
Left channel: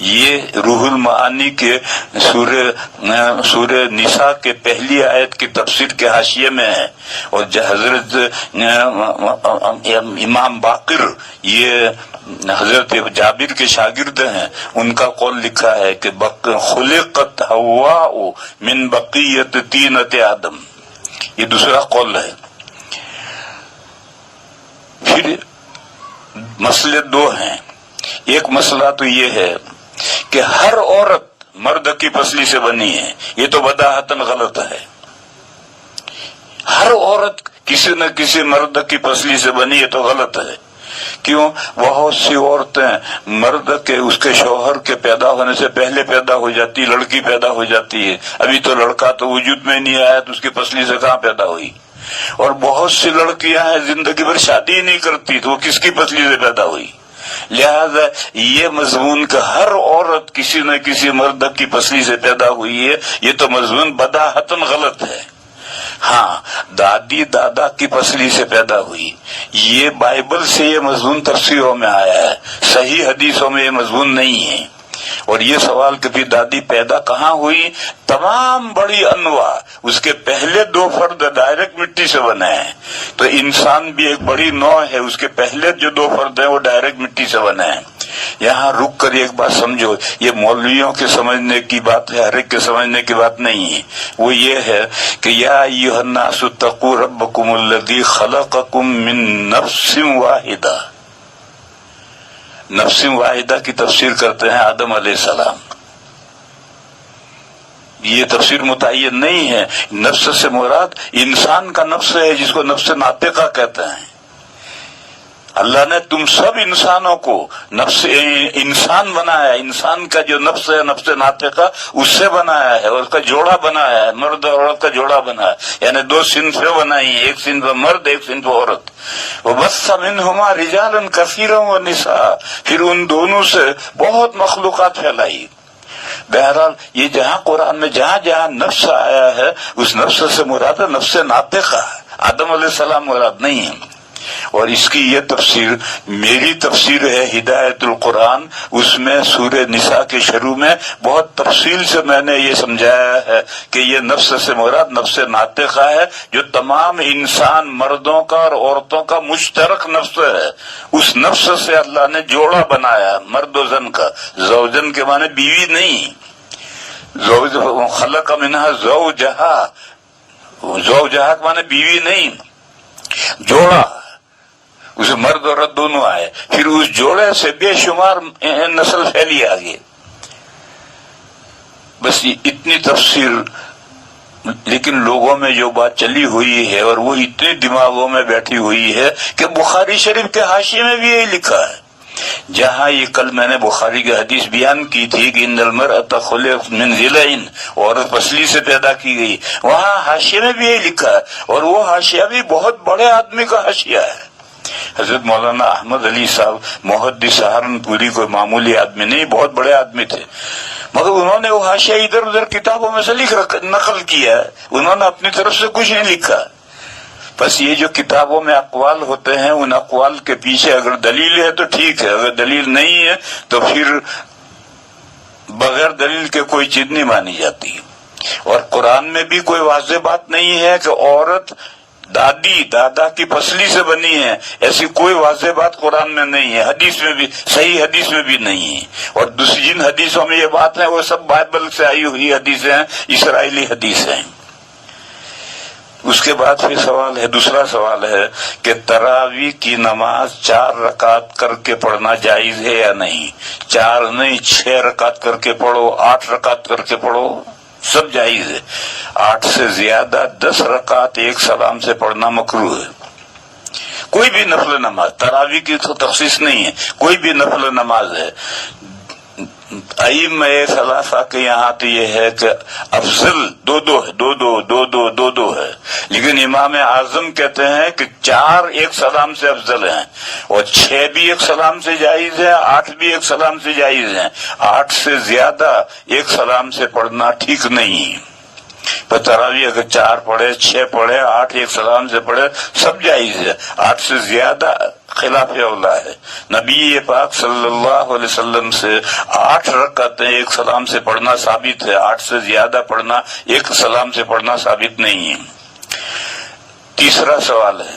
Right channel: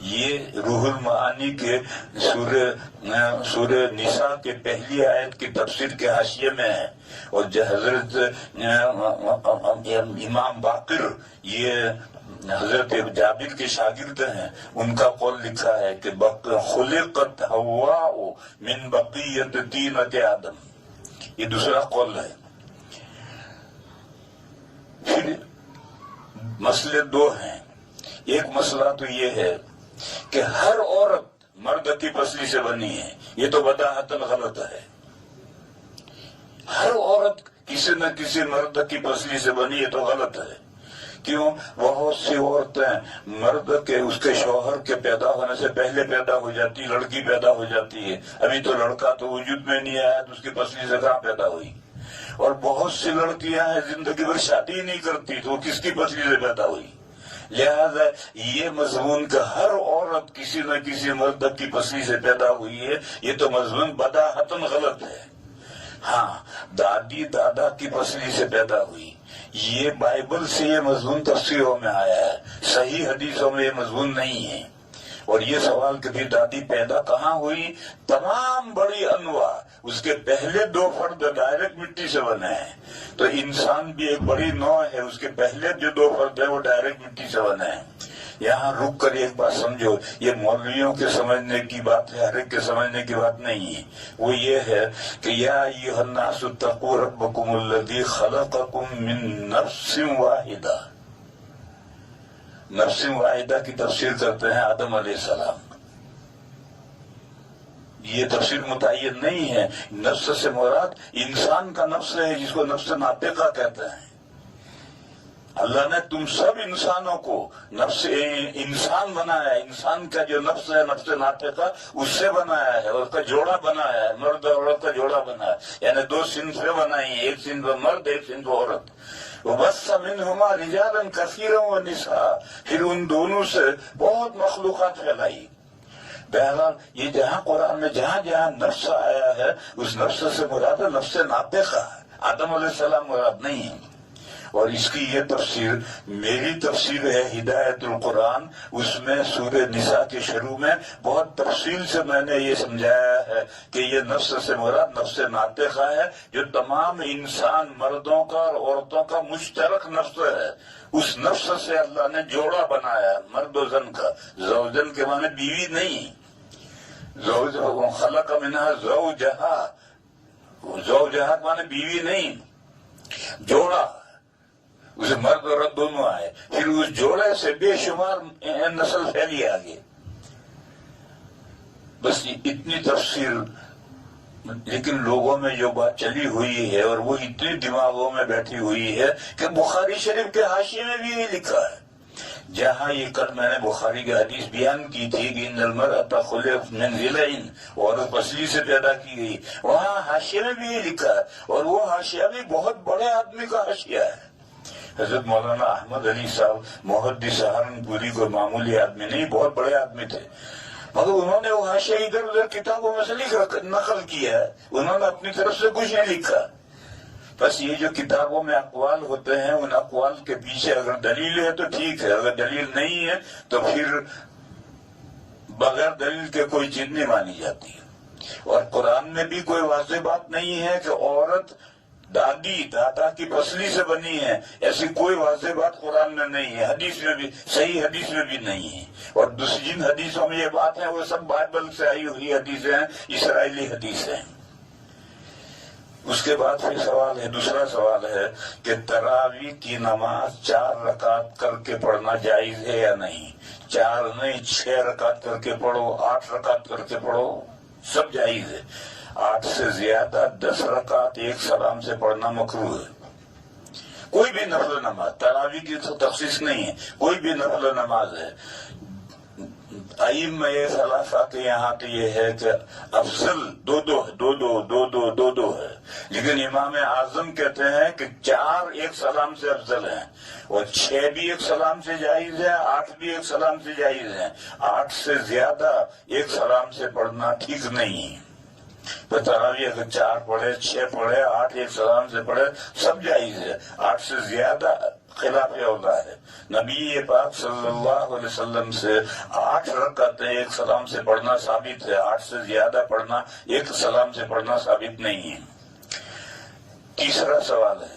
یہ روح المعانی کے سورہ نساء کے پہلی آیت کی تفسیر کے حاشیے میں ہے، اور حضرت امام باقر یہ حضرت جابر کے شاگرد ہیں، ان کا قول لکھا ہے کہ خلقت حواء من بقیت طینۃ آدم، یہ دوسرا قول ہے۔ پھر مسئلے 2 ہیں، ایک مسئلہ تو یہ ہے کہ ہر عورت مرد کی پسلی سے بنی ہے، یہ تو بداہتاً غلط ہے۔ ہر عورت کسی نہ کسی مرد کی پسلی سے بنی ہے تو غلط ہے۔ کیوں؟ بہت سی عورتیں مرد کے اس کے شوہر کے پیدا ہونے سے پہلے پیدا ہو جاتی، لڑکی پیدا ہو جاتی ہے، ابھی تو لڑکا تو وجود میں نہیں آیا تو اس کی پسلی سے کہاں پیدا ہوئی۔ اور بہت سی لڑکیاں ہیں زندگی بھر شادی ہی نہیں کرتی تو وہ کس کی پسلی سے پیدا ہوئی۔ لہذا یہ مضمون کہ ہر عورت کسی نہ کسی مرد کی پسلی سے پیدا ہوئی ہے، یہ تو مضمون بداہتاً غلط ہے۔ ہاں، دادی دادا کی پسلی سے پیدا ہوئی، یہ بائبل سے یہ مضمون تفسیروں میں آیا ہے، صحیح حدیثوں میں یہ مضمون نہیں ہے۔ اور یہ سوال کہ بھی دادی پیدا کہاں ہوئی، تمام بڑی انواع اس کے پہلے 2 فرد ڈائریکٹ مٹی سے بنے ہیں، تو انسان بھی ایک بڑی نوع ہے، اس کے پہلے جو 2 فرد ہیں وہ ڈائریکٹ مٹی سے بنے ہیں۔ یہاں رک کر ایک بات سمجھو، یہ مولویوں کے سمجھنے کی بات ہے، ہر ایک کے سمجھنے کی بات نہیں ہے، وہ یہ ہے کہ یا ایھا الناس اتقوا ربکم الذی خلقکم من نفس واحدہ، نفس واحدہ کی تفسیر کرتے ہیں آدم علیہ السلام، یہ تفسیر متعین نہیں ہے۔ نفس سے مراد انسان کا نفس ہے جس کو نفس ناطقہ کہتے ہیں۔ اللہ نے تم سب انسانوں کو نفس انسان بنایا، انسان کا جو نفس ہے نفس ناطقہ اس سے بنایا ہے، اور اس کا جوڑا بنایا ہے، مرد اور عورت کا جوڑا بنایا ہے، یعنی 2 صنفیں بنائی ہیں، ایک صنف مرد ایک صنف عورت۔ وَبَثَّ مِنْهُمَا رِجَالًا كَثِيرًا وَنِسَاءً، پھر ان دونوں سے بہت مخلوقات پھیلائی۔ بہرحال یہ جہاں قرآن میں جہاں جہاں نفس آیا ہے اس نفس سے مراد نفس ناطقہ، آدم علیہ السلام مراد نہیں ہے۔ اور اس کی یہ تفسیر میری تفسیر ہے ہدایت القرآن، اس میں سورہ نساء کے شروع میں بہت تفصیل سے میں نے یہ سمجھایا ہے کہ یہ نفس سے مراد نفس ناطقہ ہے، جو تمام انسان مردوں کا اور عورتوں کا مشترک نفس ہے۔ اس نفس سے اللہ نے جوڑا بنایا، مرد و زن کا، زوجن کے معنی بیوی نہیں، زوج خلق منہا زوجہا، زوجہا کے معنی بیوی نہیں، جوڑا، اسے مرد عورت دونوں آئے، پھر اس جوڑے سے بے شمار نسل پھیلی آگے. بس یہ اتنی تفسیر، لیکن لوگوں میں جو بات چلی ہوئی ہے اور وہ اتنے دماغوں میں بیٹھی ہوئی ہے کہ بخاری شریف کے حاشیے میں بھی یہی لکھا ہے. جہاں یہ کل میں نے بخاری کی حدیث بیان کی تھی کہ ان المرأۃ خلقت من ضلع، عورت پسلی سے پیدا کی گئی، وہاں حاشیے میں بھی یہی لکھا ہے. اور وہ حاشیہ بھی بہت بڑے آدمی کا حاشیہ ہے. حضرت مولانا احمد علی صاحب محدث سہارنپوری کوئی معمولی آدمی نہیں، بہت بڑے آدمی تھے، مگر انہوں نے وہ حاشیہ ادھر ادھر کتابوں میں سے نقل کیا ہے، انہوں نے اپنی طرف سے کچھ نہیں لکھا. بس یہ جو کتابوں میں اقوال ہوتے ہیں، ان اقوال کے پیچھے اگر دلیل ہے تو ٹھیک ہے، اگر دلیل نہیں ہے تو پھر بغیر دلیل کے کوئی چیز نہیں مانی جاتی. اور قرآن میں بھی کوئی واضح بات نہیں ہے کہ عورت دادی دادا کی پسلی سے بنی ہے، ایسی کوئی واضح بات قرآن میں نہیں ہے، حدیث میں بھی، صحیح حدیث میں بھی نہیں ہے. اور دوسری جن حدیثوں میں یہ بات ہے وہ سب بائبل سے آئی ہوئی حدیثیں ہیں، اسرائیلی حدیثیں. اس کے بعد پھر سوال ہے، دوسرا سوال ہے کہ تراویح کی نماز 4 رکعت کر کے پڑھنا جائز ہے یا نہیں؟ 4 نہیں، 6 رکعت کر کے پڑھو، 8 رکعت کر کے پڑھو، سب جائز ہے. 8 سے زیادہ 10 رکعت ایک سلام سے پڑھنا مکروہ ہے. کوئی بھی نفل نماز، تراویح کی تو تخصیص نہیں ہے، کوئی بھی نفل نماز ہے. ائمہ ثلاثہ کے یہاں تو یہ ہے کہ افضل دو ہے، لیکن امام اعظم کہتے ہیں کہ 4 ایک سلام سے افضل ہیں، اور 6 بھی ایک سلام سے جائز ہے، 8 بھی ایک سلام سے جائز ہیں. 8 سے زیادہ ایک سلام سے پڑھنا ٹھیک نہیں. تراویح اگر 4 پڑھے، 6 پڑھے، 8 ایک سلام سے پڑھے، سب جائز ہے. 8 سے زیادہ خلاف اولا ہے. نبی پاک صلی اللہ علیہ وسلم سے 8 رکعتیں ایک سلام سے پڑھنا ثابت ہے، 8 سے زیادہ پڑھنا، ایک سلام سے پڑھنا ثابت نہیں ہے. تیسرا سوال ہے،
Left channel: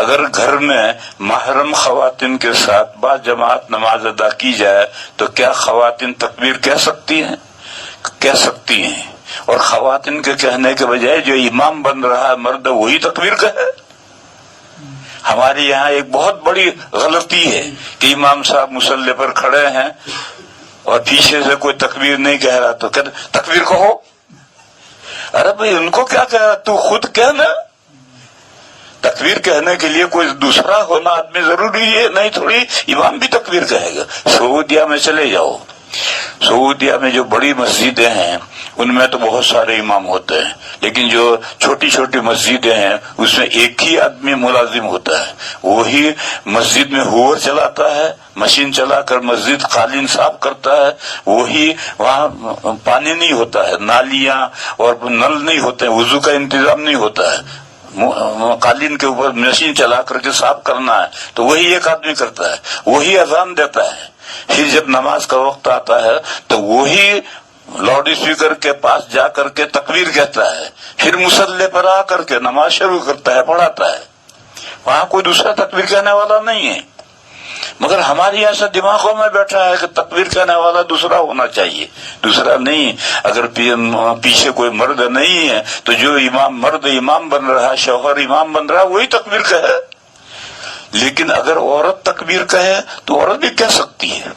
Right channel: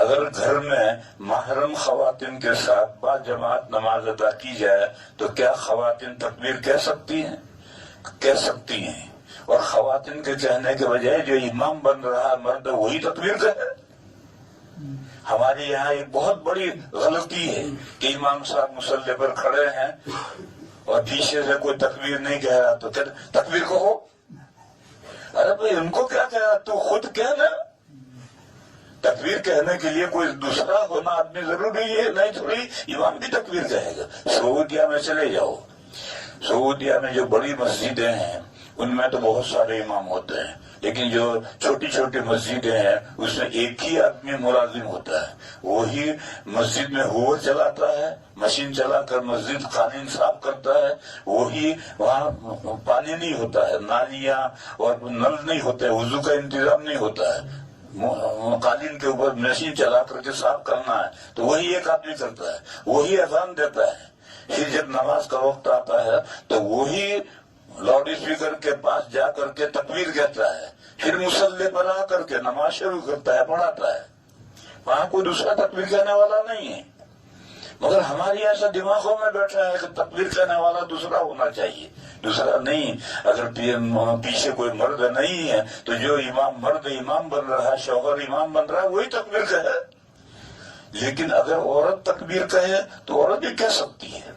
اگر گھر میں محرم خواتین کے ساتھ با جماعت نماز ادا کی جائے تو کیا خواتین تکبیر کہہ سکتی ہیں؟ کہہ سکتی ہیں. اور خواتین کے کہنے کے بجائے جو امام بن رہا ہے مرد وہی تکبیر کہے. ہمارے یہاں ایک بہت بڑی غلطی ہے کہ امام صاحب مصلی پر کھڑے ہیں اور پیچھے سے کوئی تکبیر نہیں کہہ رہا تو کہتے تکبیر کہو. ارے بھائی ان کو کیا کہہ رہا، تو خود کہنا. تکبیر کہنے کے لیے کوئی دوسرا ہونا آدمی ضروری ہے، نہیں تھوڑی امام بھی تکبیر کہے گا. سعودیہ میں چلے جاؤ، سعودیہ میں جو بڑی مسجدیں ہیں ان میں تو بہت سارے امام ہوتے ہیں، لیکن جو چھوٹی چھوٹی مسجدیں ہیں اس میں ایک ہی آدمی ملازم ہوتا ہے. وہی مسجد میں ہوور چلاتا ہے، مشین چلا کر مسجد قالین صاف کرتا ہے. وہی وہاں پانی نہیں ہوتا ہے، نالیاں اور نل نہیں ہوتے ہیں، وضو کا انتظام نہیں ہوتا ہے، قالین کے اوپر مشین چلا کر کے صاف کرنا ہے تو وہی ایک آدمی کرتا ہے. وہی اذان دیتا ہے. پھر جب نماز کا وقت آتا ہے تو وہی لاؤڈ اسپیکر کے پاس جا کر کے تکبیر کہتا ہے، پھر مصلی پر آ کر کے نماز شروع کرتا ہے، پڑھاتا ہے. وہاں کوئی دوسرا تکبیر کہنے والا نہیں ہے. مگر ہماری ایسا دماغوں میں بیٹھا ہے کہ تکبیر کہنے والا دوسرا ہونا چاہیے، دوسرا نہیں. اگر پیچھے کوئی مرد نہیں ہے تو جو مرد امام بن رہا، شوہر امام بن رہا، وہی تکبیر کہے. لیکن اگر عورت تکبیر کہے تو عورت بھی کہہ سکتی ہے.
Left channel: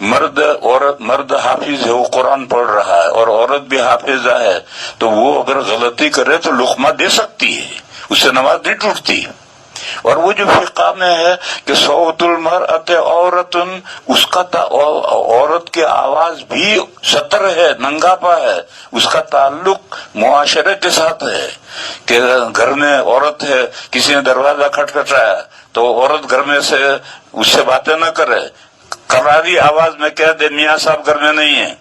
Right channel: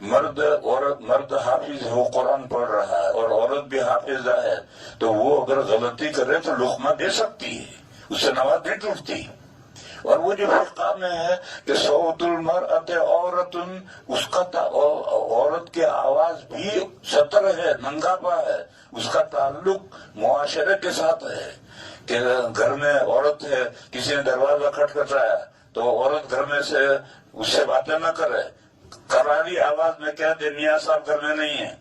مرد حافظ ہے، وہ قرآن پڑھ رہا ہے، اور عورت بھی حافظہ ہے، تو وہ اگر غلطی کرے تو لقمہ دے سکتی ہے، اس سے نماز نہیں ٹوٹتی. اور وہ جو فقہ میں ہے کہ صوت المرأۃ عورت، اس کا عورت کی آواز بھی سطر ہے، ننگاپا ہے، اس کا تعلق معاشرے کے ساتھ ہے. کہ گھر میں عورت ہے، کسی نے دروازہ کھٹکھٹایا تو عورت گھر میں سے اس سے باتیں نہ کرے، کراری آواز میں کہہ دے میاں صاحب گھر میں نہیں ہے.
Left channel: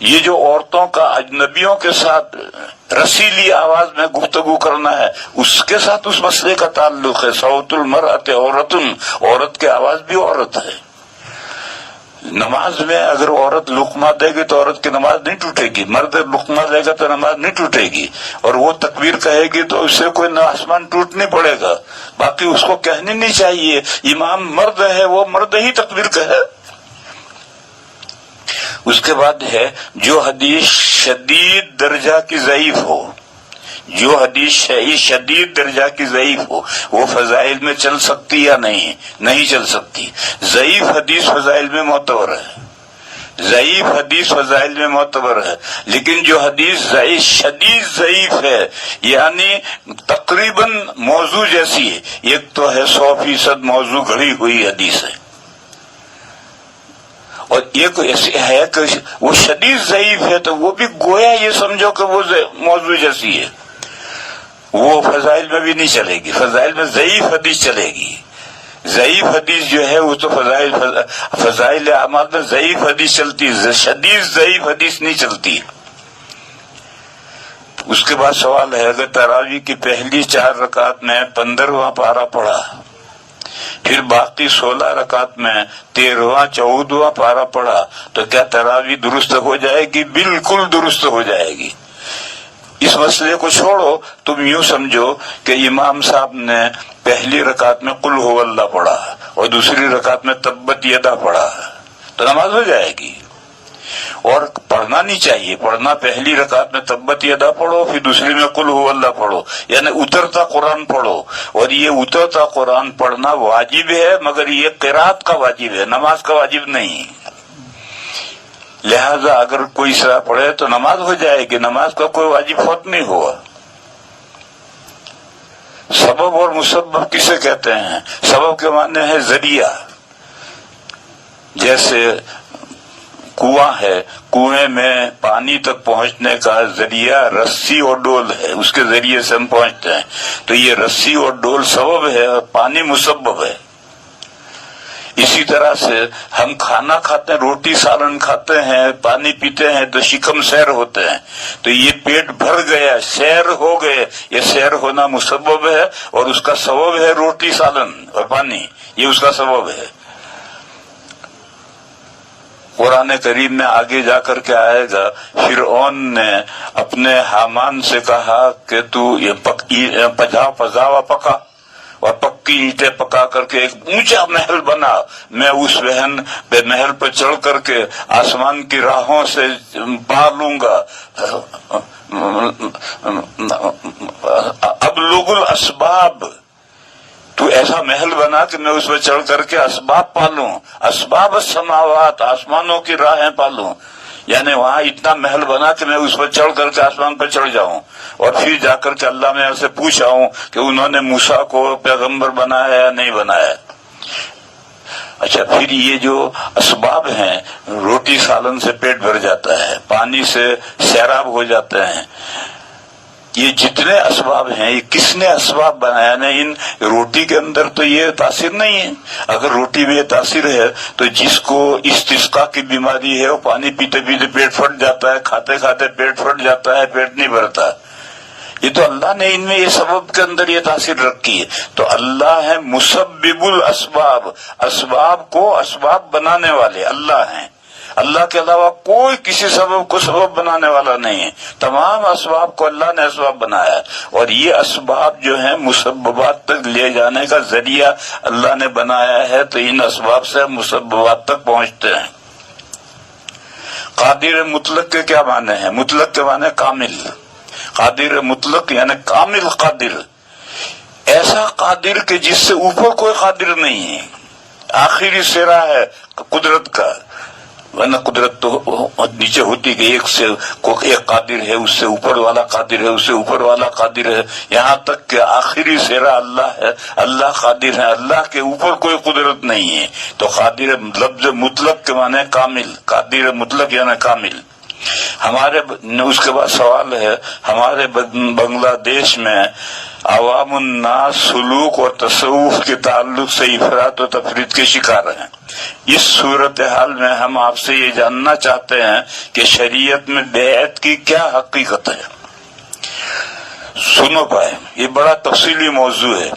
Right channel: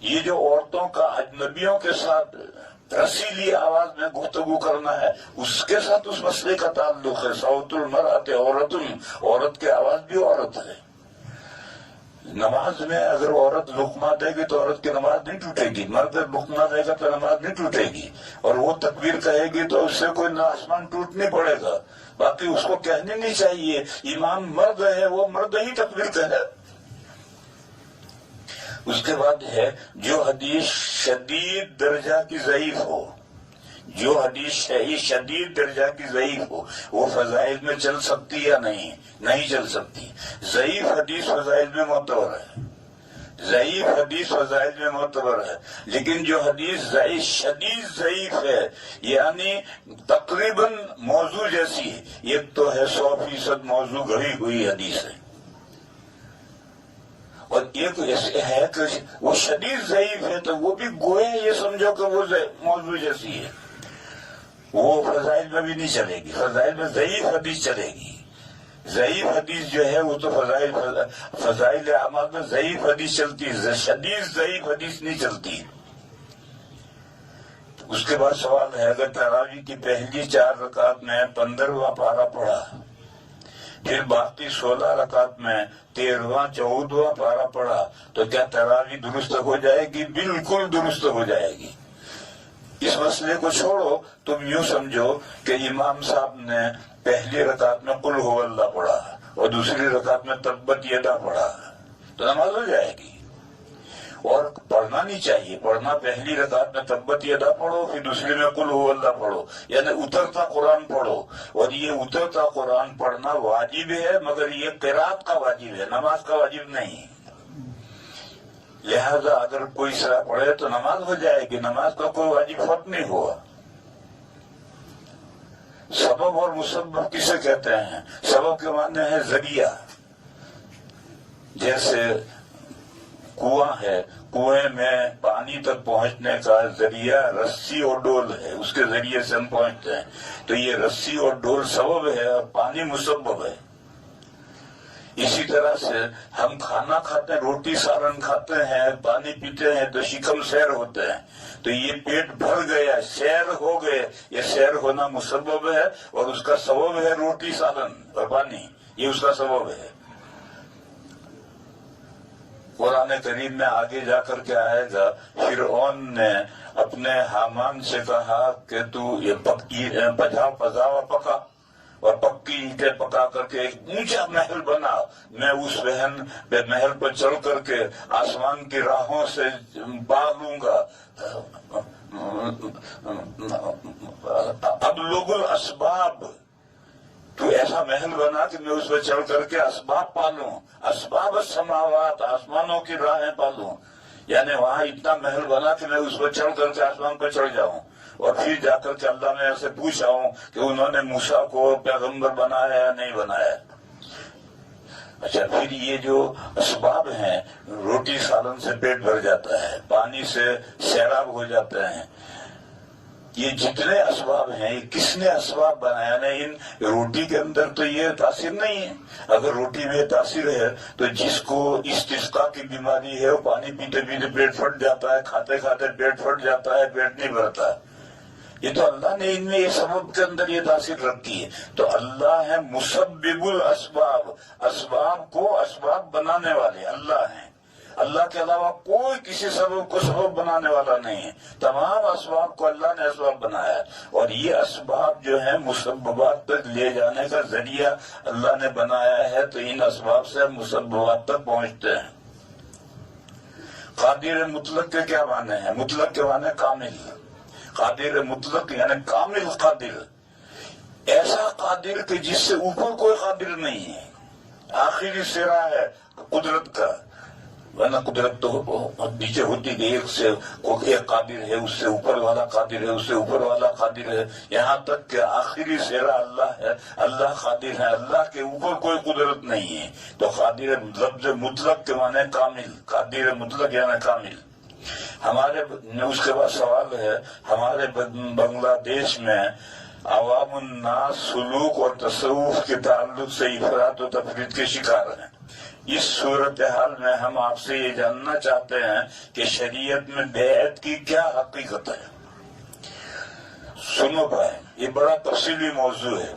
یہ جو عورتوں کا اجنبیوں کے ساتھ رسیلی آواز میں گفتگو کرنا ہے، اس کے ساتھ اس مسئلے کا تعلق ہے. صوت المرأۃ عورت، عورت کی آواز بھی عورت ہے. نماز میں اگر عورت لقمہ دے گی تو عورت کی نماز نہیں ٹوٹے گی، مرد لقمہ دے گا تو نماز نہیں ٹوٹے گی. اور وہ تکبیر کہے گی تو اس سے کوئی آسمان ٹوٹ نہیں پڑے گا. باقی اس کو کہنی نہیں چاہیے. امام مرد ہے، وہ مرد ہی تکبیر کہے. اس کے بعد ہے جو حدیث شدید درجہ کی ضعیف ہو، جو حدیث شدید درجہ کی ضعیف ہو وہ فضائل میں چل سکتی یا نہیں چل سکتی. ضعیف حدیث فضائل میں معتبر ہے، ضعیف حدیث فضائل میں معتبر ہے. لیکن جو حدیث شدید ضعیف ہے یعنی تقریباً موضوع جیسی ہے، ایک تو ہے 100% موضوع گھڑی ہوئی حدیث ہے، اور ایک ہے کہ وہ شدید ضعیف ہے تو وہ بھی گویا یہ سمجھو کہ وہ موضوع جیسی ہے، وہ فضائل میں بھی نہیں چلے گی. فضائل میں ضعیف حدیث چلے گی. ضعیف حدیث جو ہے وہ تو فضائل اعمال میں ضعیف حدیث چلتی ہے، شدید ضعیف حدیث نہیں چلتی. اس کے بعد سوال ہے اگر تراویح کی پہلی 4 رکعت میں 15واں پارہ پڑھا، پھر باقی 16 رکعت میں 13واں 14واں پارہ پڑھا تو کیا تراویح درست ہو جائے گی؟ بالکل درست ہو جائے گی. اس مسئلے کو چھوڑو، تم یوں سمجھو کہ امام صاحب نے پہلی رکعت میں قل هو اللہ پڑھا اور دوسری رکعت میں تبت یدا پڑھا تو نماز ہو جائے گی. اور پڑھنا نہیں چاہیے، پڑھنا پہلی رکعت میں تبت یدا پڑھو، پھر دوسری میں قل هو اللہ پڑھو، یعنی اترتا قرآن پڑھو. اور یہ اترتا قرآن پڑھنا واجب ہے، مگر یہ قرات کا واجب ہے، نماز کا واجب نہیں. لہذا اگر کوئی سرا پڑھے تو نماز ہو جائے گی، نماز کا کوئی واجب فوت نہیں ہوا. سبب اور مسبب کسے کہتے ہیں؟ سبب کے معنی ہے ذریعہ. جیسے کنواں ہے، کنویں میں پانی تک پہنچنے کا ذریعہ رسی اور ڈول ہے، اس کے ذریعے سے ہم پہنچتے ہیں. تو یہ رسی اور ڈول سبب ہے اور پانی مسبب ہے. اسی طرح سے ہم کھانا کھاتے ہیں، روٹی سالن کھاتے ہیں، پانی پیتے ہیں تو شکم سیر ہوتے ہیں. تو یہ پیٹ بھر گیا، سیر ہو گئے، یہ سیر ہونا مسبب ہے اور اس کا سبب ہے روٹی سالن اور پانی، یہ اس کا سبب ہے. قرآن کریم میں آگے جا کر کے آئے گا فرعون نے اپنے حامان سے کہا کہ تو یہ پجاوا پکا اور پکی اینٹیں پکا کر کے ایک اونچا محل بنا، میں اس محل پر چڑھ کر کے آسمان کی راہوں سے پار لوں گا. ابلغ الاسباب، تو ایسا محل بنا کہ میں اس پہ چڑھ کر کے اسباب پالوں، اسباب السماوات، آسمانوں کی راہیں پالوں. یعنی وہاں اتنا محل بنا کہ میں اس پر چڑھ کر کے آسمان پر چڑھ جاؤں اور پھر جا کر کے اللہ میں سے پوچھا ہوں کہ انہوں نے موسیٰ کو پیغمبر بنایا یا نہیں بنایا. اچھا، پھر یہ جو اسباب ہیں، روٹی سالن سے پیٹ بھر جاتا ہے، پانی سے سیراب ہو جاتے ہیں، یہ جتنے اسباب ہیں یہ کس نے اسباب بنایا؟ یعنی ان روٹی کے اندر تو یہ تاثیر نہیں ہے. اگر روٹی میں یہ تاثیر ہے تو جس کو استسقاء کی بیماری ہے وہ پانی پیتے پیتے پیٹ پھٹ جاتا ہے، کھاتے کھاتے پیٹ پھٹ جاتا ہے، پیٹ نہیں بھرتا. یہ تو اللہ نے ان میں یہ سبب کے اندر یہ تاثیر رکھی ہے. تو اللہ ہے مسبب الاسباب، اسباب کو اسباب بنانے والے اللہ ہیں. اللہ کے علاوہ کوئی کسی سبب کو سبب بنانے والا نہیں ہے. تمام اسباب کو اللہ نے اسباب بنایا، اور یہ اسباب جو ہیں مسببات تک لے جانے کا ذریعہ اللہ نے بنایا ہے. تو ان اسباب سے ہم مسببات تک پہنچتے ہیں. قادر مطلق کے کیا معنی ہیں؟ مطلق کے معنی کامل. قادر مطلق یعنی کامل قادر، ایسا قادر کہ جس سے اوپر کوئی قادر نہیں ہے، آخری سرا ہے قدرت کا. ورنہ قدرت تو نیچے ہوتی کہ ایک قادر ہے، اس سے اوپر والا قادر ہے، اس سے اوپر والا قادر ہے، یہاں تک کہ آخری سرا اللہ ہے. اللہ قادر ہے، اللہ کے اوپر کوئی قدرت نہیں ہے. تو قادر لفظ مطلق کے معنی کامل، قادر مطلق یعنی کامل. ہمارے اس کے بعد سوال ہے، ہمارے بنگلہ دیش میں عوام الناس سلوک اور تصوف کے تعلق سے افراط و تفریط کے شکار ہیں. اس صورتحال میں ہم آپ سے یہ جاننا چاہتے ہیں کہ شریعت میں بیعت کی کیا حقیقت ہے. سنو پائے، یہ بڑا تفصیلی موضوع ہے.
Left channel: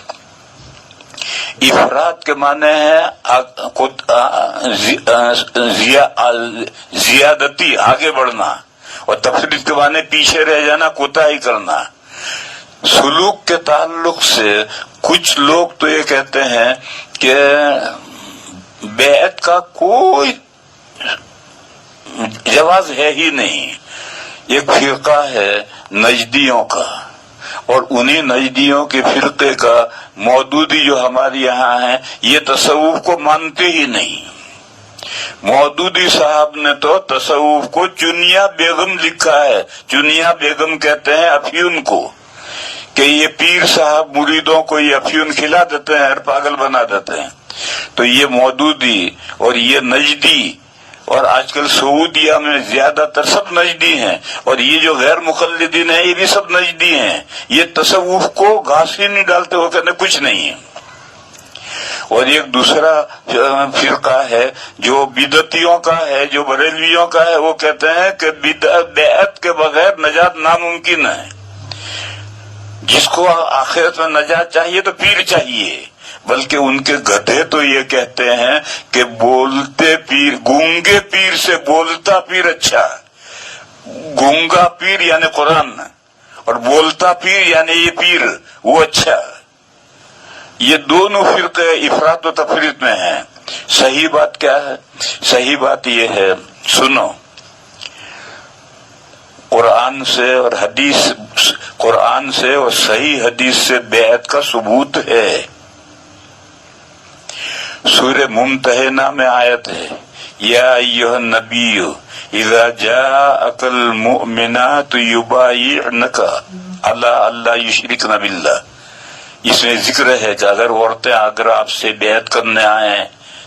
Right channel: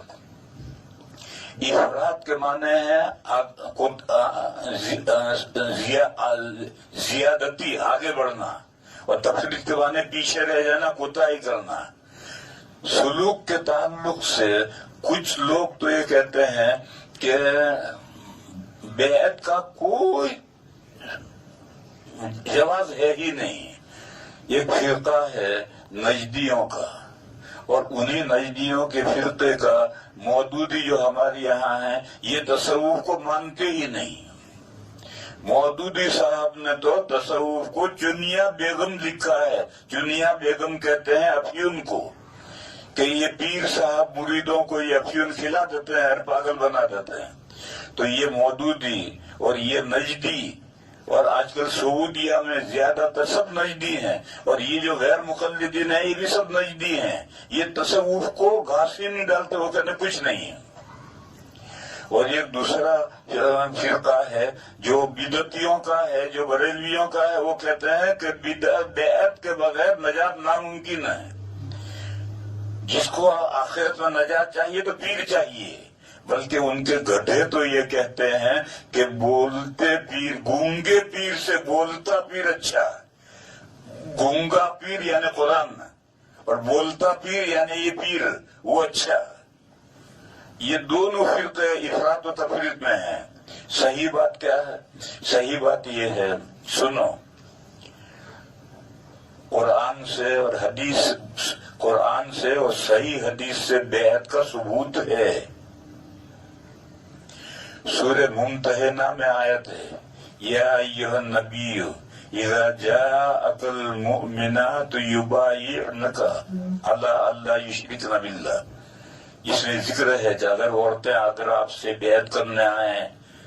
افراد کے معنی ہے زیادتی، آگے بڑھنا، اور تفریط کے معنی پیچھے رہ جانا، کوتاہی کرنا. سلوک کے تعلق سے کچھ لوگ تو یہ کہتے ہیں کہ بیعت کا کوئی جواز ہے ہی نہیں. ایک فرقہ ہے نجدیوں کا، اور انہی نجدیوں کے فرقے کا مودودی جو ہمارے یہاں ہیں یہ تصوف کو مانتے ہی نہیں. مودودی صاحب نے تو تصوف کو چنیا بیگم لکھا ہے. چنیا بیگم کہتے ہیں افیون کو، کہ یہ پیر صاحب مریدوں کو یہ افیون کھلا دیتے ہیں اور پاگل بنا دیتے ہیں. تو یہ مودودی اور یہ نجدی، اور آج کل سعودیہ میں زیادہ تر سب نجدی ہیں، اور یہ جو غیر مقلدین ہیں یہ بھی سب نجدی ہیں. یہ تصوف کو گھاس ہی نہیں ڈالتے، وہ کہتے کچھ نہیں ہے. اور ایک دوسرا فرقہ ہے جو بدعتیوں کا ہے، جو بریلویوں کا ہے، وہ کہتے ہیں کہ بیعت کے بغیر نجات ناممکن ہے. جس کو آخرت میں نجات چاہیے تو پیر چاہیے. بلکہ ان کے گدھے تو یہ کہتے ہیں کہ بولتے پیر، گونگے پیر سے بولتا پیر اچھا. گونگا پیر یعنی قرآن، اور بولتا پیر یعنی یہ پیر وہ اچھا. یہ دونوں فرقے افراط و تفریط میں ہیں. صحیح بات کیا ہے؟ صحیح بات یہ ہے، سنو، قرآن سے اور حدیث، قرآن سے اور صحیح حدیث سے بیعت کا ثبوت ہے. سورہ ممتحنہ میں آیت ہے، یا ایھا النبی اذا جاءک المؤمنات یبایعنک علی الا یشرکن باللہ. اس میں ذکر ہے کہ اگر عورتیں اگر آپ سے بیعت کرنے آئیں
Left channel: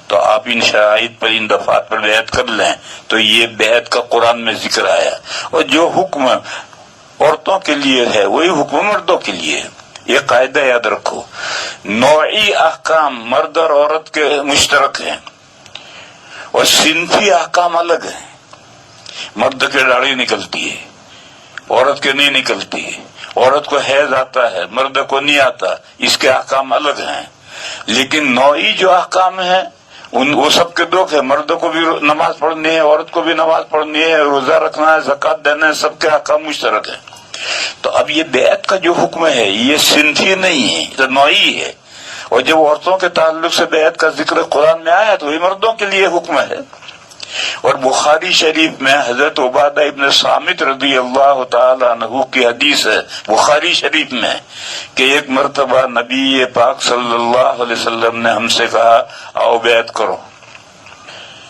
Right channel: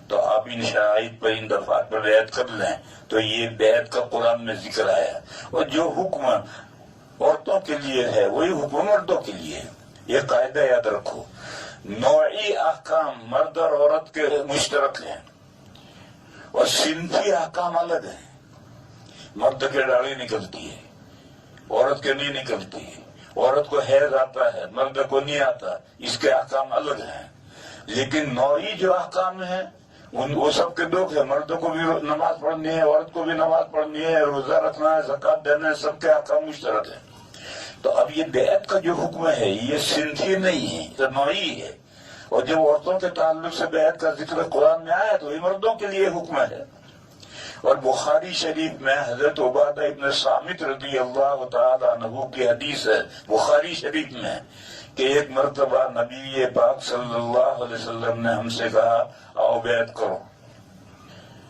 تو آپ ان شرائط پر، ان دفعات پر بیعت کر لیں. تو یہ بیعت کا قرآن میں ذکر آیا. اور جو حکم عورتوں کے لیے ہے وہی حکم مردوں کے لیے ہے. یہ قاعدہ یاد رکھو. نوعی احکام مرد اور عورت کے مشترک ہیں، اور صنفی احکام الگ ہیں. مرد کے داڑھی نکلتی ہے، عورت کے نہیں نکلتی. عورت کو حیض آتا ہے، مرد کو نہیں آتا. اس کے احکام الگ ہیں. لیکن نوعی جو احکام ہیں وہ سب کے دو ہے. مرد کو بھی نماز پڑھنی ہے، عورت کو بھی نماز پڑھنی ہے، روزہ رکھنا ہے، زکوٰۃ دینا ہے، سب کے احکام مشترک ہیں. تو اب یہ بیعت کا جو حکم ہے یہ صنفی نہیں ہے، یہ نوعی ہے. اور جب عورتوں کے تعلق سے بیعت کا ذکر قرآن میں آیا تو یہ مردوں کے لیے حکم ہے. اور بخاری شریف میں حضرت عبادہ ابن صامت رضی اللہ تعالی عنہ کی حدیث ہے بخاری شریف میں کہ ایک مرتبہ نبی پاک صلی اللہ علیہ وسلم نے ہم سے کہا آؤ بیعت کرو.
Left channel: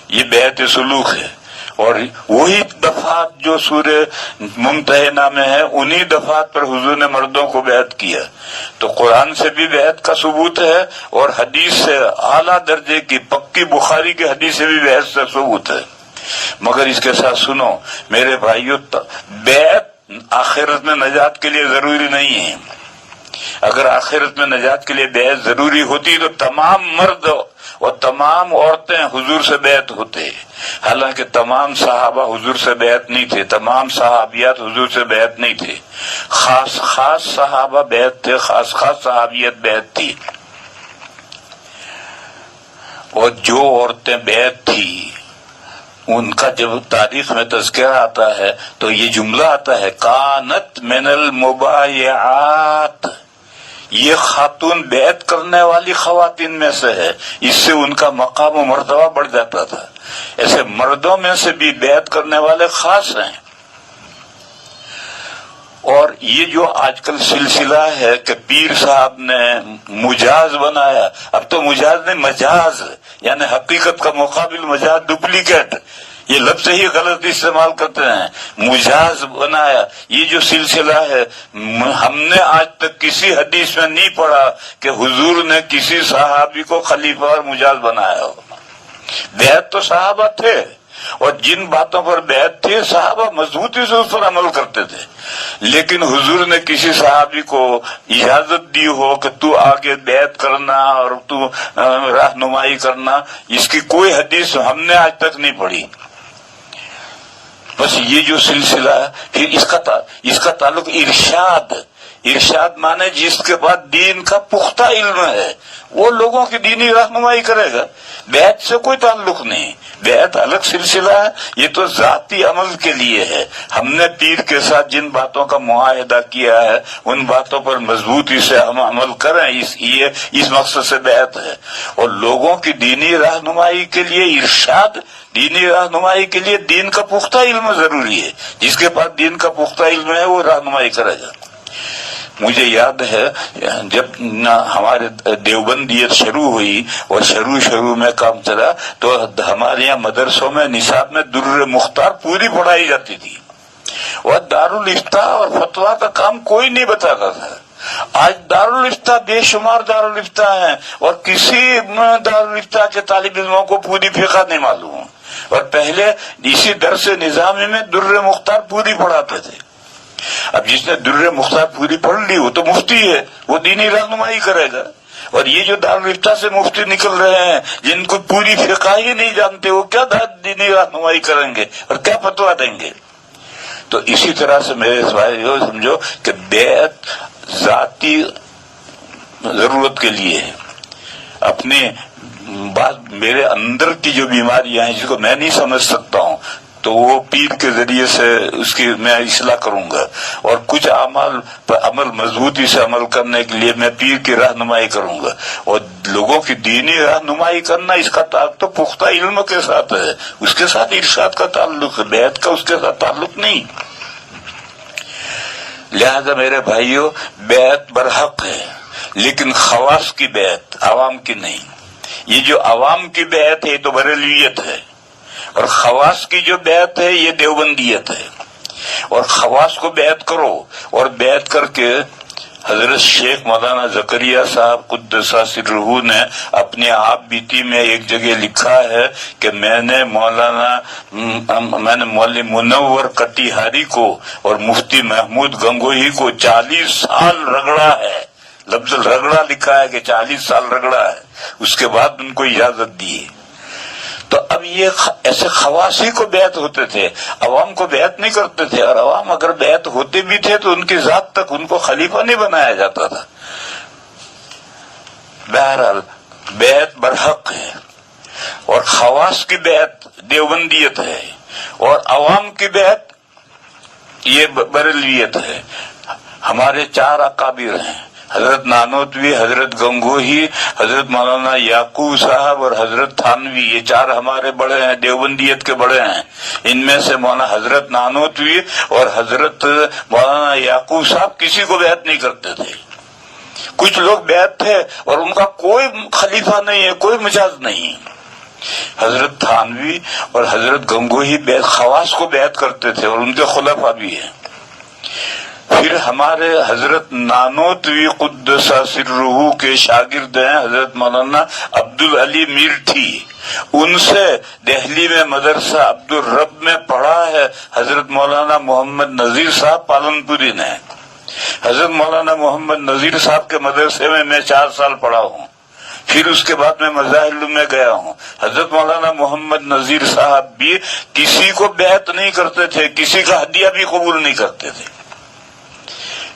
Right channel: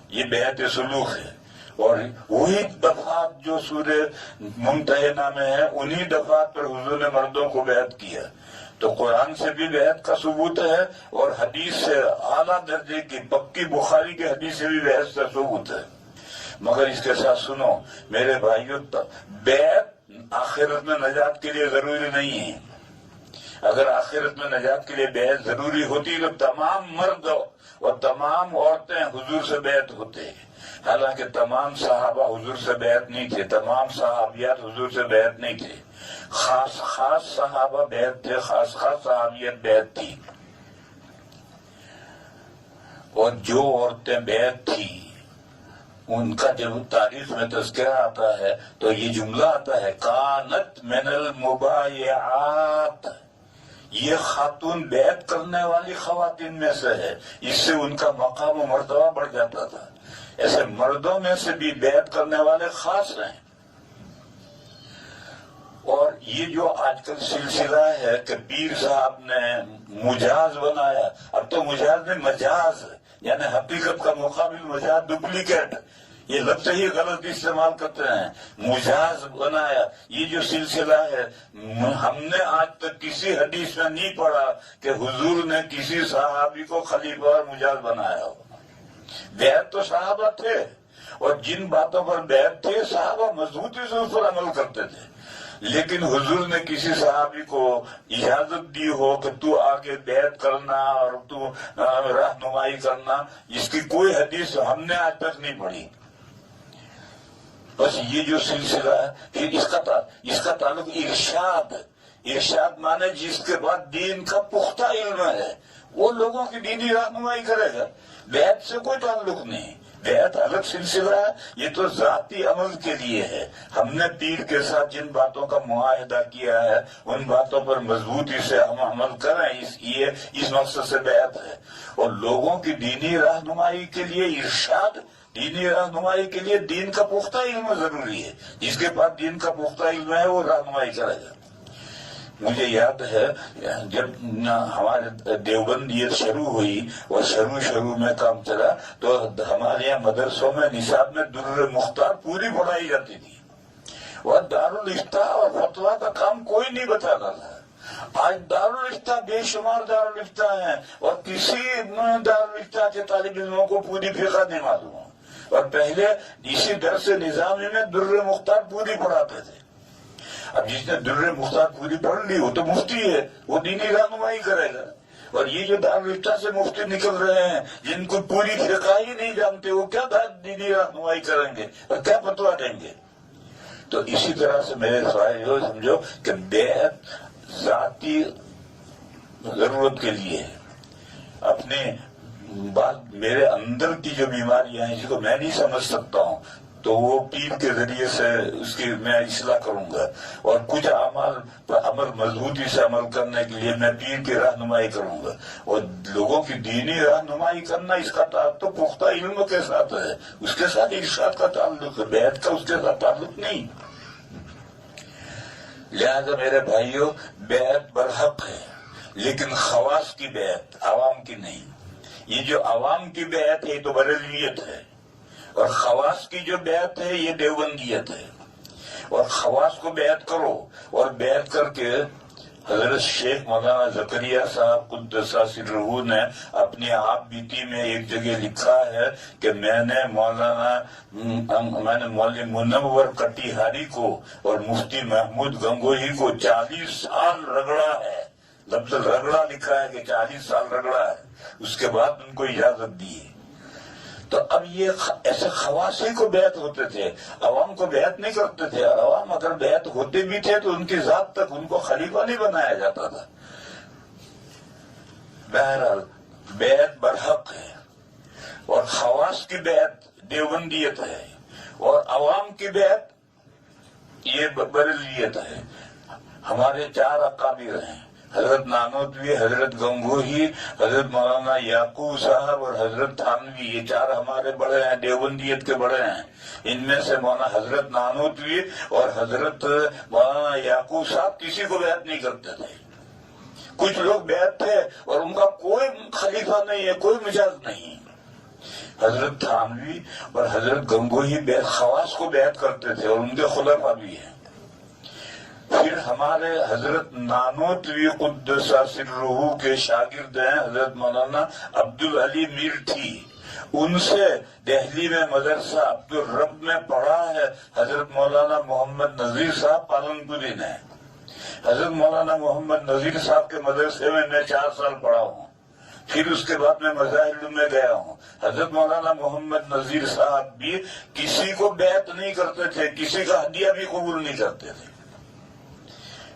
یہ بیعت سلوک ہے. اور وہی دفعات جو سورہ ممتحنہ میں ہے انہی دفعات پر حضور نے مردوں کو بیعت کیا. تو قرآن سے بھی بیعت کا ثبوت ہے اور حدیث سے اعلیٰ درجے کی پکی بخاری کی حدیث سے بھی بیعت کا ثبوت ہے. مگر اس کے ساتھ سنو میرے بھائیو، بیعت آخرت میں نجات کے لیے ضروری نہیں ہے. اگر آخرت میں نجات کے لیے بیعت ضروری ہوتی تو تمام مرد اور تمام عورتیں حضور سے بیعت ہوتے. حالانکہ تمام صحابہ حضور سے بیعت نہیں تھے، تمام صحابیات حضور سے بیعت نہیں تھے. خاص خاص صحابہ بیعت تھے، خاص خاص صحابیت بیعت تھی. اور جو عورتیں بیعت تھی ان کا جب تاریخ میں تذکرہ آتا ہے تو یہ جملہ آتا ہے کانت من المبایعات. یہ خاتون بیعت کرنے والی خواتین میں سے ہے. اس سے ان کا مقام و مرتبہ بڑھ جاتا تھا. ایسے مردوں میں سے بھی بیعت کرنے والے خاص ہیں. اور یہ جو آج کل سلسلہ ہے کہ پیر صاحب نے مجاز بنایا، اب تو مجاز نہیں مجاز، یعنی حقیقت کا مقابل مجاز، ڈپلیکیٹ، یہ لفظ ہی غلط استعمال کرتے ہیں. مجاز بنایا، یہ جو سلسلہ ہے ہم نے آج تک کسی حدیث میں نہیں پڑھا کہ حضور نے کسی صحابی کو خلیفہ اور مجاز بنایا ہو. بیعت تو صحابہ تھے، اور جن باتوں پر بیعت تھی صحابہ مضبوطی سے اس پر عمل کرتے تھے. لیکن حضور نے کسی صحابی کو اجازت دی ہو کہ تو آگے بیعت کرنا اور تو رہنمائی کرنا، اس کی کوئی حدیث ہم نے آج تک نہیں پڑھی. بس یہ جو سلسلہ ہے پھر اس کا تعلق ارشاد مانے جس کے بعد دین کا پختہ علم ہے وہ لوگوں کی دینی رہنمائی کرے گا. بیعت سے کوئی تعلق نہیں. بیعت الگ سلسلہ ہے، یہ تو ذاتی عمل کے لیے ہے. ہم نے پیر کے ساتھ جن باتوں کا معاہدہ کیا ہے ان باتوں پر مضبوطی سے ہم عمل کریں، اس مقصد سے بیعت ہے. اور لوگوں کی دینی رہنمائی کے لیے ارشاد، دینی رہنمائی کے لیے دین کا پختہ علم ضروری ہے. جس کے پاس دین کا پختہ علم ہے وہ رہنمائی کرے گا. مجھے یاد ہے جب ہمارے دیوبندیت شروع ہوئی اور شروع میں کام چلا تو ہمارے یہاں مدرسوں میں نصاب میں در مختار پوری پڑھائی جاتی تھی، اور دارالافتاء اور فتویٰ کا کام کوئی نہیں بتاتا تھا۔ آج دارالافتاء بے شمار دارالافتاء ہیں، اور کسی دارالافتاء کے طالب علموں کو پوری فقہ نہیں معلوم، اور پہلے اسی درس نظامی میں در مختار پوری پڑھاتے تھے۔ اب جس نے در مختار پوری پڑھ لی وہ تو مفتی ہے، وہ دینی رہنمائی کرے گا، اور یہ جو دارالافتاء سے مفتی نکل رہے ہیں جن کو پوری فقہ ہی نہیں جانتے، وہ کیا دینی رہنمائی کریں گے اور کیا فتویٰ دیں گے؟ تو اسی طرح سے میرے بھائیو سمجھو کہ بیعت ذاتی ضرورت کے لیے ہے، اپنے بعض میرے اندر کی جو بیماریاں ہیں جس کو میں نہیں سمجھ سکتا ہوں تو وہ پیر کے ذریعے سے اس کی میں اصلاح کروں گا، اور کچھ اعمال پر عمل مضبوطی سے عمل کرنے کے لیے میں پیر کی رہنمائی کروں گا، اور لوگوں کی دینی رہنمائی کرنا اس کا تعلق تو پختہ علم کے ساتھ ہے، اس کے ساتھ ارشاد کا تعلق ہے، بیعت کا اس کے ساتھ تعلق نہیں۔ لہذا میرے بھائیوں بیعت برحق ہے، لیکن خواص کی بیعت، عوام کی نہیں۔ یہ جو عوام کی بیعت ہے یہ تو بریلویت ہے، اور خواص کی جو بیعت ہے یہ دیوبندیت ہے۔ اور خواص کو بیعت کرو، اور بیعت کر کے حضرت شیخ مولانا زکریہ صاحب قدس سرہ نے اپنے آپ بیتی میں ایک جگہ لکھا ہے کہ میں نے مولوی منور کٹیہاری کو اور مفتی محمود گنگوہی کو 40 سال رگڑا ہے، لفظ رگڑا لکھا ہے کہ 40 سال رگڑا ہے، اس کے بعد ان کو اجازت دی۔ تو اب یہ ایسے خواص ہی کو بیعت ہوتے تھے، عوام کو بیعت نہیں کرتے تھے، اور عوام اگر بیعت ہوتے بھی تھے تو ان کی ذات تک ان کو خلیفہ نہیں بنایا جاتا تھا۔ بہرحال بیعت برحق ہے، اور خواص کی بیعت دیوبندیت ہے، اور عوام کی بیعت یہ بریلویت ہے۔ ہمارے 4 اکابر ہیں، حضرت نانوتوی، حضرت گنگوہی، حضرت مولانا یعقوب صاحب اور حضرت تھانوی، یہ 4 ہمارے بڑے ہیں، دیوبندیت کے بڑے ہیں۔ ان میں سے مولانا حضرت نانوتوی اور حضرت مولانا یعقوب صاحب کسی کو بیعت نہیں کرتے تھے۔ کچھ لوگ بیعت تھے اور ان کا کوئی خلیفہ نہیں ہے، کوئی مجاز نہیں۔ حضرت تھانوی اور حضرت گنگوہی خواص کو بیعت کرتے تھے، اور ان کے خلفاء بھی ہیں۔ پھر ہمارے حضرت نانوتوی قدس سرہ کے شاگرد ہیں حضرت مولانا عبدالعلی میرٹھی، ان سے دہلی میں مدرسہ عبدالرب میں پڑھا ہے حضرت مولانا محمد نذیر صاحب پالنپوری نے۔ حضرت مولانا محمد نذیر صاحب کے مدرسے میں 4 سال پڑھا ہوں، پھر اس کے بعد میں مظاہر میں گیا ہوں۔ حضرت مولانا محمد نذیر صاحب بھی کسی کو بیعت نہیں کرتے تھے، کسی کا ہدیہ بھی قبول نہیں کرتے تھے۔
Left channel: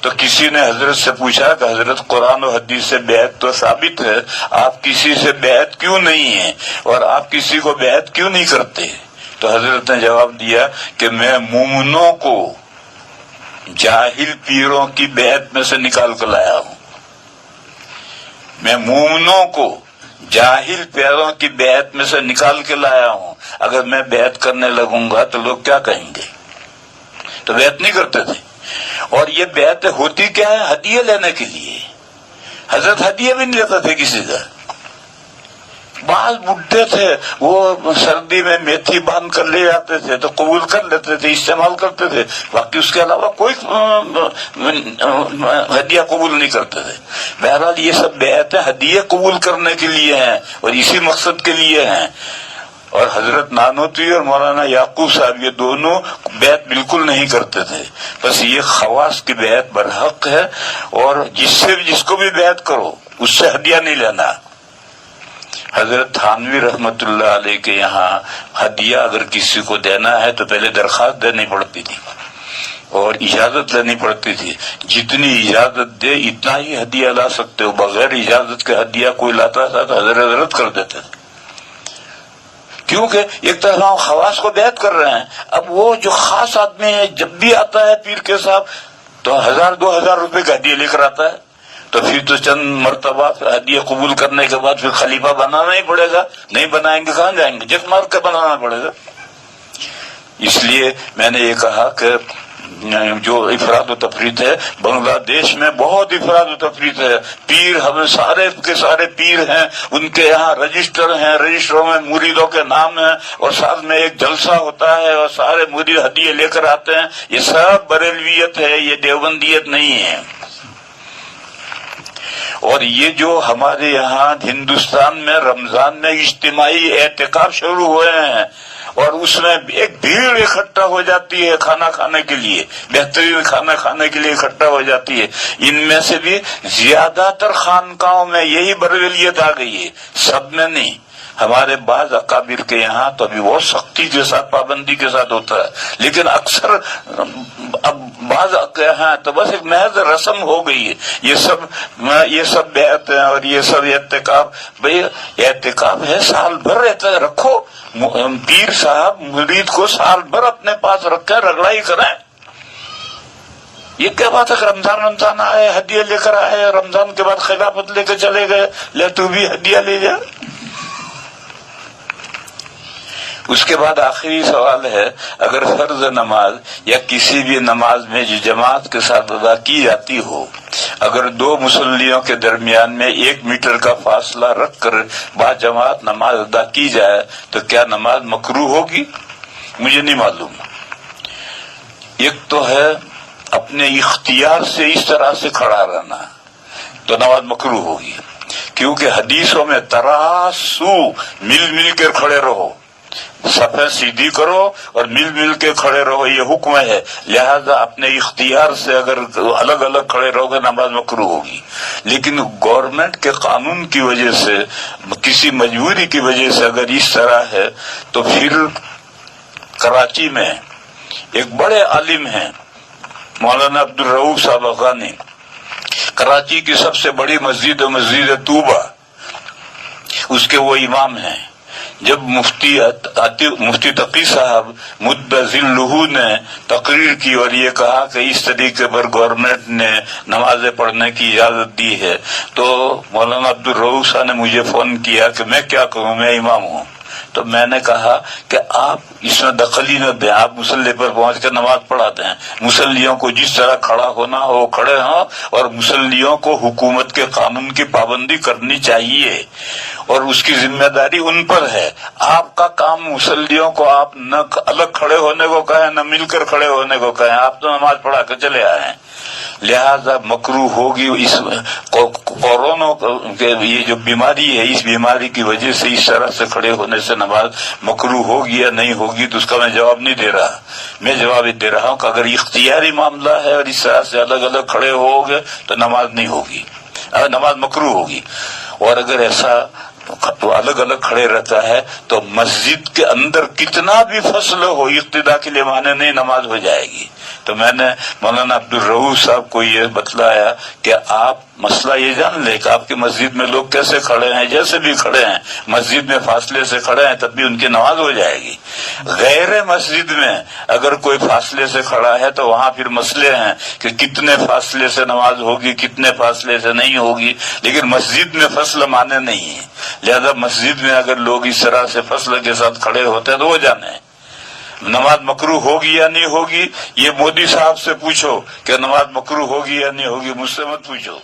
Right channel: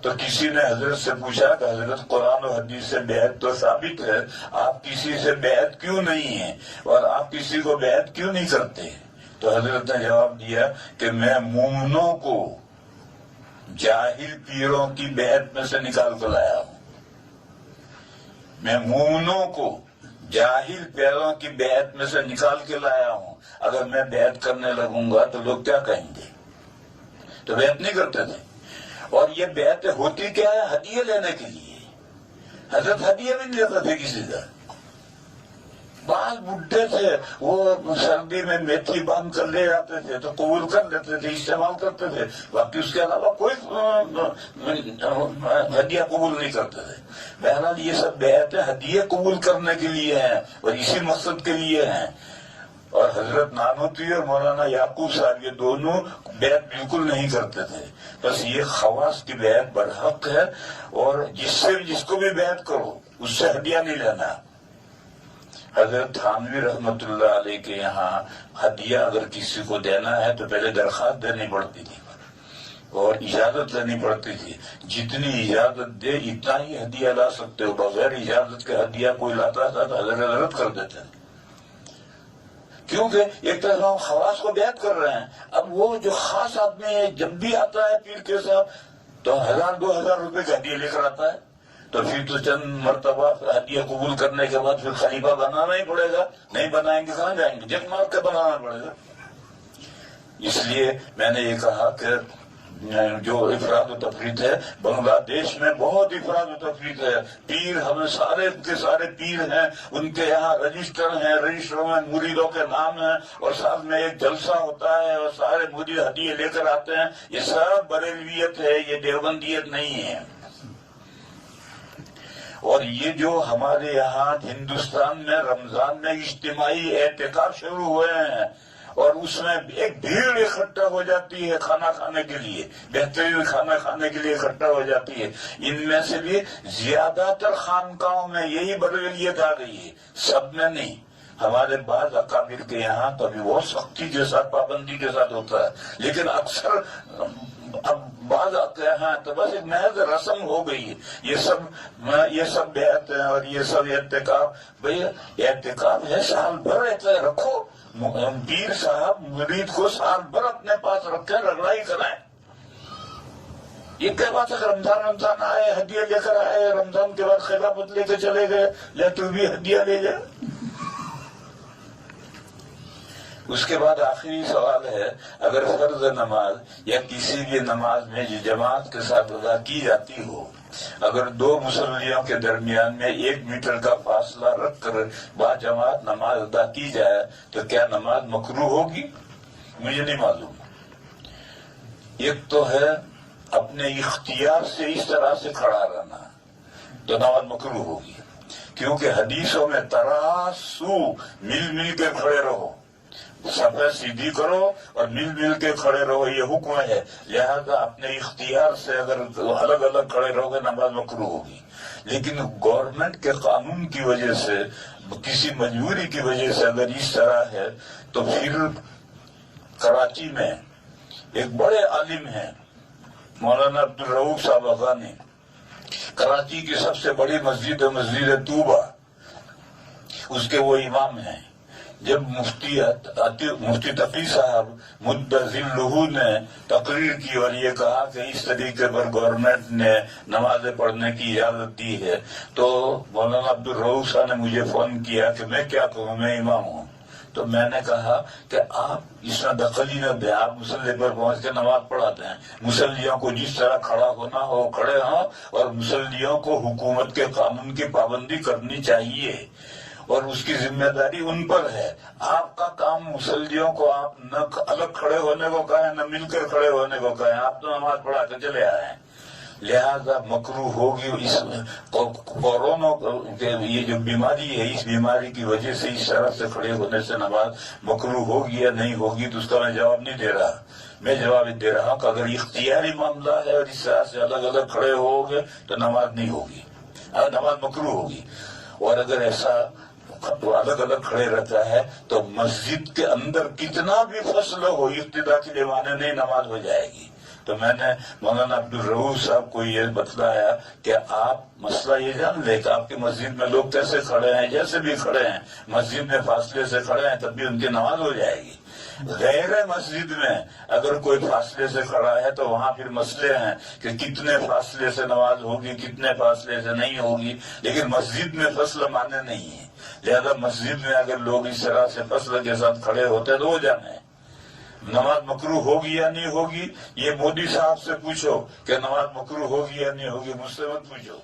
تو کسی نے حضرت سے پوچھا کہ حضرت قرآن و حدیث سے بیعت تو ثابت ہے، آپ کسی سے بیعت کیوں نہیں ہیں اور آپ کسی کو بیعت کیوں نہیں کرتے؟ تو حضرت نے جواب دیا کہ میں مومنوں کو جاہل پیروں کی بیعت میں سے نکال کر لایا ہوں، میں مومنوں کو جاہل پیروں کی بیعت میں سے نکال کے لایا ہوں۔ اگر میں بیعت کرنے لگوں گا تو لوگ کیا کہیں گے؟ تو بیعت نہیں کرتے تھے۔ اور یہ بیعت ہوتی کیا ہے؟ ہدیے لینے کے لیے۔ حضرت ہدیے بھی نہیں لیتا تھے کسی کا۔ بعض بڈھے تھے وہ سردی میں میتھی باندھ کر لے جاتے تھے تو قبول کر لیتے تھے، استعمال کرتے تھے، باقی اس کے علاوہ کوئی ہدیہ قبول نہیں کرتے تھے۔ بہرحال یہ سب بیعتیں ہدیے قبول کرنے کے لیے ہیں اور اسی مقصد کے لیے ہیں۔ اور حضرت نانوتوی اور مولانا یعقوب صاحب یہ دونوں بیعت بالکل نہیں کرتے تھے۔ بس یہ خواص کی بیعت برحق ہے، اور جس کو بھی بیعت کرو اس سے ہدیہ نہیں لینا۔ حضرت تھانوی رحمت اللہ علیہ کے یہاں ہدیہ اگر کسی کو دینا ہے تو پہلے درخواست دینی پڑتی تھی اور اجازت لینی پڑتی تھی۔ جتنی اجازت دے اتنا ہی ہدیہ لا سکتے ہو، بغیر اجازت کے ہدیہ کوئی لاتا تھا تو حضرت رد کر دیتے تھے، کیونکہ ایک طرح ہم خواص کو بیعت کر رہے ہیں۔ اب وہ جو خاص آدمی ہے جب بھی آتا ہے پیر کے صاحب تو 1000-2000 روپے کا ہدیہ لے کر آتا ہے، تو پھر تو چند مرتبہ ہدیہ قبول کرنے کے بعد پھر خلیفہ بنانا ہی پڑے گا، نہیں بنائیں گے کہاں جائیں گے؟ جت مار کے بنانا پڑے گا۔ اس لیے میں نے یہ کہا کہ جو افراد و تفریط ہے، بنگلہ دیش میں بہت افراد و تفریط ہے. پیر ہمیں سارے کے سارے پیر ہیں، ان کے یہاں رجسٹر ہیں، رجسٹروں میں مریدوں کے نام ہیں، اور ساتھ میں ایک جلسہ ہوتا ہے اور سارے مرید ہدیے لے کر آتے ہیں. یہ سب بریلویت ہے، یہ دیوبندیت نہیں ہے. اور یہ جو ہمارے یہاں ہندوستان میں رمضان میں اجتماعی اعتکاف شروع ہوئے ہیں، اور اس میں ایک بھیڑ اکٹھا ہو جاتی ہے کھانا کھانے کے لیے، بہترین کھانا کھانے کے لیے اکٹھا ہو جاتی ہے. ان میں سے بھی زیادہ تر خانقاہوں میں یہی بریلیت آ گئی ہے، سب میں نہیں. ہمارے بعض اکابر کے یہاں تو ابھی بہت سختی کے ساتھ، پابندی کے ساتھ ہوتا ہے، لیکن اکثر اب بعض یہاں تو بس ایک محض رسم ہو گئی ہے. یہ سب بیعت ہیں اور یہ سب اعتکاف. بھئی اعتکاف ہے، سال بھر رکھو. پیر صاحب مرید کو سال بھر اپنے پاس رکھیں، رگڑائی کریں. یہ کیا بات ہے کہ رمضان آئے ہدیہ لے کر آئے، رمضان کے بعد خلافت لے کے چلے گئے، لے تو بھی ہدیہ لے جا. اس کے بعد آخری سوال ہے، اگر فرض نماز یا کسی بھی نماز میں جو جماعت کے ساتھ ادا کی جاتی ہو، اگر دو مصلیوں کے درمیان میں 1 میٹر کا فاصلہ رکھ کر با جماعت نماز ادا کی جائے تو کیا نماز مکروہ ہوگی؟ مجھے نہیں معلوم. ایک تو ہے اپنے اختیار سے اس طرح سے کھڑا رہنا، تو نماز مکروہ ہوگی، کیونکہ حدیثوں میں تراسو، مل مل کر کھڑے رہو، صفیں سیدھی کرو اور مل مل کے کھڑے رہو، یہ حکم ہے. لہذا اپنے اختیار سے اگر الگ الگ کھڑے رہو گے نماز مکروہ ہوگی. لیکن گورنمنٹ کے قانون کی وجہ سے، کسی مجبوری کی وجہ سے اگر اس طرح ہے تو پھر کراچی میں ایک بڑے عالم ہیں مولانا عبدالرؤف صاحب افغانی، کراچی کی سب سے بڑی مسجد طوبہ، اس کے وہ امام ہیں. جب مفتی تقی صاحب مد ذلہ نے تقریر کی اور یہ کہا کہ اس طریقے پر گورنمنٹ نے نمازیں پڑھنے کی اجازت دی ہے، تو مولانا عبدالرؤف صاحب نے مجھے فون کیا کہ میں کیا کروں، میں امام ہوں. تو میں نے کہا کہ آپ اس میں دخل ہی نہ دیں، آپ مصلی پر پہنچ کر نماز پڑھا دیں. مصلیوں کو جس طرح کھڑا ہونا ہو کھڑے ہوں، اور مصلیوں کو حکومت کے قانون کی پابندی کرنی چاہیے، اور اس کی ذمہ داری ان پر ہے. آپ کا کام مصلیوں کو آپ نہ الگ کھڑے ہونے کو کہیں، نہ مل کر کھڑے ہونے کو کہیں، آپ تو نماز پڑھا کر چلے آئے ہیں. لہذا مکروہ ہوگی. اس کورونا کے یہ جو بیماری ہے، اس بیماری کی وجہ سے اس طرح سے کھڑے ہونے سے نماز مکروہ ہوگی یا نہیں ہوگی، تو اس کا میں جواب نہیں دے رہا. میں جواب دے رہا ہوں کہ اگر اختیاری معاملہ ہے اور اس طرح سے الگ الگ کھڑے ہو گے تو نماز نہیں ہوگی، نماز مکروہ ہوگی. اور اگر ایسا الگ الگ کھڑے رہتا ہے تو مسجد کے اندر کتنا بھی فصل ہو، اقتدا کے لیے مانے نہیں، نماز ہو جائے گی. تو میں نے مولانا عبدالرؤف صاحب کو یہ بتلایا کہ آپ مسئلہ یہ جان لے کہ آپ کی مسجد میں لوگ کیسے کھڑے ہیں، جیسے بھی کھڑے ہیں، مسجد میں فاصلے سے کھڑے ہیں تب بھی ان کی نماز ہو جائے گی. غیر مسجد میں اگر کوئی فاصلے سے کھڑا ہے تو وہاں پھر مسئلے ہیں کہ کتنے فاصلے سے نماز ہوگی، کتنے فاصلے سے نہیں ہوگی. لیکن مسجد میں فصل مانے نہیں ہے، لہذا مسجد میں اگر لوگ اس طرح سے فصل کے ساتھ کھڑے ہوتے ہیں تو وہ جانے نماز مکروہ ہوگی یا نہیں ہوگی. یہ مودی صاحب سے پوچھو کہ نماز مکروہ ہوگی یا نہیں ہوگی، مجھ سے مت پوچھو.